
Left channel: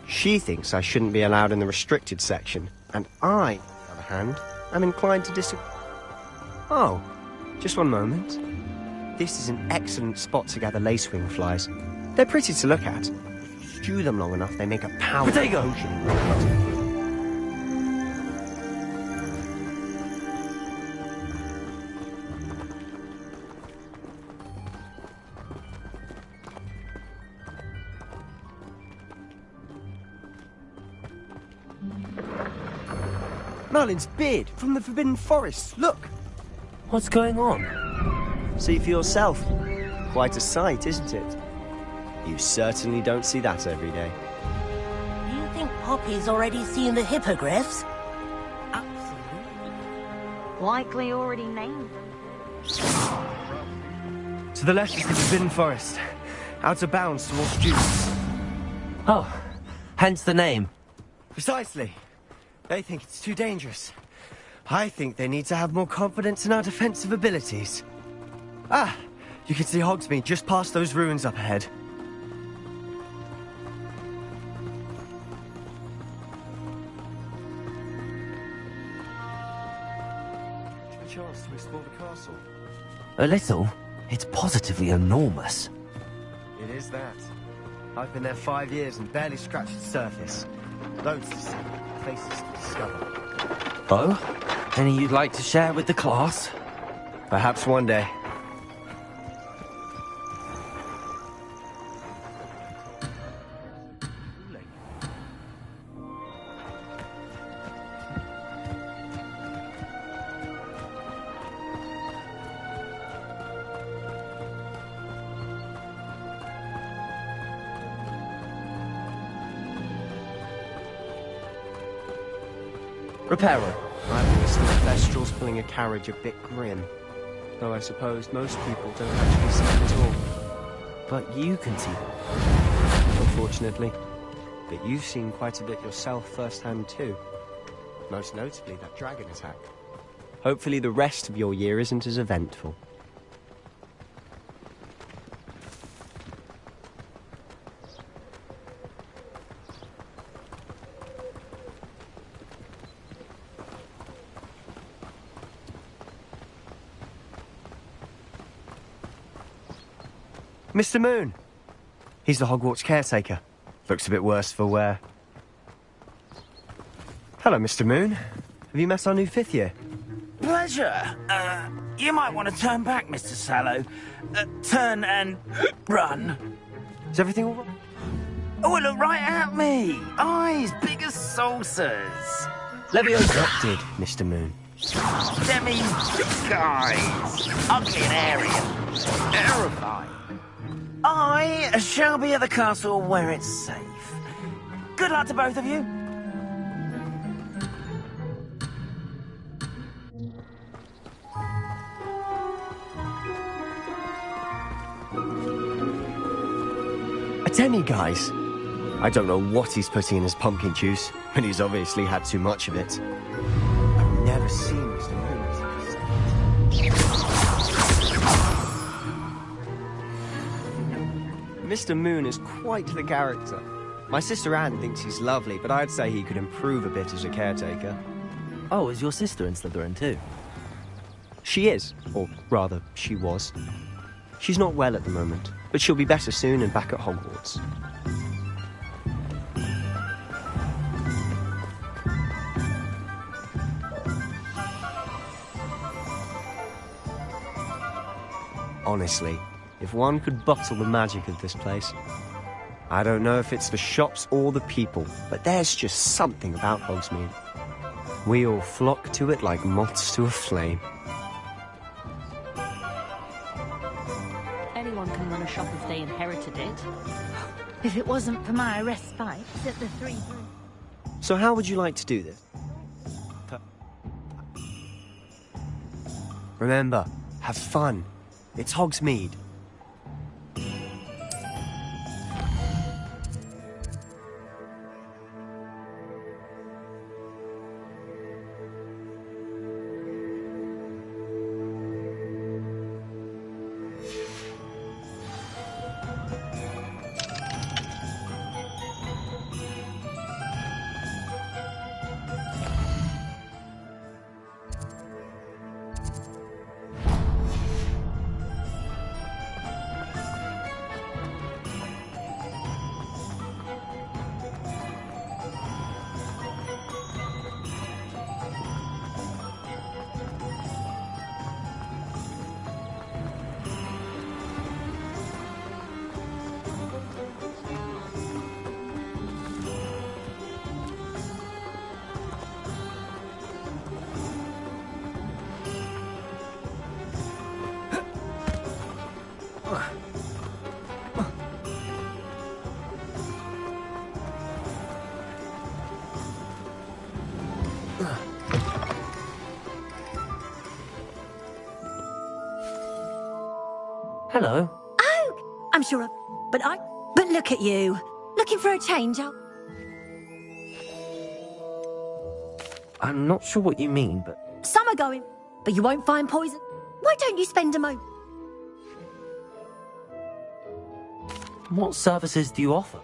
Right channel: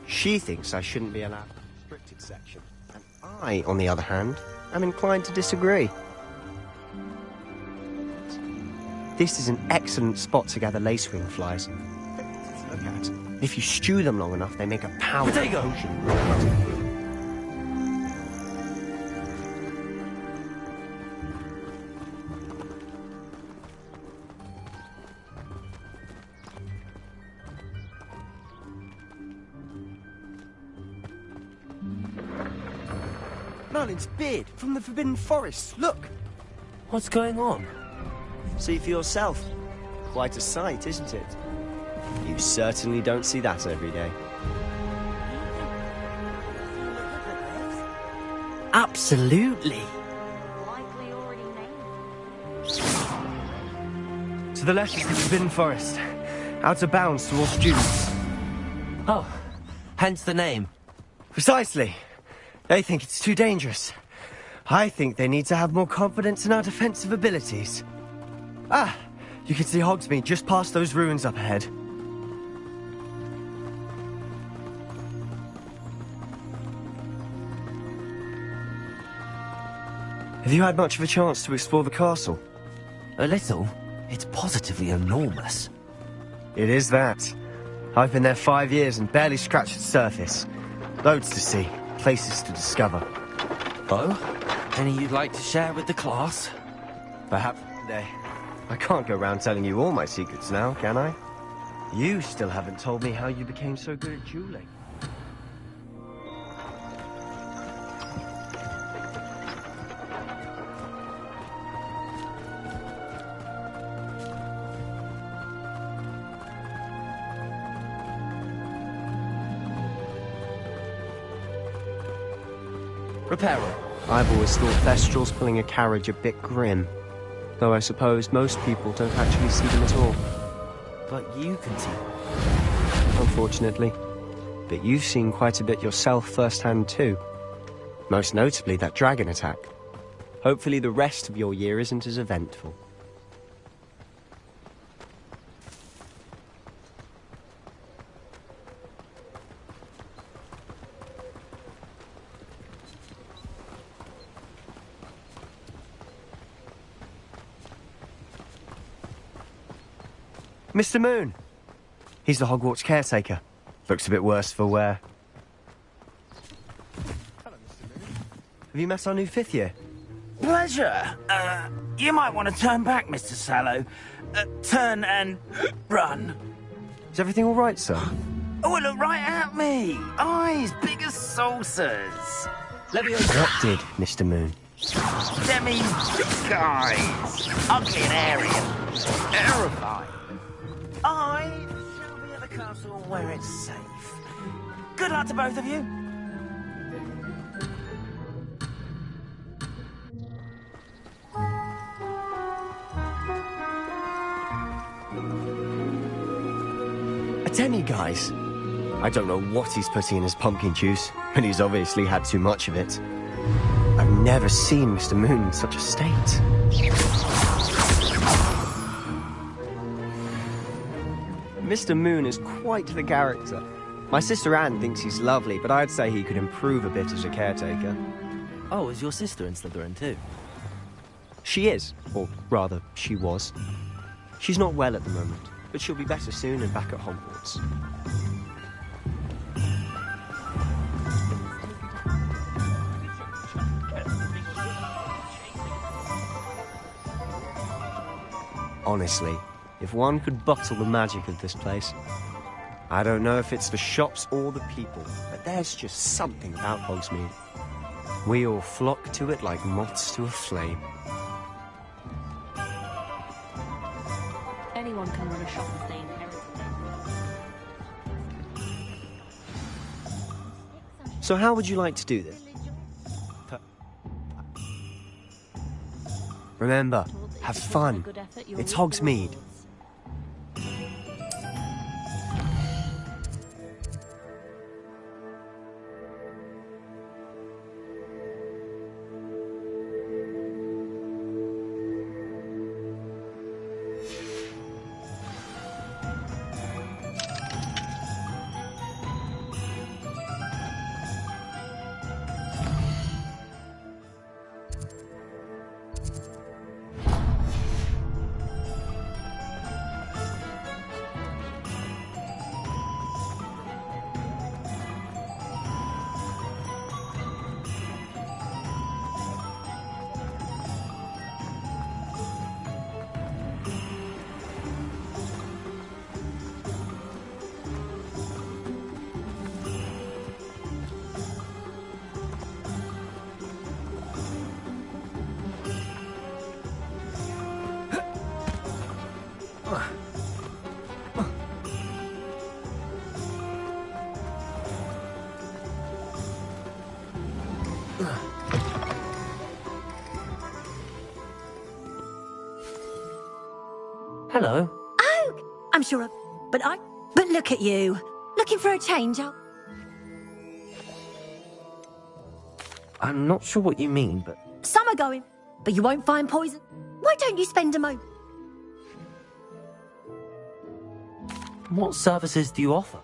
She thinks I shouldn't be allowed in the restricted section, and I, on the other hand, am inclined to disagree. Oh, just one moment. This is an excellent spot to gather lacewing flies. They're pretty to look at. If you stew them long enough, they make a powerful potion. Merlin's beard from the Forbidden Forest. Look! What's going on? See for yourself. Quite a sight, isn't it? You certainly don't see that every day. You think Poppy's already seen the hippogriffs? Absolutely. Likely already named them. To the left is the Forbidden Forest. Out of bounds to all students. Oh, hence the name. Precisely. They think it's too dangerous. I think they need to have more confidence in our defensive abilities. Ah, you can see Hogsmeade just past those ruins up ahead. Have you had much of a chance to explore the castle? A little. It's positively enormous. It is that. I've been there 5 years and barely scratched the surface. Loads to see, places to discover. Oh? Any you'd like to share with the class? Perhaps one day. I can't go around telling you all my secrets now, can I? You still haven't told me how you became so good at dueling. Reparo. I've always thought Thestrals pulling a carriage a bit grim. Though I suppose most people don't actually see them at all. But you can see them. Unfortunately. But you've seen quite a bit yourself firsthand too. Most notably that dragon attack. Hopefully the rest of your year isn't as eventful. Mr. Moon. He's the Hogwarts caretaker. Looks a bit worse for wear. Hello, Mr. Moon. Have you met our new 5th year? Pleasure. You might want to turn back, Mr. Sallow. Turn and run. Is everything all right, sir? Oh, look right at me. Eyes big as saucers. What did, Mr. Moon? Demi guys. Ugly and airy. Terrifying. I shall be at the castle where it's safe. Good luck to both of you. A demi-guise? I don't know what he's putting in his pumpkin juice, but he's obviously had too much of it. I've never seen Mr. Moon in such a state. Mr. Moon is quite the character. My sister Anne thinks he's lovely, but I'd say he could improve a bit as a caretaker. Oh, is your sister in Slytherin too? She is, or rather, she was. She's not well at the moment, but she'll be better soon and back at Hogwarts. Honestly, if one could bottle the magic of this place. I don't know if it's the shops or the people, but there's just something about Hogsmeade. We all flock to it like moths to a flame. Anyone can run a shop if they inherited it. If it wasn't for my respite at the three... So how would you like to do this? Remember, have fun. It's Hogsmeade. Hello. Oh, I'm sure of... But look at you. Looking for a change, I'm not sure what you mean, but... Some are going, but you won't find poison. Why don't you spend a moment? What services do you offer?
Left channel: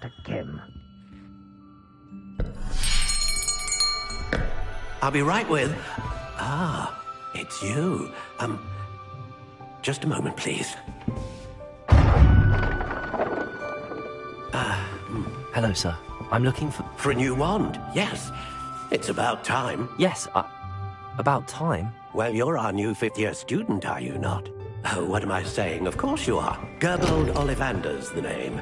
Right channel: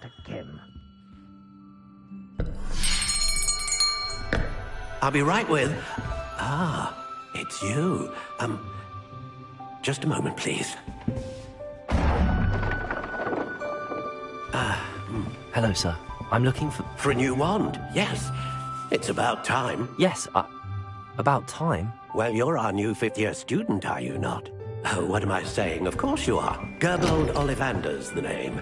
Dr. Kim. I'll be right with... Ah, it's you. Just a moment, please. Hello, sir. I'm looking for... For a new wand, yes. It's about time. Yes, about time? Well, you're our new fifth-year student, are you not? Oh, what am I saying? Of course you are. Gerbold Ollivander's the name.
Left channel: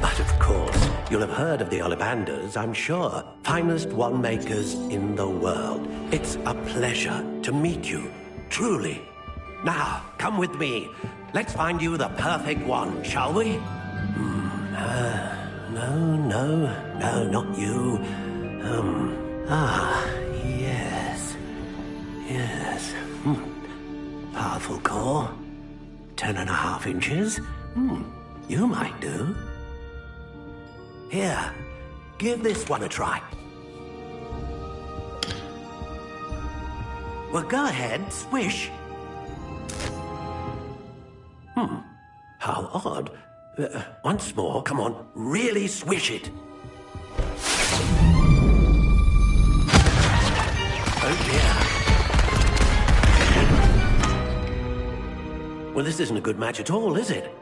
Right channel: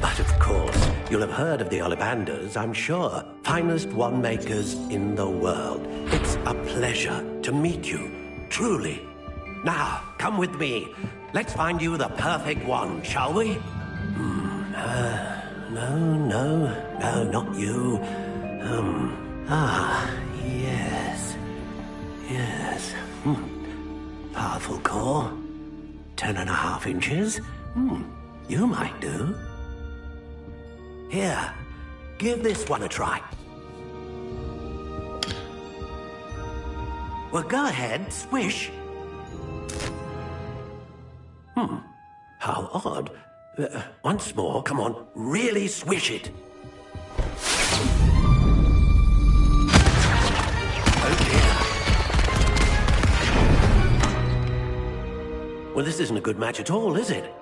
But of course, you'll have heard of the Ollivanders, I'm sure. Finest wand makers in the world. It's a pleasure to meet you, truly. Now, come with me. Let's find you the perfect wand, shall we? No, not you. Yes. Powerful core. 10.5 inches. You might do. Here, give this one a try. Well, go ahead, swish. How odd. Once more, come on, really swish it. Oh dear. Well, this isn't a good match at all, is it?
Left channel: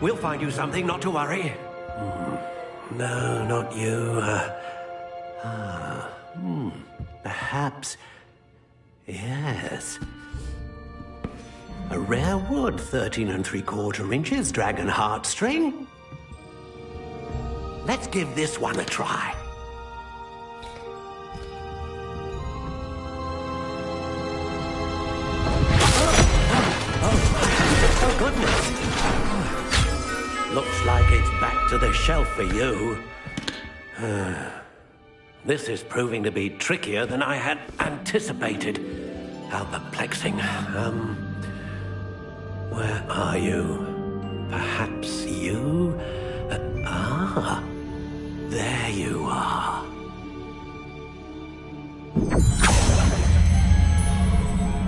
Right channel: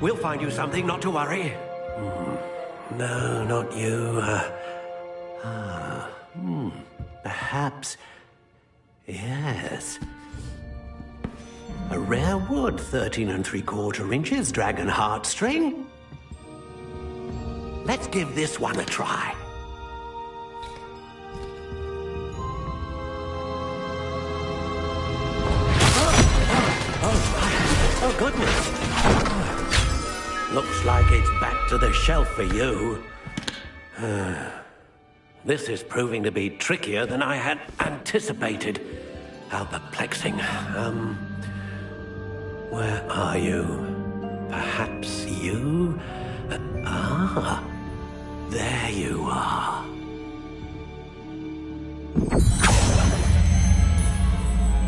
We'll find you something, not to worry. No, not you. Perhaps... Yes. A rare wood, 13 3/4 inches, dragon heartstring. Let's give this one a try. Oh, goodness. Looks like it's back to the shelf for you. This is proving to be trickier than I had anticipated. How perplexing. Where are you? Perhaps you? There you are.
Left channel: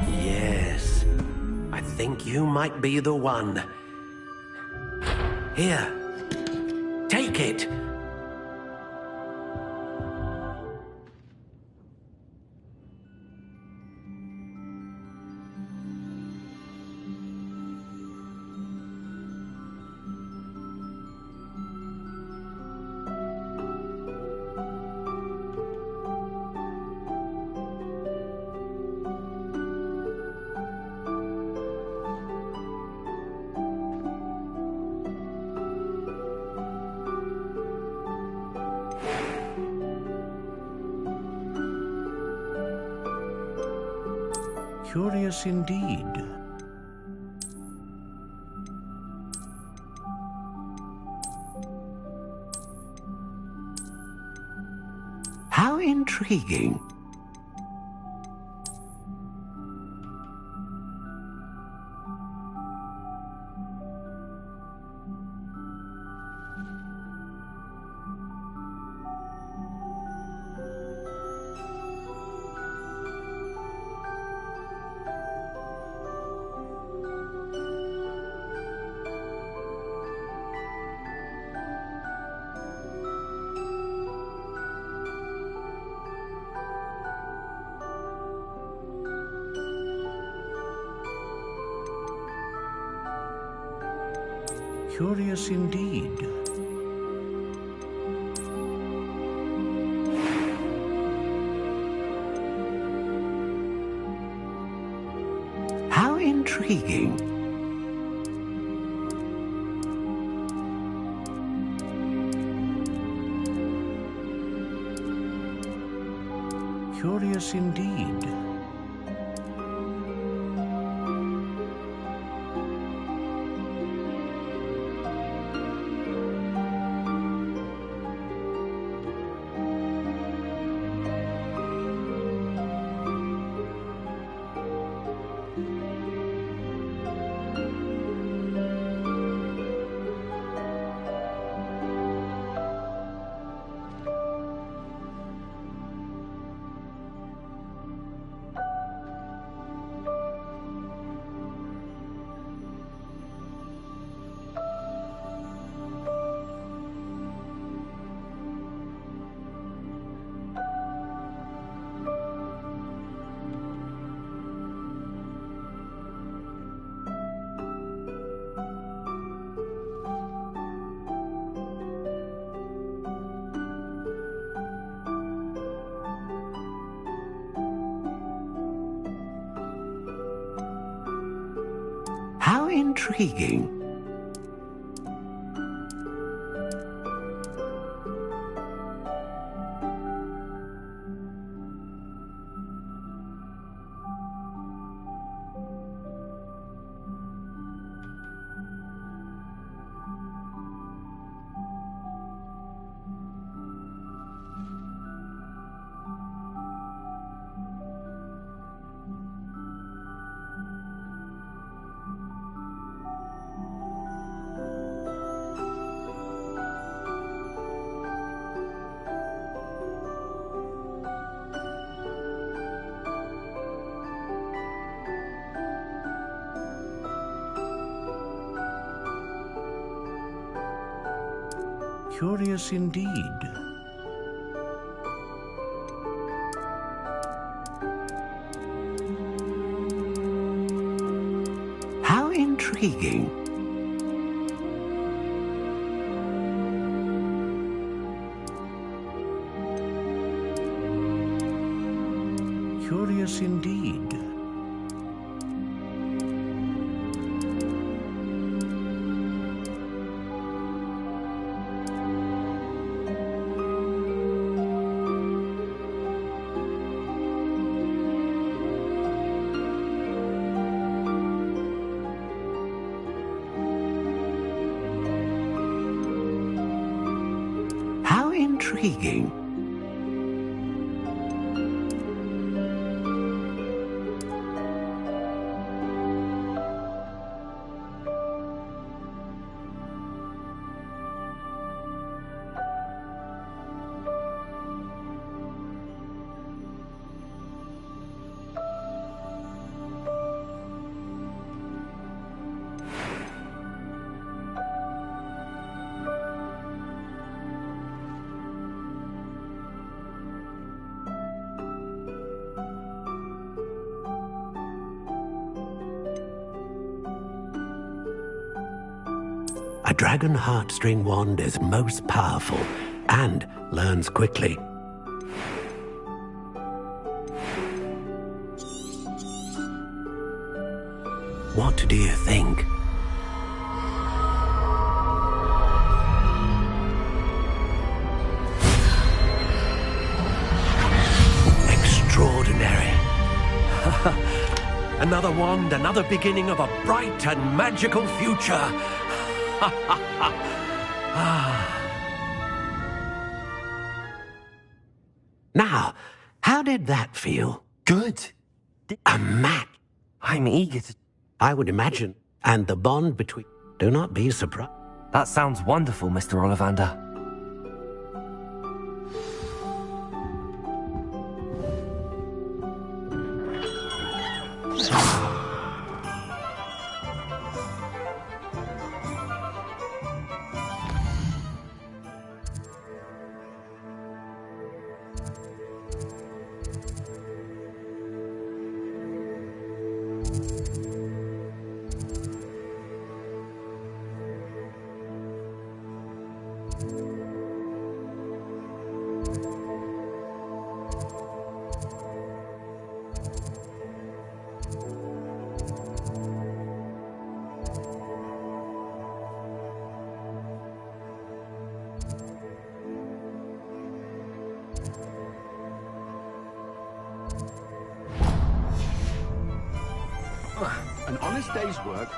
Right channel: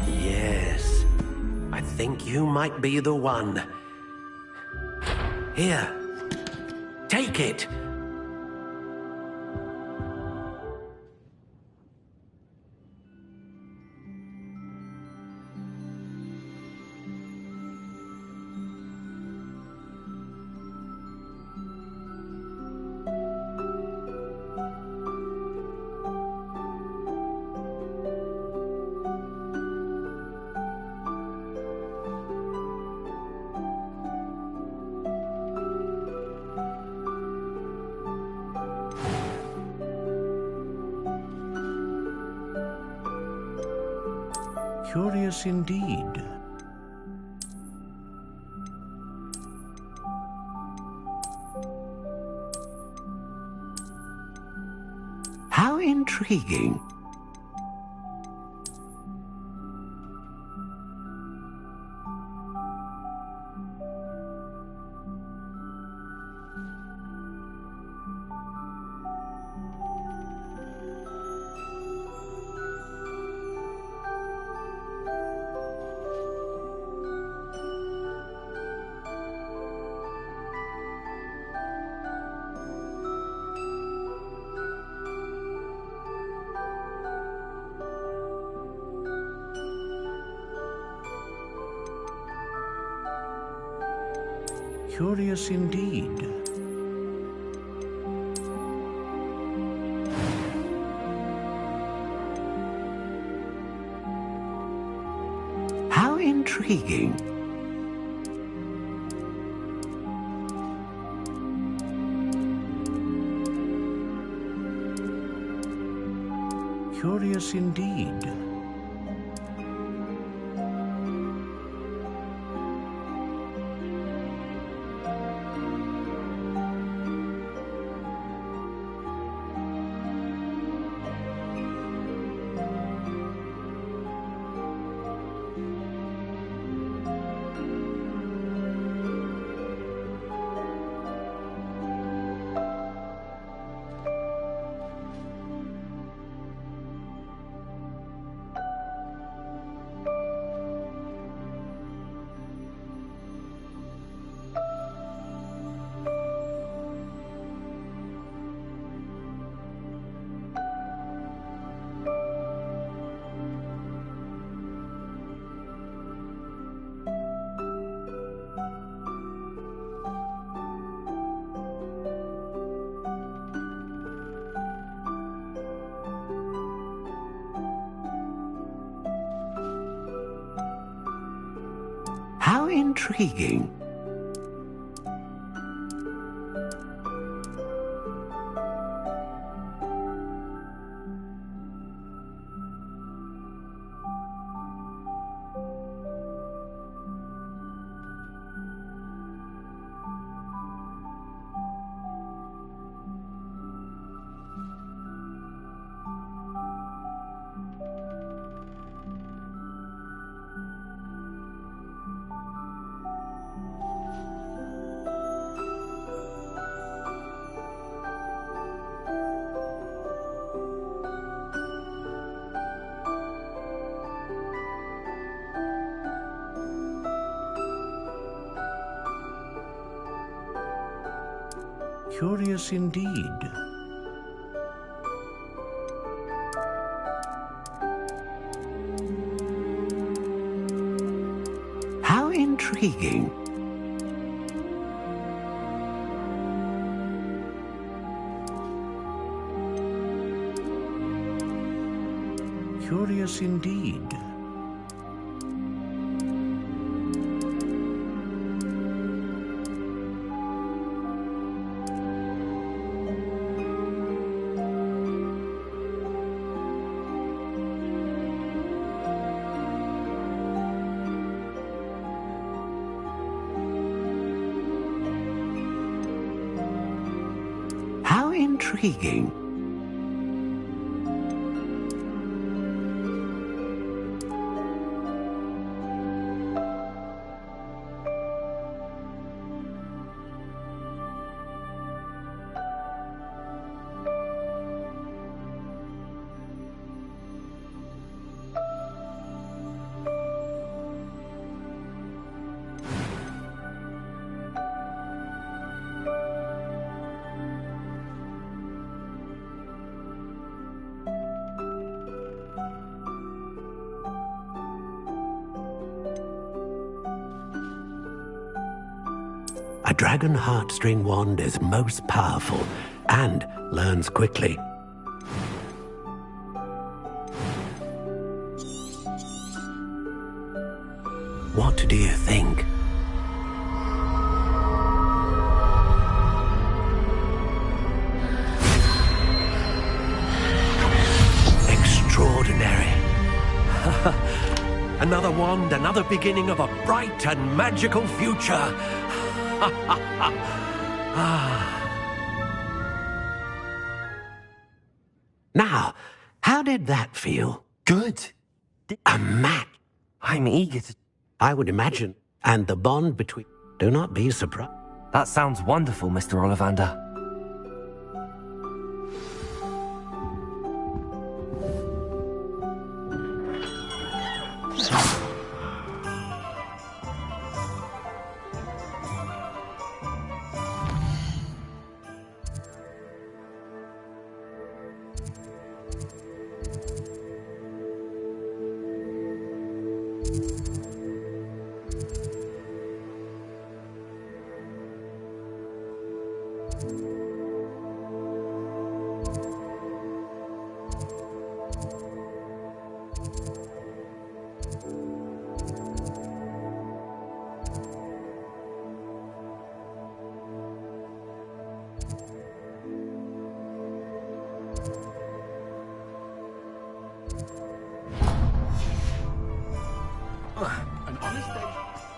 Yes, I think you might be the one. Here, take it. Curious indeed. How intriguing. Curious indeed. How intriguing. Curious indeed. intriguing. Curious indeed. How intriguing. Curious indeed. How intriguing. A dragon heartstring wand is most powerful and learns quickly. What do you think? Extraordinary. Another wand, another beginning of a bright and magical future. Now, how did that feel? Good. A match. I'm eager to... I would imagine. And the bond between... Do not be surprised. That sounds wonderful, Mr. Ollivander. An honest day's work.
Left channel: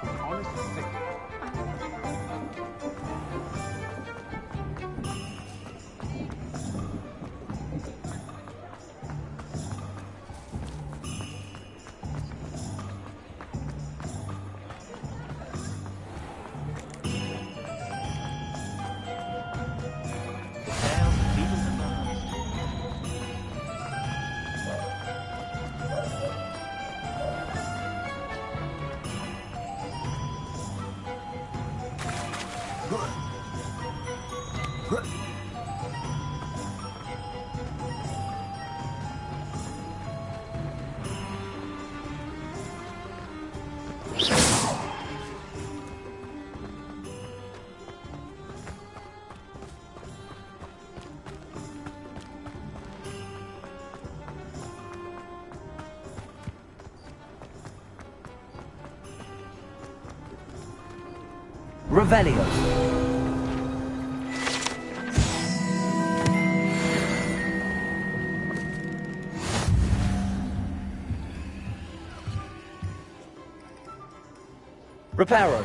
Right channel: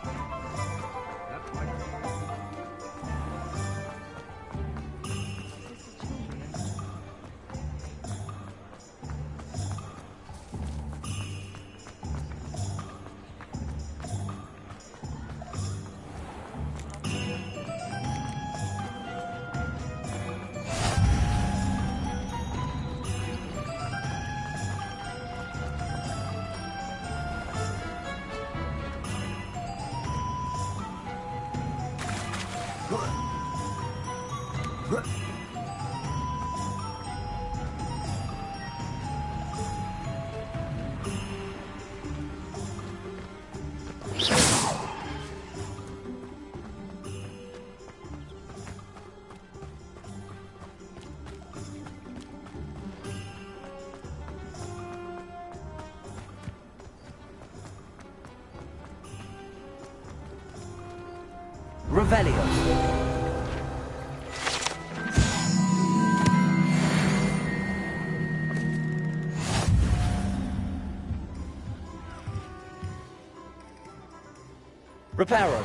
Revelio. Reparo.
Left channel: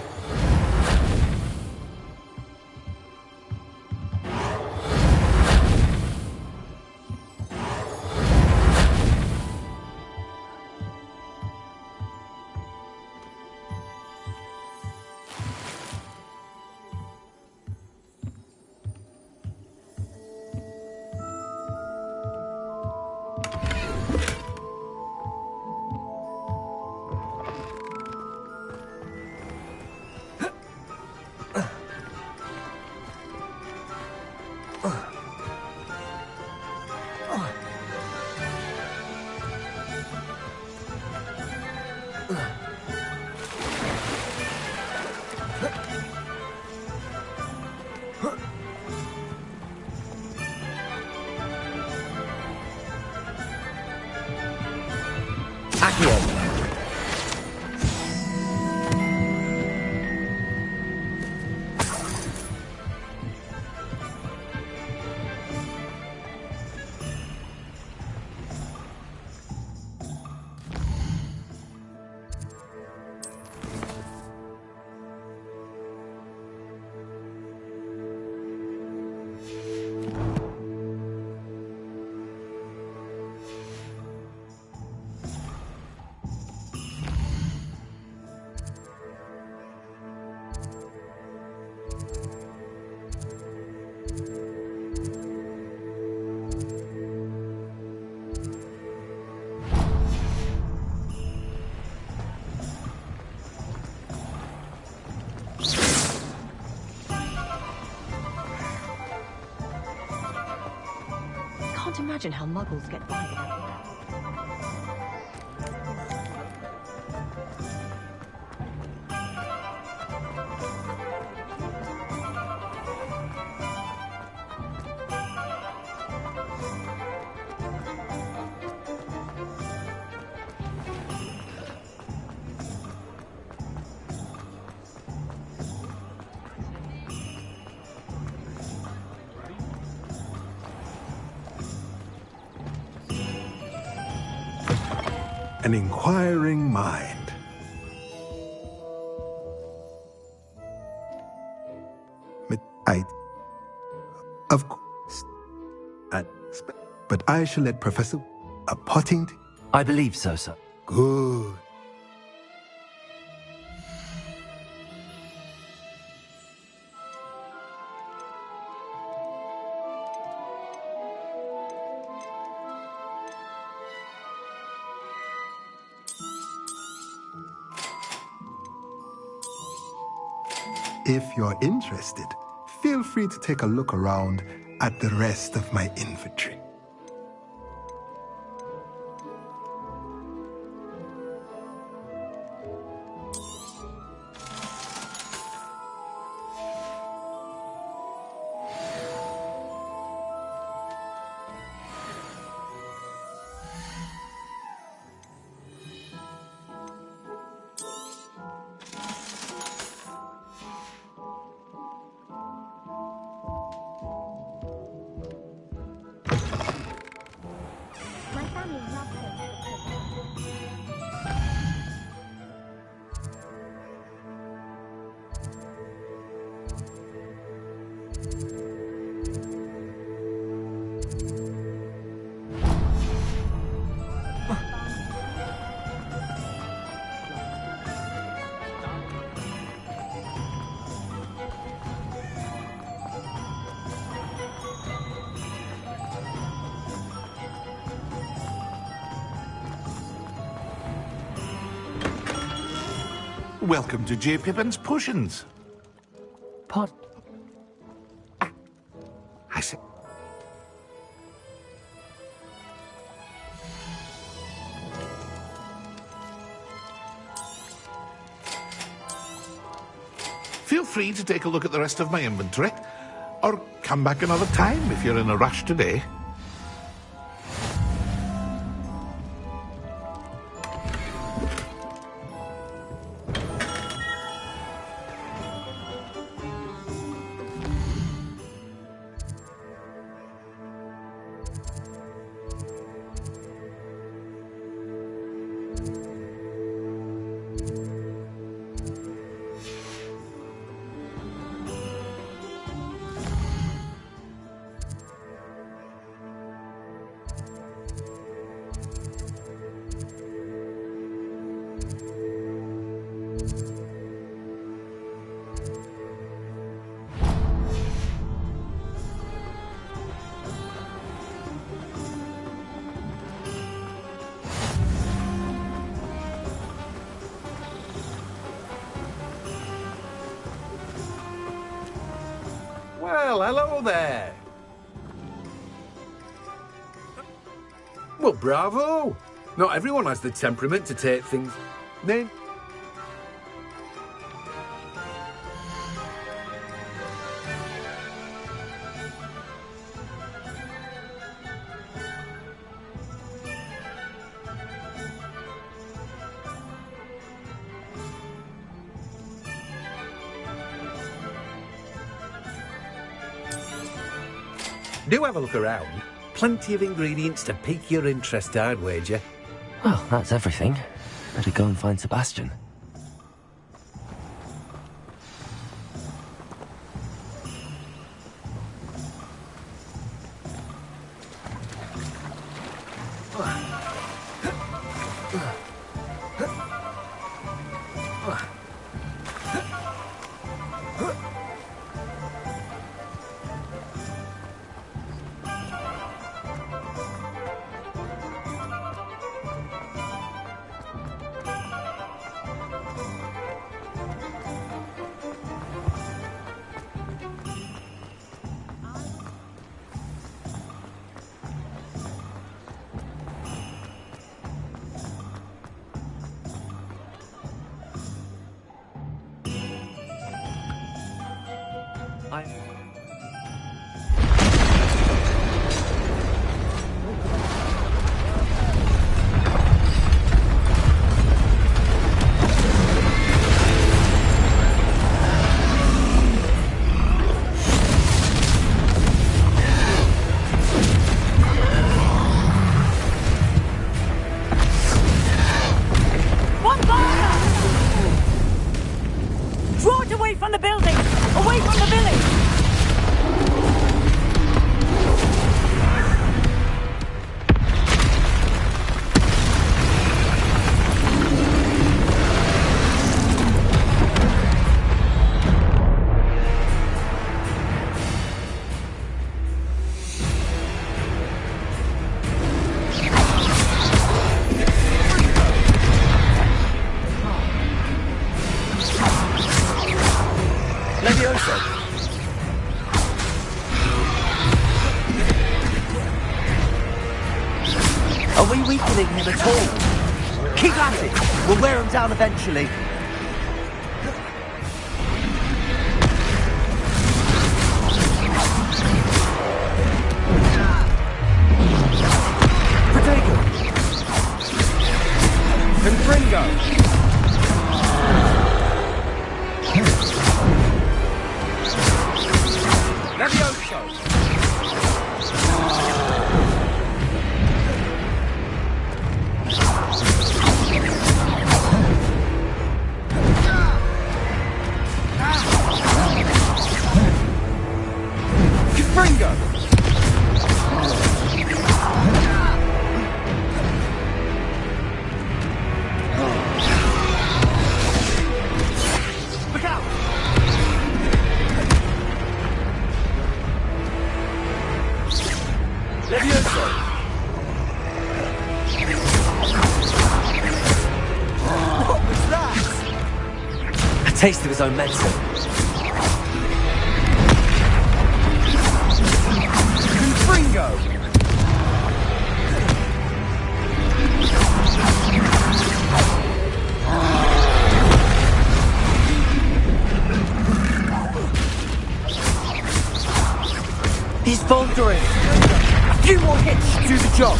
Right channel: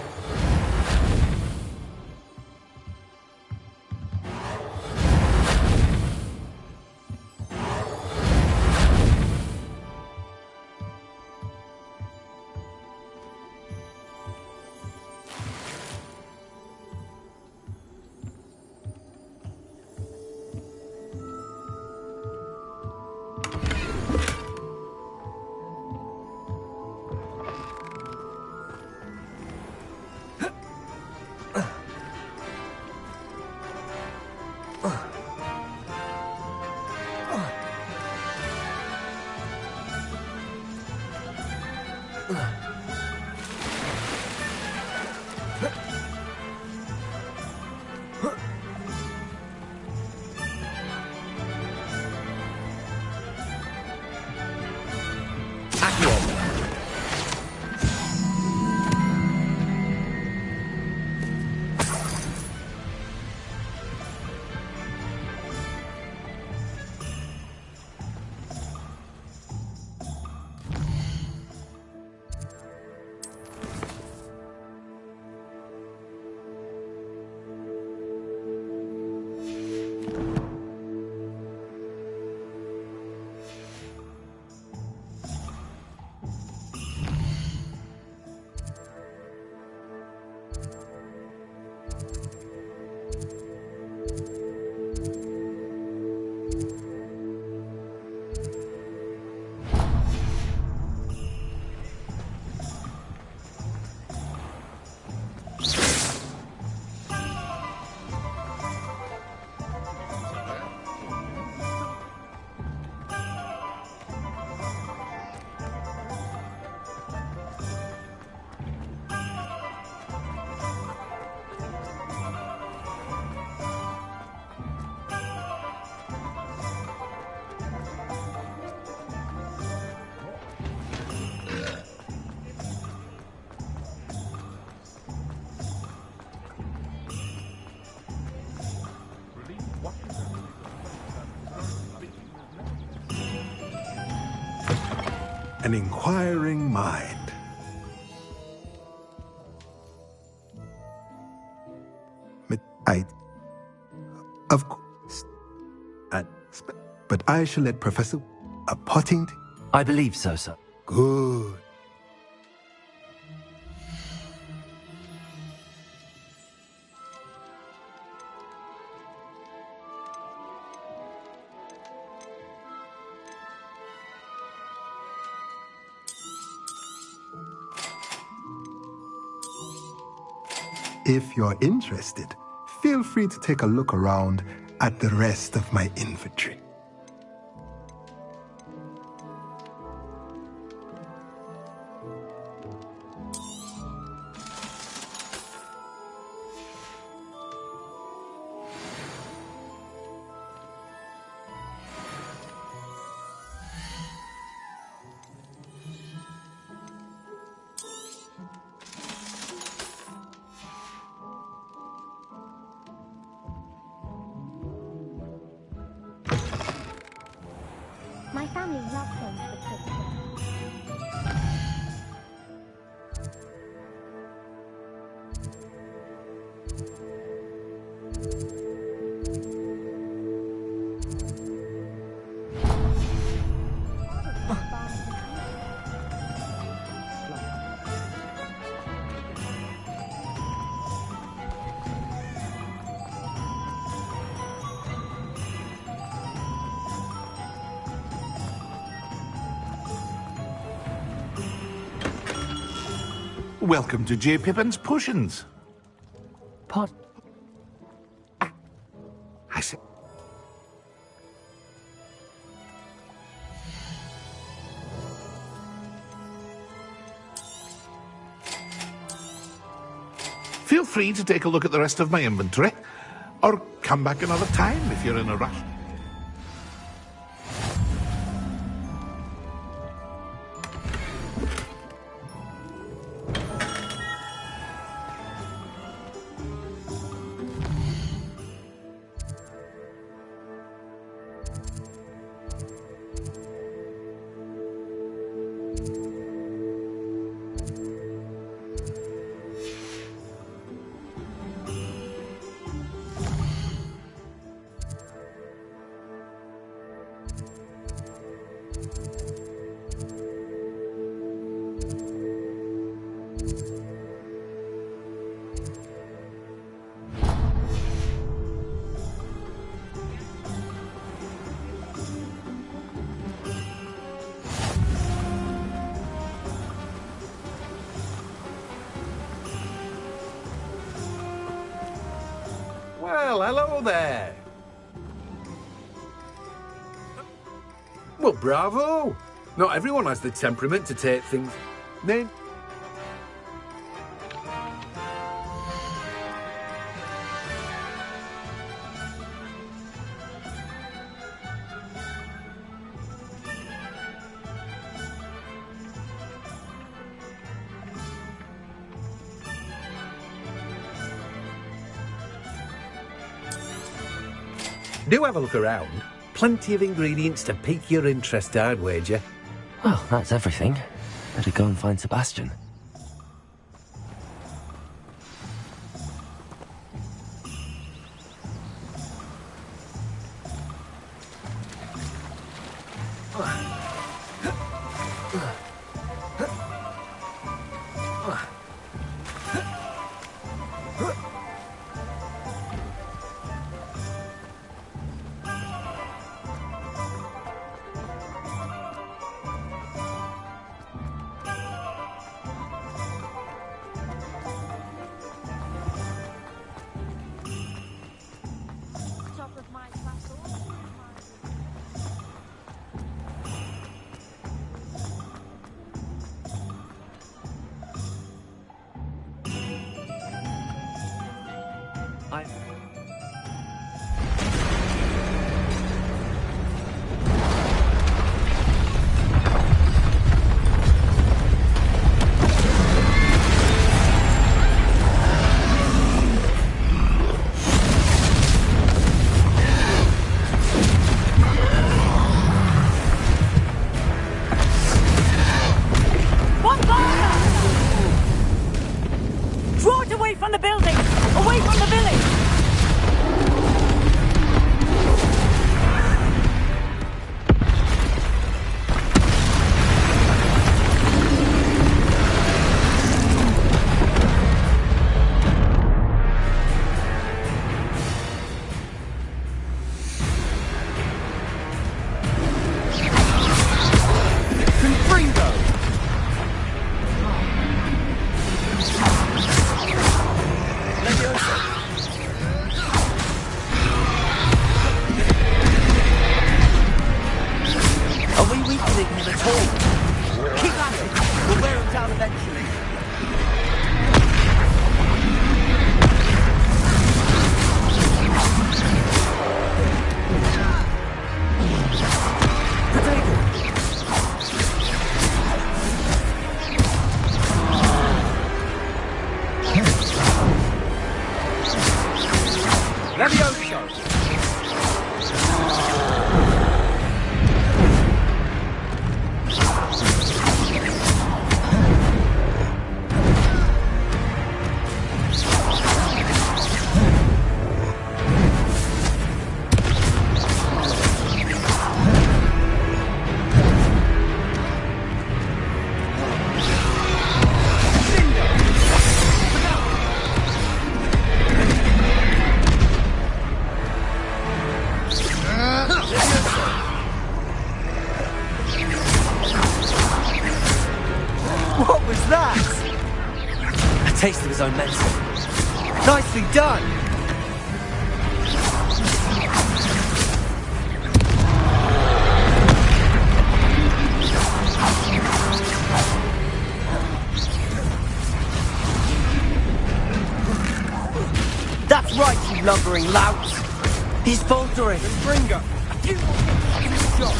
How muggles get by. An inquiring mind. Of course. But I shall let Professor Pottington. I believe so, sir. Good. If you're interested, feel free to take a look around at the rest of my inventory. My family loves things with kids. Welcome to J. Pippin's Potions. Pot. I said. Feel free to take a look at the rest of my inventory, or come back another time if you're in a rush today. hello there. Well, bravo. Not everyone has the temperament to take things... Then... Do have a look around. Plenty of ingredients to pique your interest, I'd wager. Well, that's everything. Better go and find Sebastian. Are we weakening him at all? Keep at it! We'll wear him down eventually. Potato! Confringo! Levioso! What was that? A taste of his own medicine. Nicely done! Confringo! That's right, you lumbering lout! He's faltering! Confringo! A few more hits to do the job!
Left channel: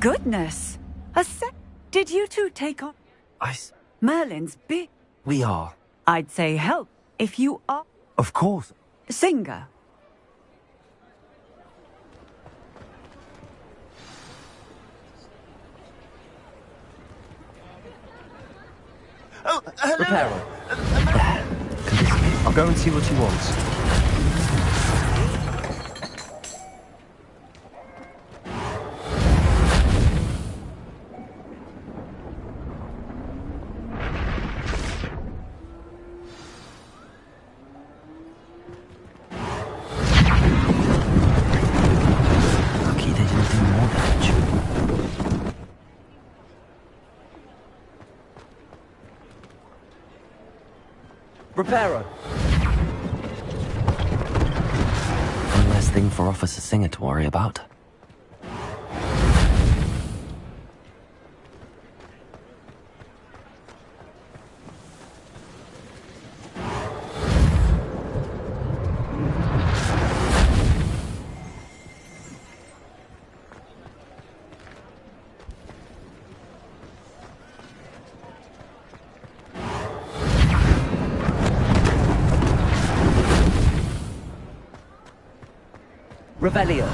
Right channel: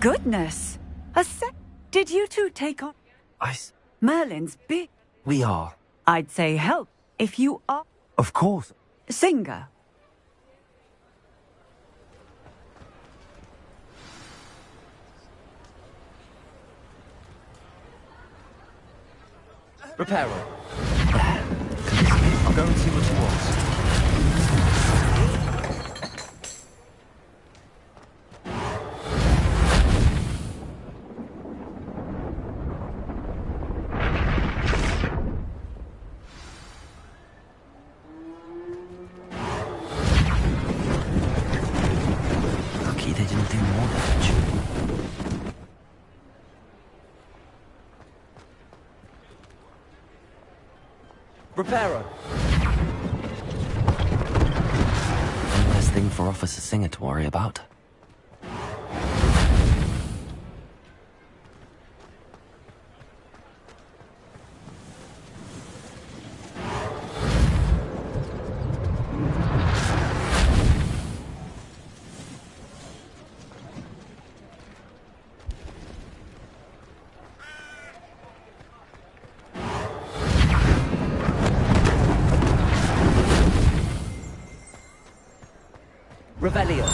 Goodness! Did you two take on... Merlin's big... We are. I'd say help, if you are... Of course. Singer. Oh, hello. Reparo. I'll go and see what he wants. Reparo! One less thing for Officer Singer to worry about. Revelio.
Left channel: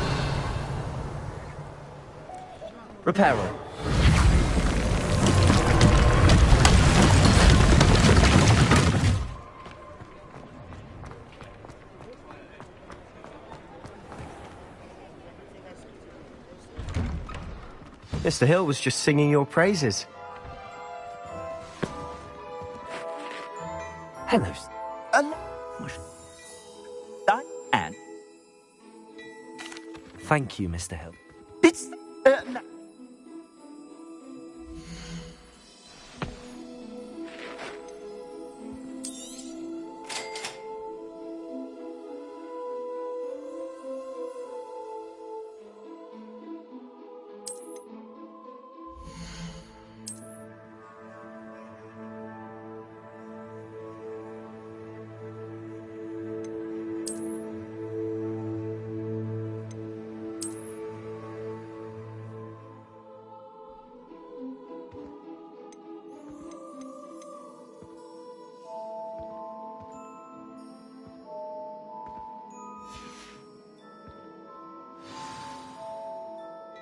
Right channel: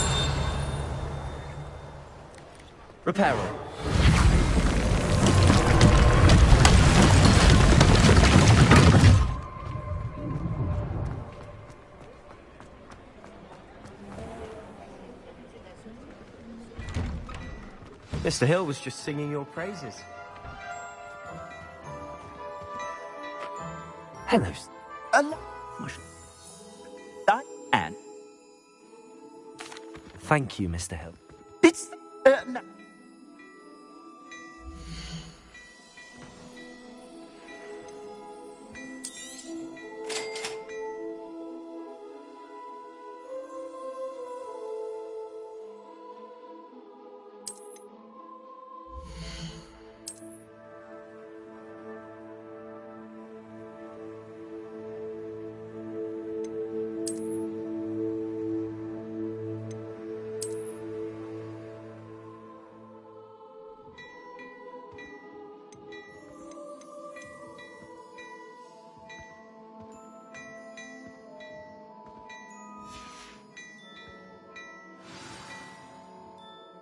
Reparo. Mr. Hill was just singing your praises. Hello. Diane. Thank you, Mr. Hill. It's... no.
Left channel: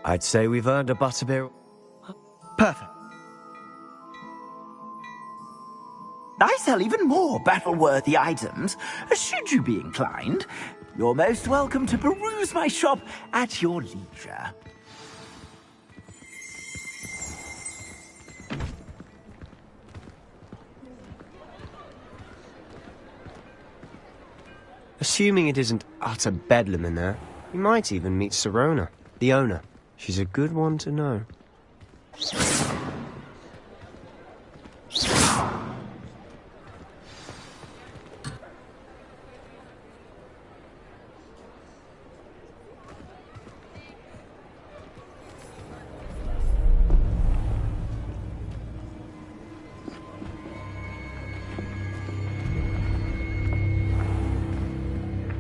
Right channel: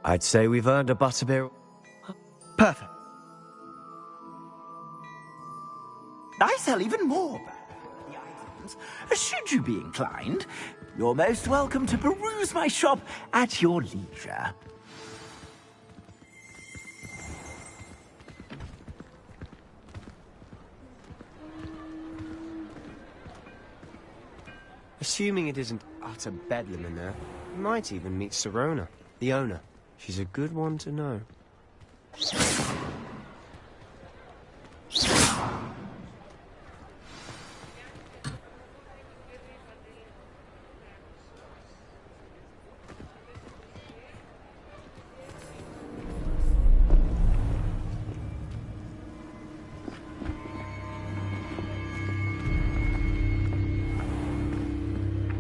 I'd say we've earned a butterbeer. Perfect. I sell even more battle-worthy items. Should you be inclined, you're most welcome to peruse my shop at your leisure. Assuming it isn't utter bedlam in there, you might even meet Sirona, the owner. She's a good one to know.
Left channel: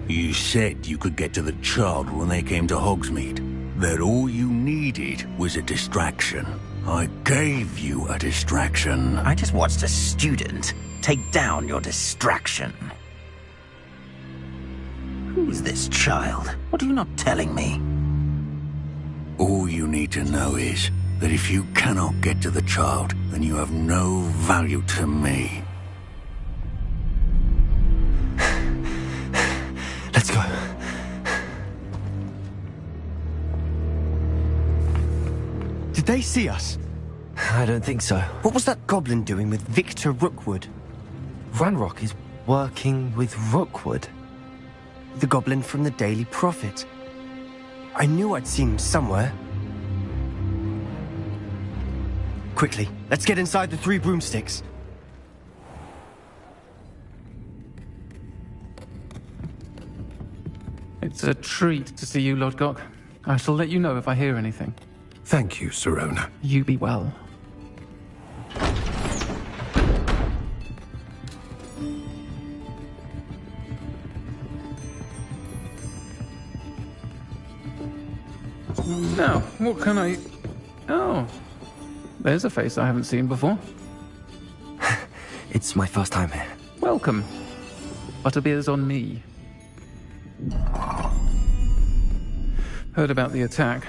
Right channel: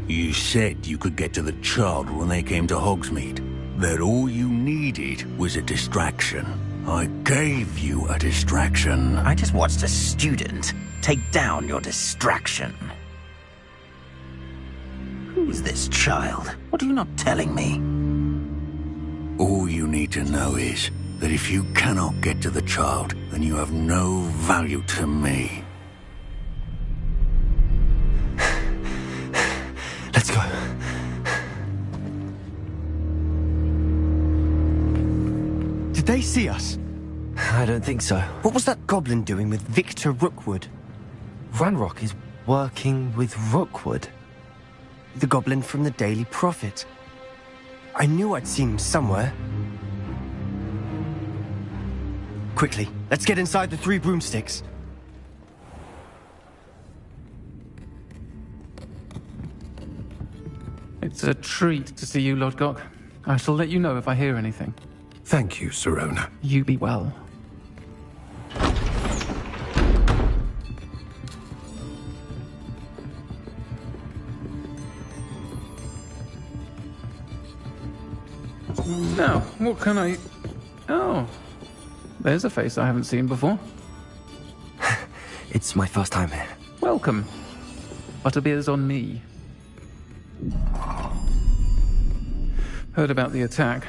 You said you could get to the child when they came to Hogsmeade. That all you needed was a distraction. I gave you a distraction. I just watched a student take down your distraction. Who's this child? What are you not telling me? All you need to know is that if you cannot get to the child, then you have no value to me. Let's go. Did they see us? I don't think so. What was that goblin doing with Victor Rookwood? Ranrock is working with Rookwood. The goblin from the Daily Prophet. I knew I'd seen him somewhere. Quickly, let's get inside the 3 broomsticks. It's a treat to see you, Lodgok. I shall let you know if I hear anything. Thank you, Sirona. You be well. Now, what can I... Oh, there's a face I haven't seen before. It's my first time here. Welcome. Butterbeer's on me. Heard about the attack.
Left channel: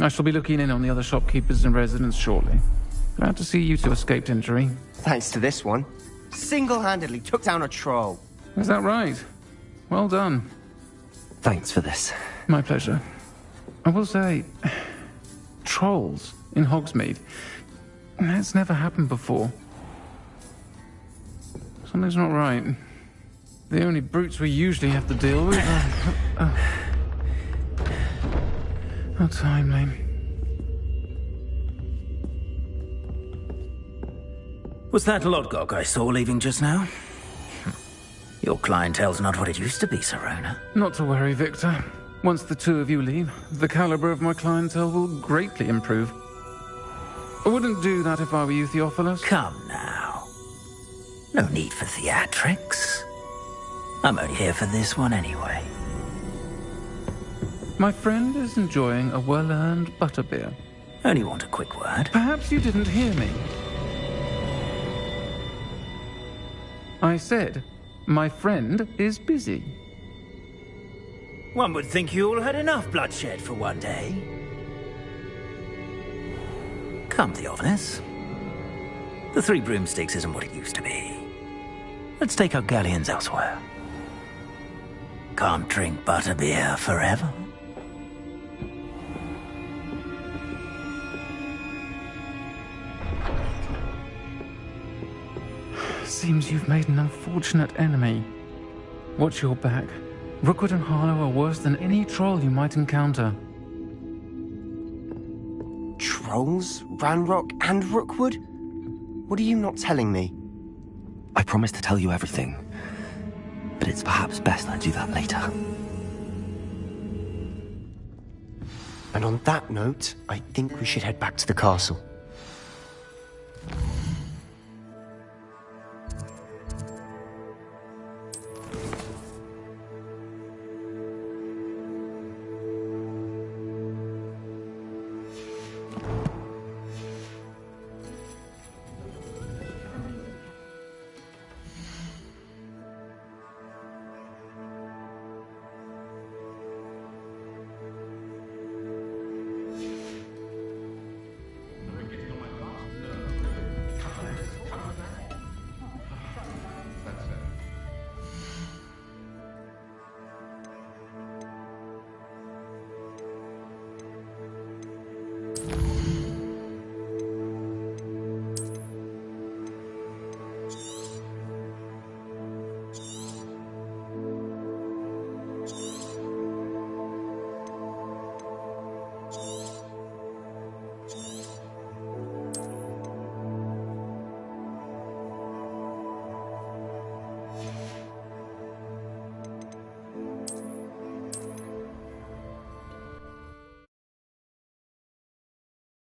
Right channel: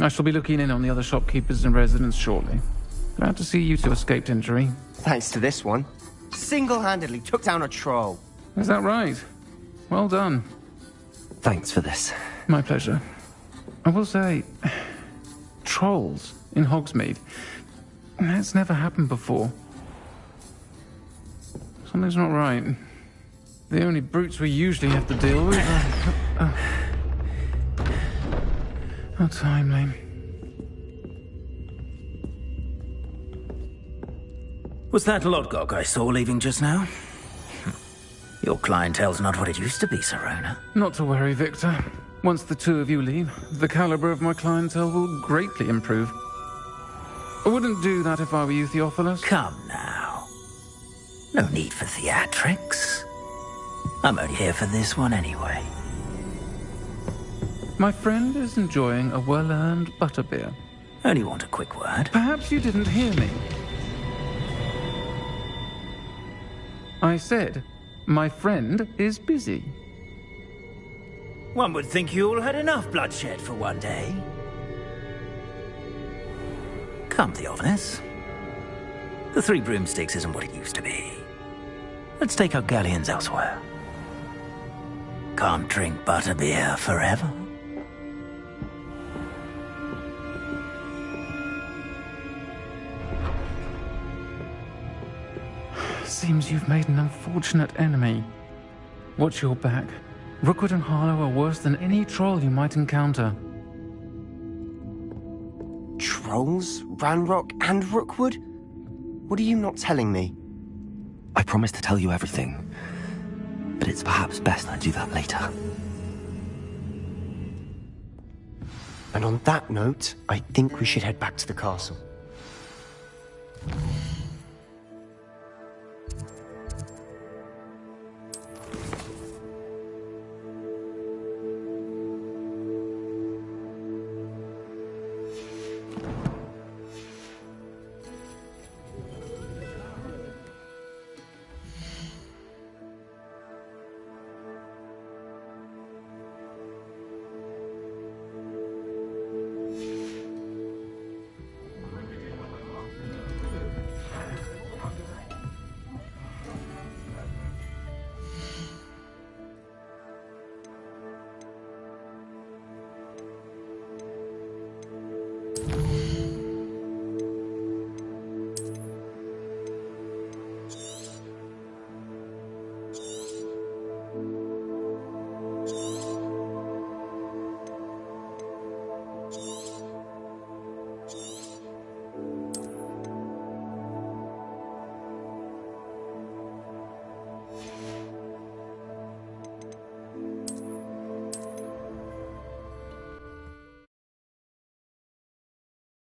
I shall be looking in on the other shopkeepers and residents shortly. Glad to see you two escaped injury. Thanks to this one. Single-handedly took down a troll. Is that right? Well done. Thanks for this. My pleasure. I will say, trolls in Hogsmeade. That's never happened before. Something's not right. The only brutes we usually have to deal with are... How timely. Was that Lodgok I saw leaving just now? Your clientele's not what it used to be, Serona. Not to worry, Victor. Once the two of you leave, the caliber of my clientele will greatly improve. I wouldn't do that if I were you, Theophilus. Come now. No need for theatrics. I'm only here for this one anyway. My friend is enjoying a well-earned butterbeer. Only want a quick word. Perhaps you didn't hear me. I said, my friend is busy. One would think you all had enough bloodshed for one day. Come, Theophilus. The Three Broomsticks isn't what it used to be. Let's take our galleons elsewhere. Can't drink butterbeer forever. Seems you've made an unfortunate enemy. Watch your back. Rookwood and Harlow are worse than any troll you might encounter. Trolls? Ranrock and Rookwood? What are you not telling me? I promised to tell you everything, but it's perhaps best I do that later. And on that note, I think we should head back to the castle.